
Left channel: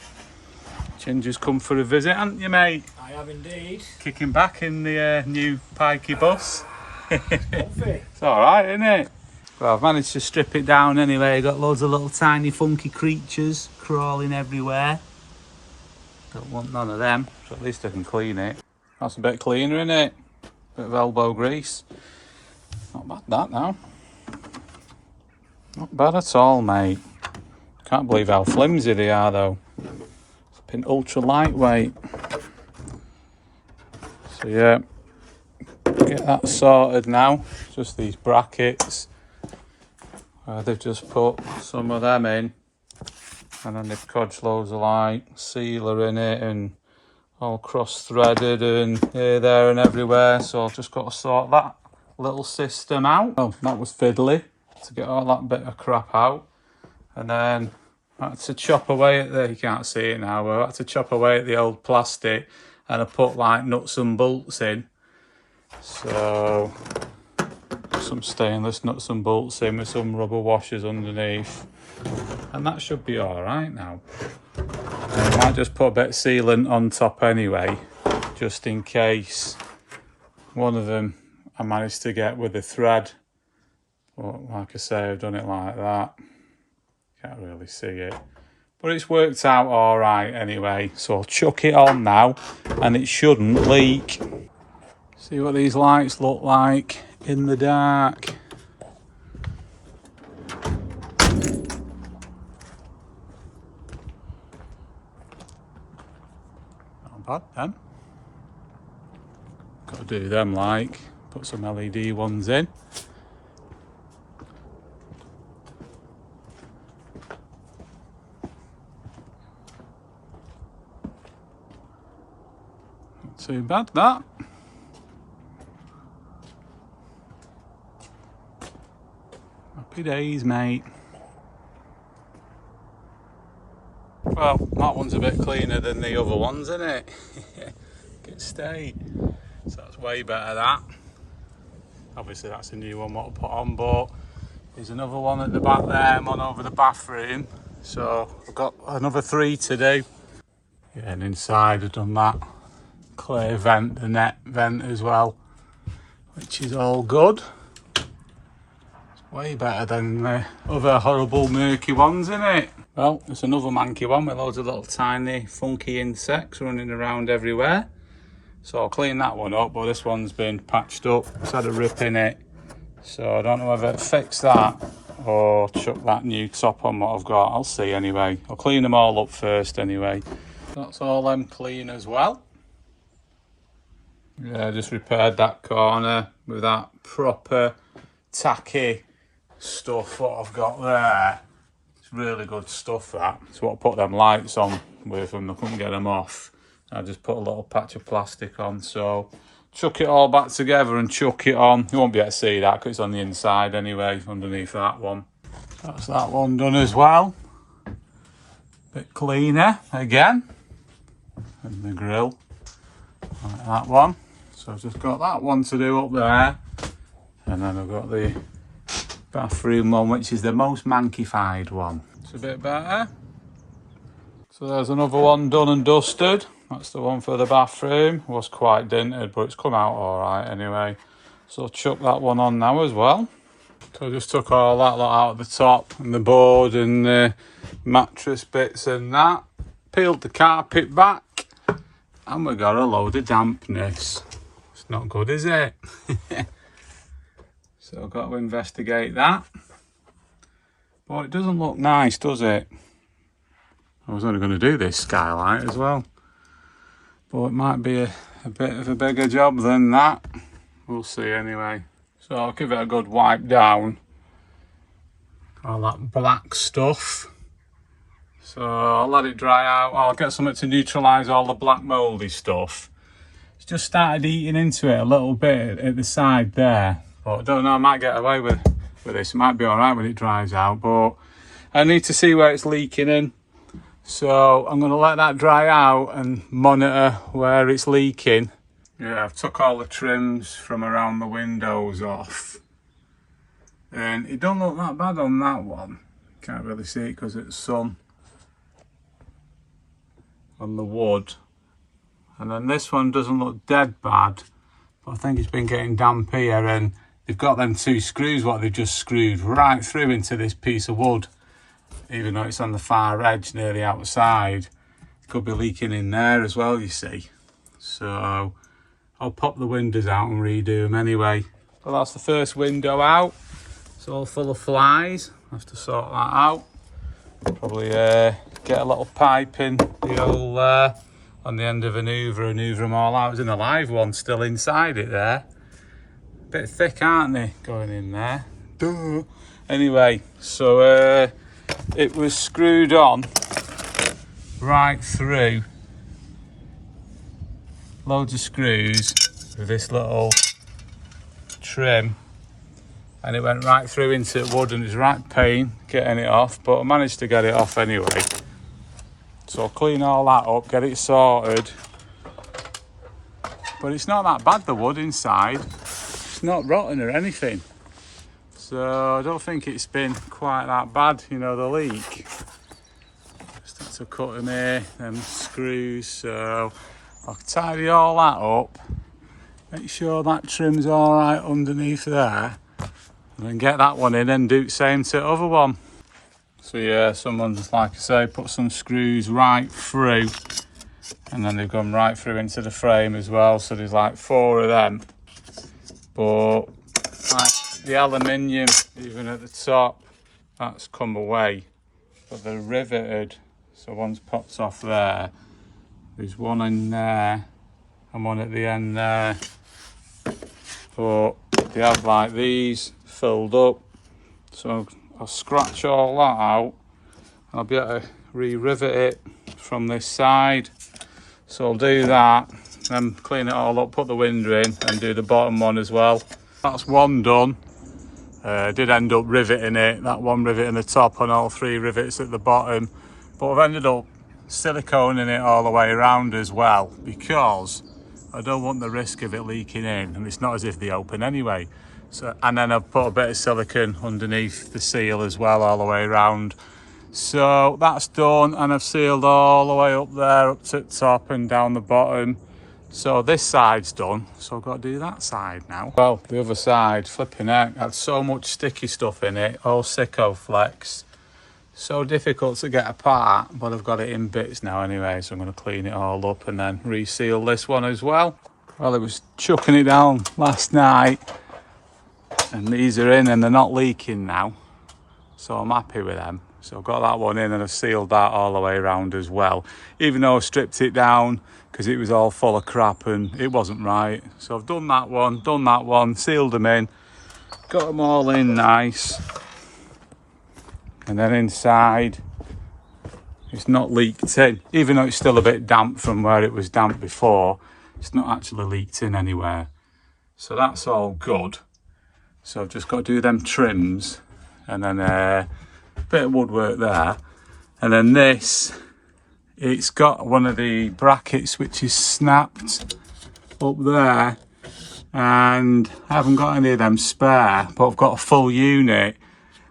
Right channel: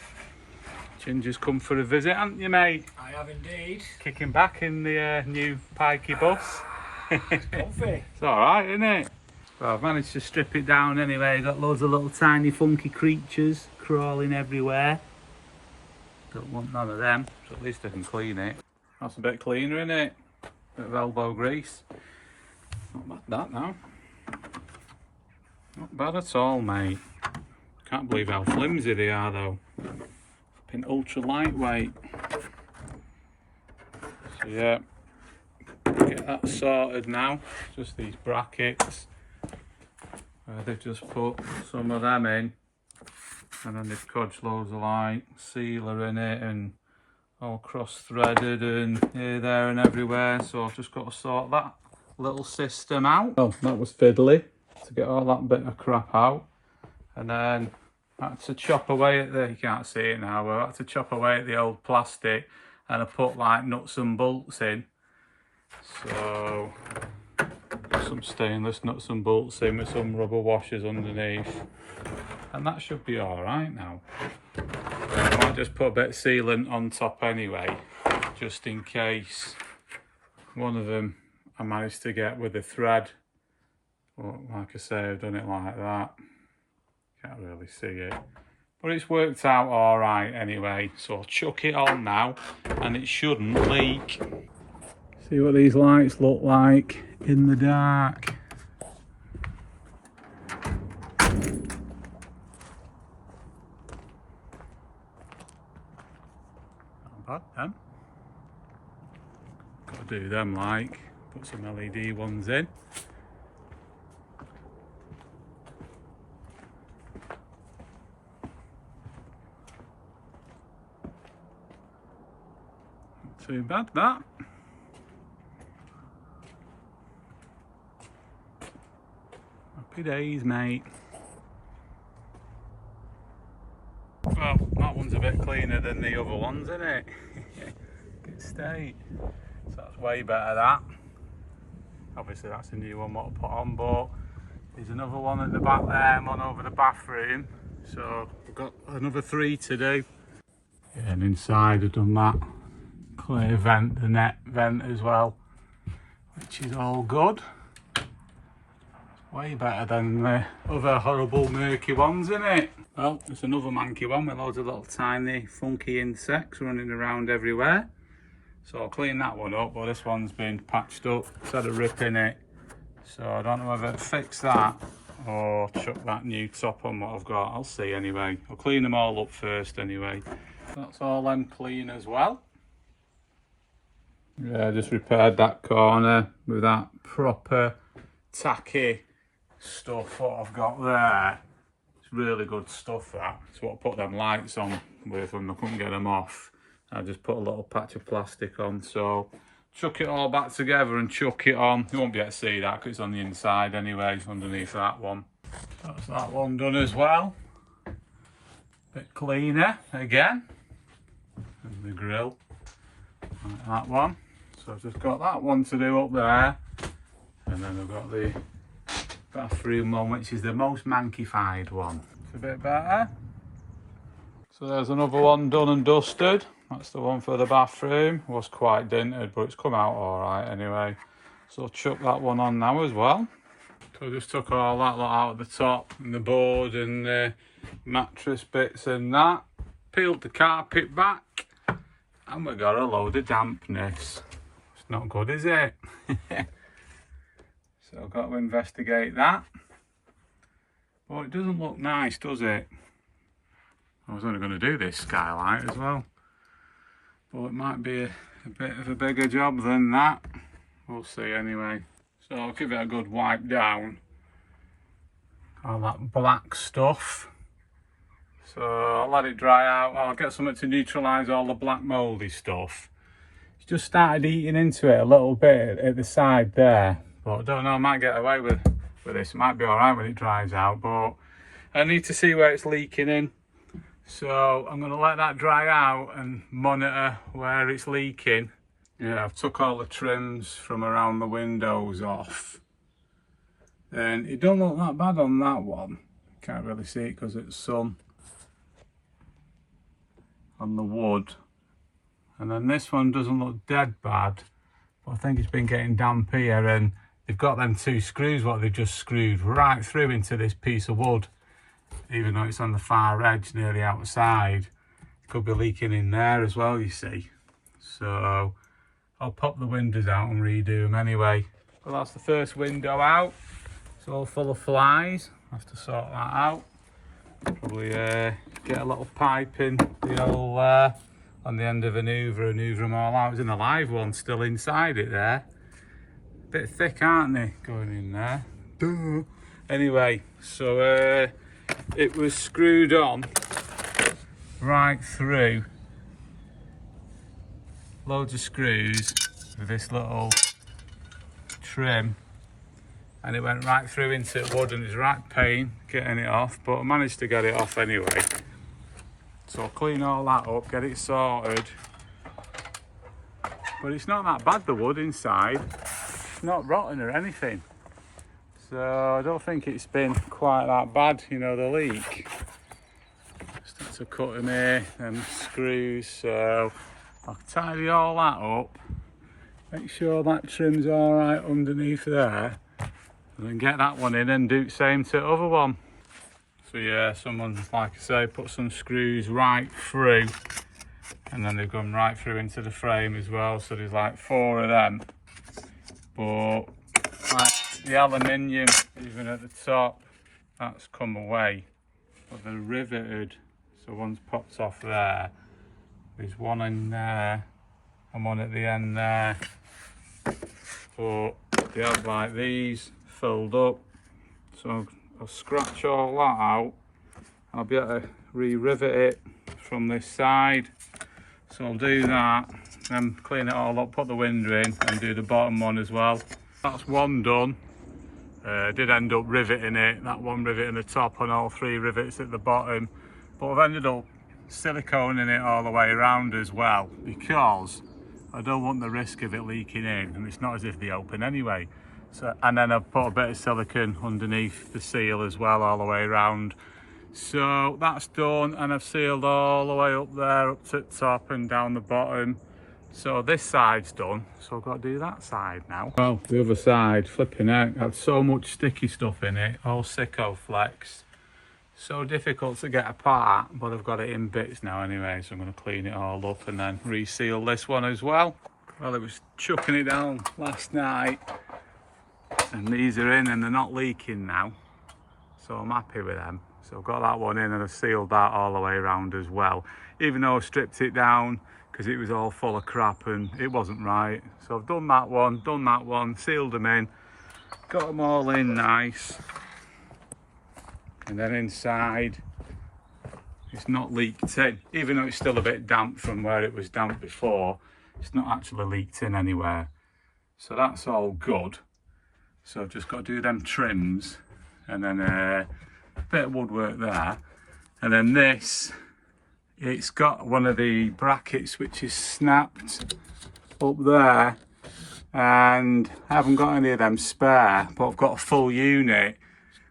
Ginger's come for a visit, haven't you, mate? I have indeed. Kicking back in the new pikey bus. It's alright, isn't it? Well, I've managed to strip it down anyway. Got loads of little tiny funky creatures crawling everywhere. Don't want none of them, so at least I can clean it. That's a bit cleaner, isn't it? Bit of elbow grease. Not bad that now. Not bad at all, mate. Can't believe how flimsy they are though. Flipping ultra lightweight. So yeah, get that sorted now. Just these brackets. They've just put some of them in, and then they've codged loads of like sealer in it and all cross-threaded and here, there and everywhere. So I've just got to sort that little system out. Oh, that was fiddly to get all that bit of crap out. And then I had to chop away at the, you can't see it now, but I had to chop away at the old plastic and I put like nuts and bolts in. So some stainless nuts and bolts in with some rubber washers underneath, and that should be all right now. And I might just put a bit of sealant on top anyway, just in case one of them I managed to get with a thread. But like I say, I've done it like that. Can't really see it, but it's worked out all right anyway. So I'll chuck it on now and it shouldn't leak. See what these lights look like in the dark. Not bad then. Got to do them like, put some LED ones in. Not too bad that. Happy days, mate. Well, that one's a bit cleaner than the other ones, isn't it? Good state. So that's way better, that. Obviously that's a new one what I'll put on, but there's another one at the back there. I'm on over the bathroom. So I've got another 3 to do. Yeah, and inside I've done that clear vent, the net vent as well, which is all good. Way better than the other horrible murky ones, isn't it? Well, it's another manky one with loads of little tiny funky insects running around everywhere. So I'll clean that one up, but this one's been patched up. It's had a rip in it. So I don't know whether to fix that or chuck that new top on what I've got. I'll see anyway. I'll clean them all up first anyway. That's all them clean as well. Yeah, just repaired that corner with that proper tacky stuff what I've got there. It's really good stuff, that. It's what I put them lights on with when I couldn't get them off, I just put a little patch of plastic on. So chuck it all back together and chuck it on. You won't be able to see that because it's on the inside anyway, underneath that one. That's that one done as well. Bit cleaner again. And the grill, like that one. So I've just got that one to do up there. And then I've got the bathroom one, which is the most mankified one. It's a bit better. So there's another one done and dusted. That's the one for the bathroom. It was quite dented, but it's come out all right anyway. So I'll chuck that one on now as well. So I just took all that lot out of the top and the board and the mattress bits and that. Peeled the carpet back and we got a load of dampness. It's not good, is it? So I've got to investigate that. But it doesn't look nice, does it? I was only going to do this skylight as well. But it might be a bit of a bigger job than that. We'll see anyway. So I'll give it a good wipe down. All that black stuff. So I'll let it dry out. I'll get something to neutralise all the black mouldy stuff. It's just started eating into it a little bit at the side there. But I don't know, I might get away with this. It might be alright when it dries out. But I need to see where it's leaking in. So I'm going to let that dry out and monitor where it's leaking. Yeah, I've took all the trims from around the windows off. And it don't look that bad on that one. Can't really see it because it's sun on the wood. And then this one doesn't look dead bad. But I think it's been getting damp here, and they've got them two screws, what they've just screwed right through into this piece of wood. Even though it's on the far edge, nearly outside. It could be leaking in there as well, you see. So I'll pop the windows out and redo them anyway. Well, that's the first window out. It's all full of flies. I have to sort that out. Probably get a little pipe in the old on the end of an hoover and hoover them all out. There's a live one still inside it there. A bit thick, aren't they, going in there? Duh. Anyway, so it was screwed on right through. Loads of screws with this little trim, and it went right through into the wood, and it's right pain getting it off, but I managed to get it off anyway. So I'll clean all that up, get it sorted. But it's not that bad, the wood inside. It's not rotten or anything. So I don't think it's been quite that bad, you know, the leak. Just had to cut in here, them screws, so I'll tidy all that up. Make sure that trim's all right underneath there. And then get that one in and do the same to the other one. So yeah, someone's, like I say, put some screws right through. And then they've gone right through into the frame as well. So there's like 4 of them. But like the aluminium, even at the top, that's come away. But they're riveted. So one's popped off there. There's one in there and one at the end there. But they have like these filled up. So I'll scratch all that out. I'll be able to re-rivet it from this side. So I'll do that, then clean it all up, put the window in and do the bottom one as well. That's one done. Did end up riveting it, that one riveting the top and all 3 rivets at the bottom. But I've ended up siliconing it all the way around as well, because I don't want the risk of it leaking in, and it's not as if they open anyway. So, and then I've put a bit of silicone underneath the seal as well, all the way around. So that's done, and I've sealed all the way up there, up to the top and down the bottom. So this side's done, so I've got to do that side now. Well, the other side, flipping heck, had so much sticky stuff in it, all Sikko-Flex. So difficult to get apart, but I've got it in bits now anyway, so I'm going to clean it all up and then reseal this one as well. Well, it was chucking it down last night, and these are in and they're not leaking now, so I'm happy with them. So I've got that one in and I've sealed that all the way around as well, even though I stripped it down because it was all full of crap and it wasn't right. So I've done that one, sealed them in, got them all in nice. And then inside, it's not leaked in. Even though it's still a bit damp from where it was damp before, it's not actually leaked in anywhere. So that's all good. So I've just got to do them trims, and then a bit of woodwork there. And then this, it's got one of the brackets which is snapped up there, and I haven't got any of them spare, but I've got a full unit.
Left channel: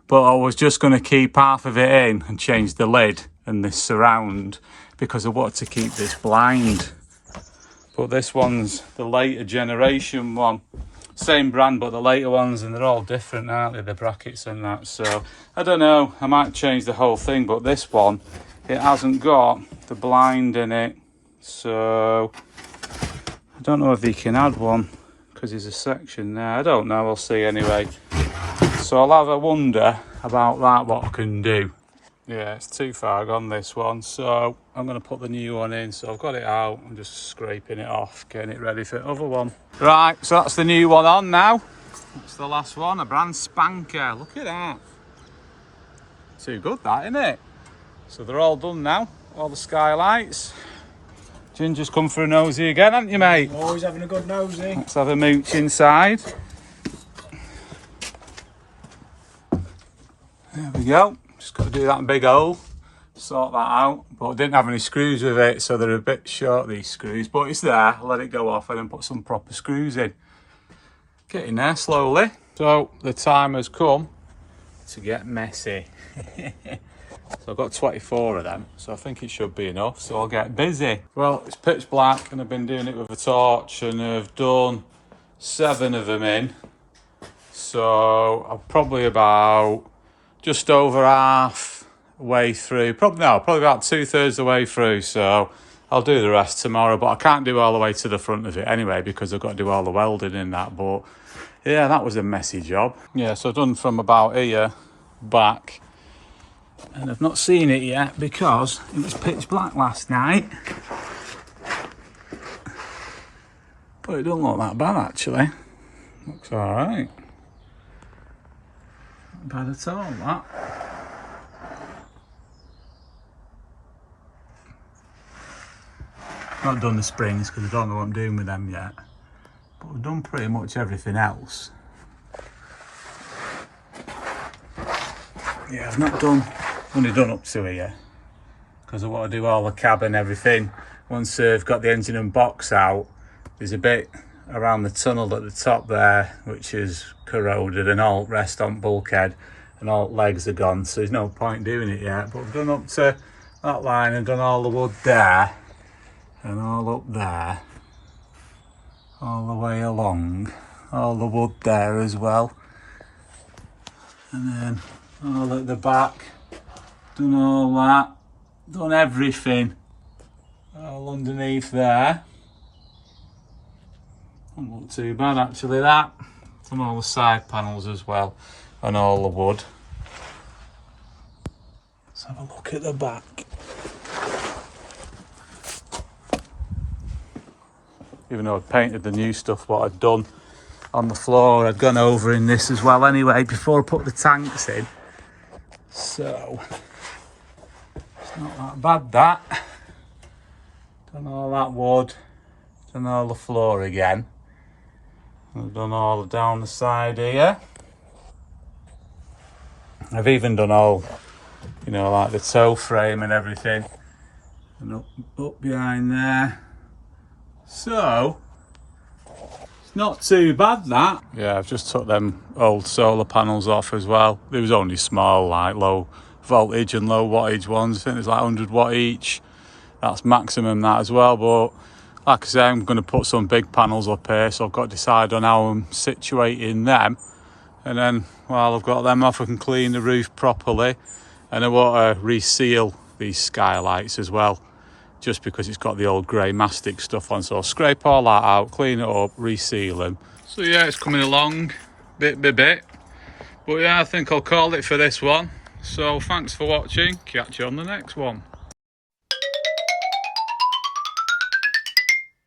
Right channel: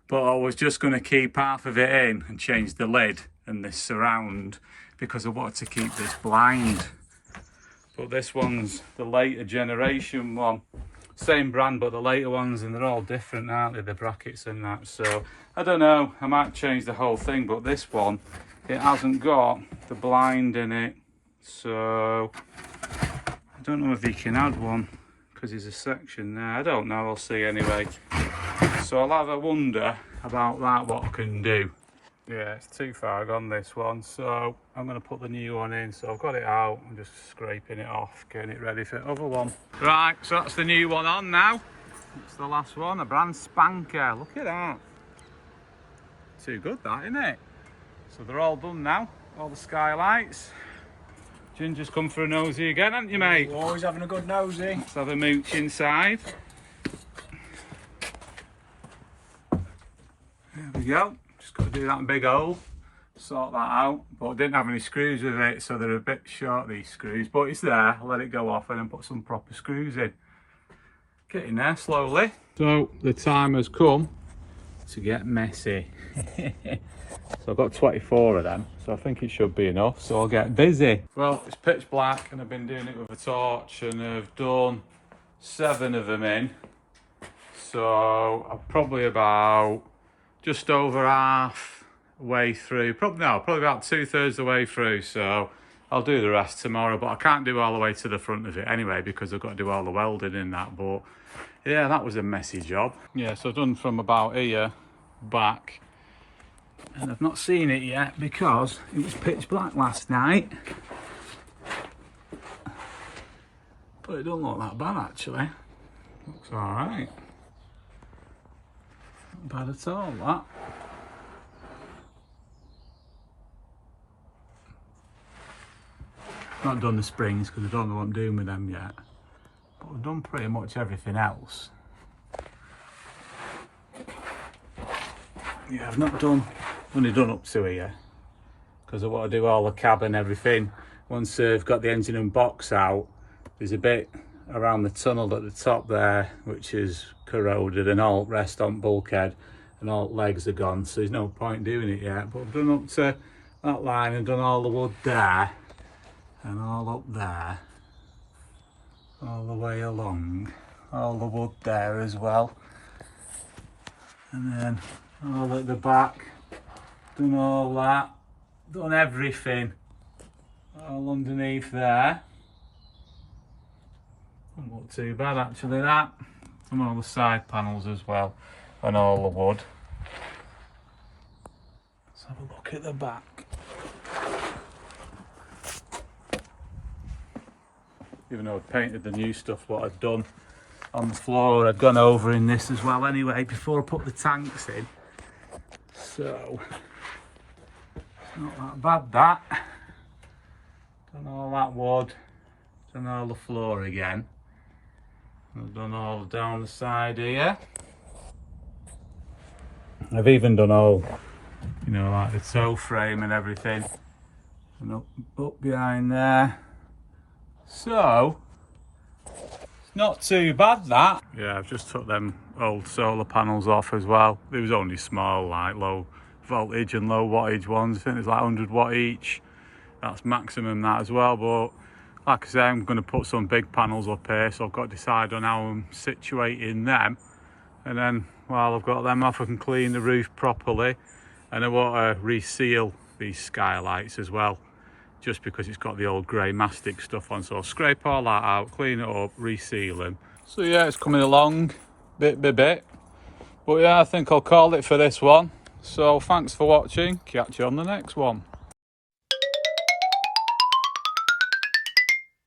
But I was just going to keep half of it in and change the lid and this surround, because I wanted to keep this blind. But this one's the later generation one. Same brand, but the later ones, and they're all different, aren't they, the brackets and that. So I don't know, I might change the whole thing, but this one, it hasn't got the blind in it. So I don't know if you can add one, because there's a section there. I don't know, I'll see anyway. So I'll have a wonder about that, what I can do. Yeah, it's too far gone, this one, so I'm going to put the new one in. So I've got it out, I'm just scraping it off, getting it ready for the other one. Right, so that's the new one on now. That's the last one, a brand spanker. Look at that. Too good, that, isn't it? So they're all done now, all the skylights. Ginger's come for a nosy again, haven't you, mate? Always having a good nosy. Let's have a mooch inside. There we go. Just got to do that big hole, sort that out. But I didn't have any screws with it, so they're a bit short, these screws. But it's there. I'll let it go off and then put some proper screws in. Getting there slowly. So the time has come to get messy. So I've got 24 of them, so I think it should be enough. So I'll get busy. Well, it's pitch black and I've been doing it with a torch, and I've done 7 of them in. So I'm probably about just over half way through, probably about 2/3 of the way through. So I'll do the rest tomorrow, but I can't do all the way to the front of it anyway, because I've got to do all the welding in that. But yeah, that was a messy job. Yeah, so I've done from about here back, and I've not seen it yet because it was pitch black last night. But it don't look that bad actually. Looks all right. Not bad at all, that. Not done the springs because I don't know what I'm doing with them yet. But I've done pretty much everything else. Yeah, I've not done, only done up to here, because I want to do all the cab and everything. Once I've got the engine and box out, there's a bit around the tunnel at the top there which is corroded, and all rest on bulkhead and all legs are gone, so there's no point doing it yet. But I've done up to that line and done all the wood there and all up there, all the way along, all the wood there as well, and then all at the back, done all that, done everything, all underneath there. Doesn't look too bad actually, that. Done all the side panels as well, and all the wood. Let's have a look at the back. Even though I'd painted the new stuff, what I'd done on the floor, I'd gone over in this as well anyway before I put the tanks in. So it's not that bad, that. Done all that wood, done all the floor again. I've done all down the side here. I've even done all, you know, like the toe frame and everything, and up behind there. So it's not too bad, that. Yeah, I've just took them old solar panels off as well. They was only small, like low voltage and low wattage ones. I think it's like 100 watt each. That's maximum, that as well. But like I say, I'm going to put some big panels up here, so I've got to decide on how I'm situating them. And then while I've got them off, I can clean the roof properly. And I want to reseal these skylights as well, just because it's got the old grey mastic stuff on. So I'll scrape all that out, clean it up, reseal them. So yeah, it's coming along bit by bit. But yeah, I think I'll call it for this one. So thanks for watching. Catch you on the next one.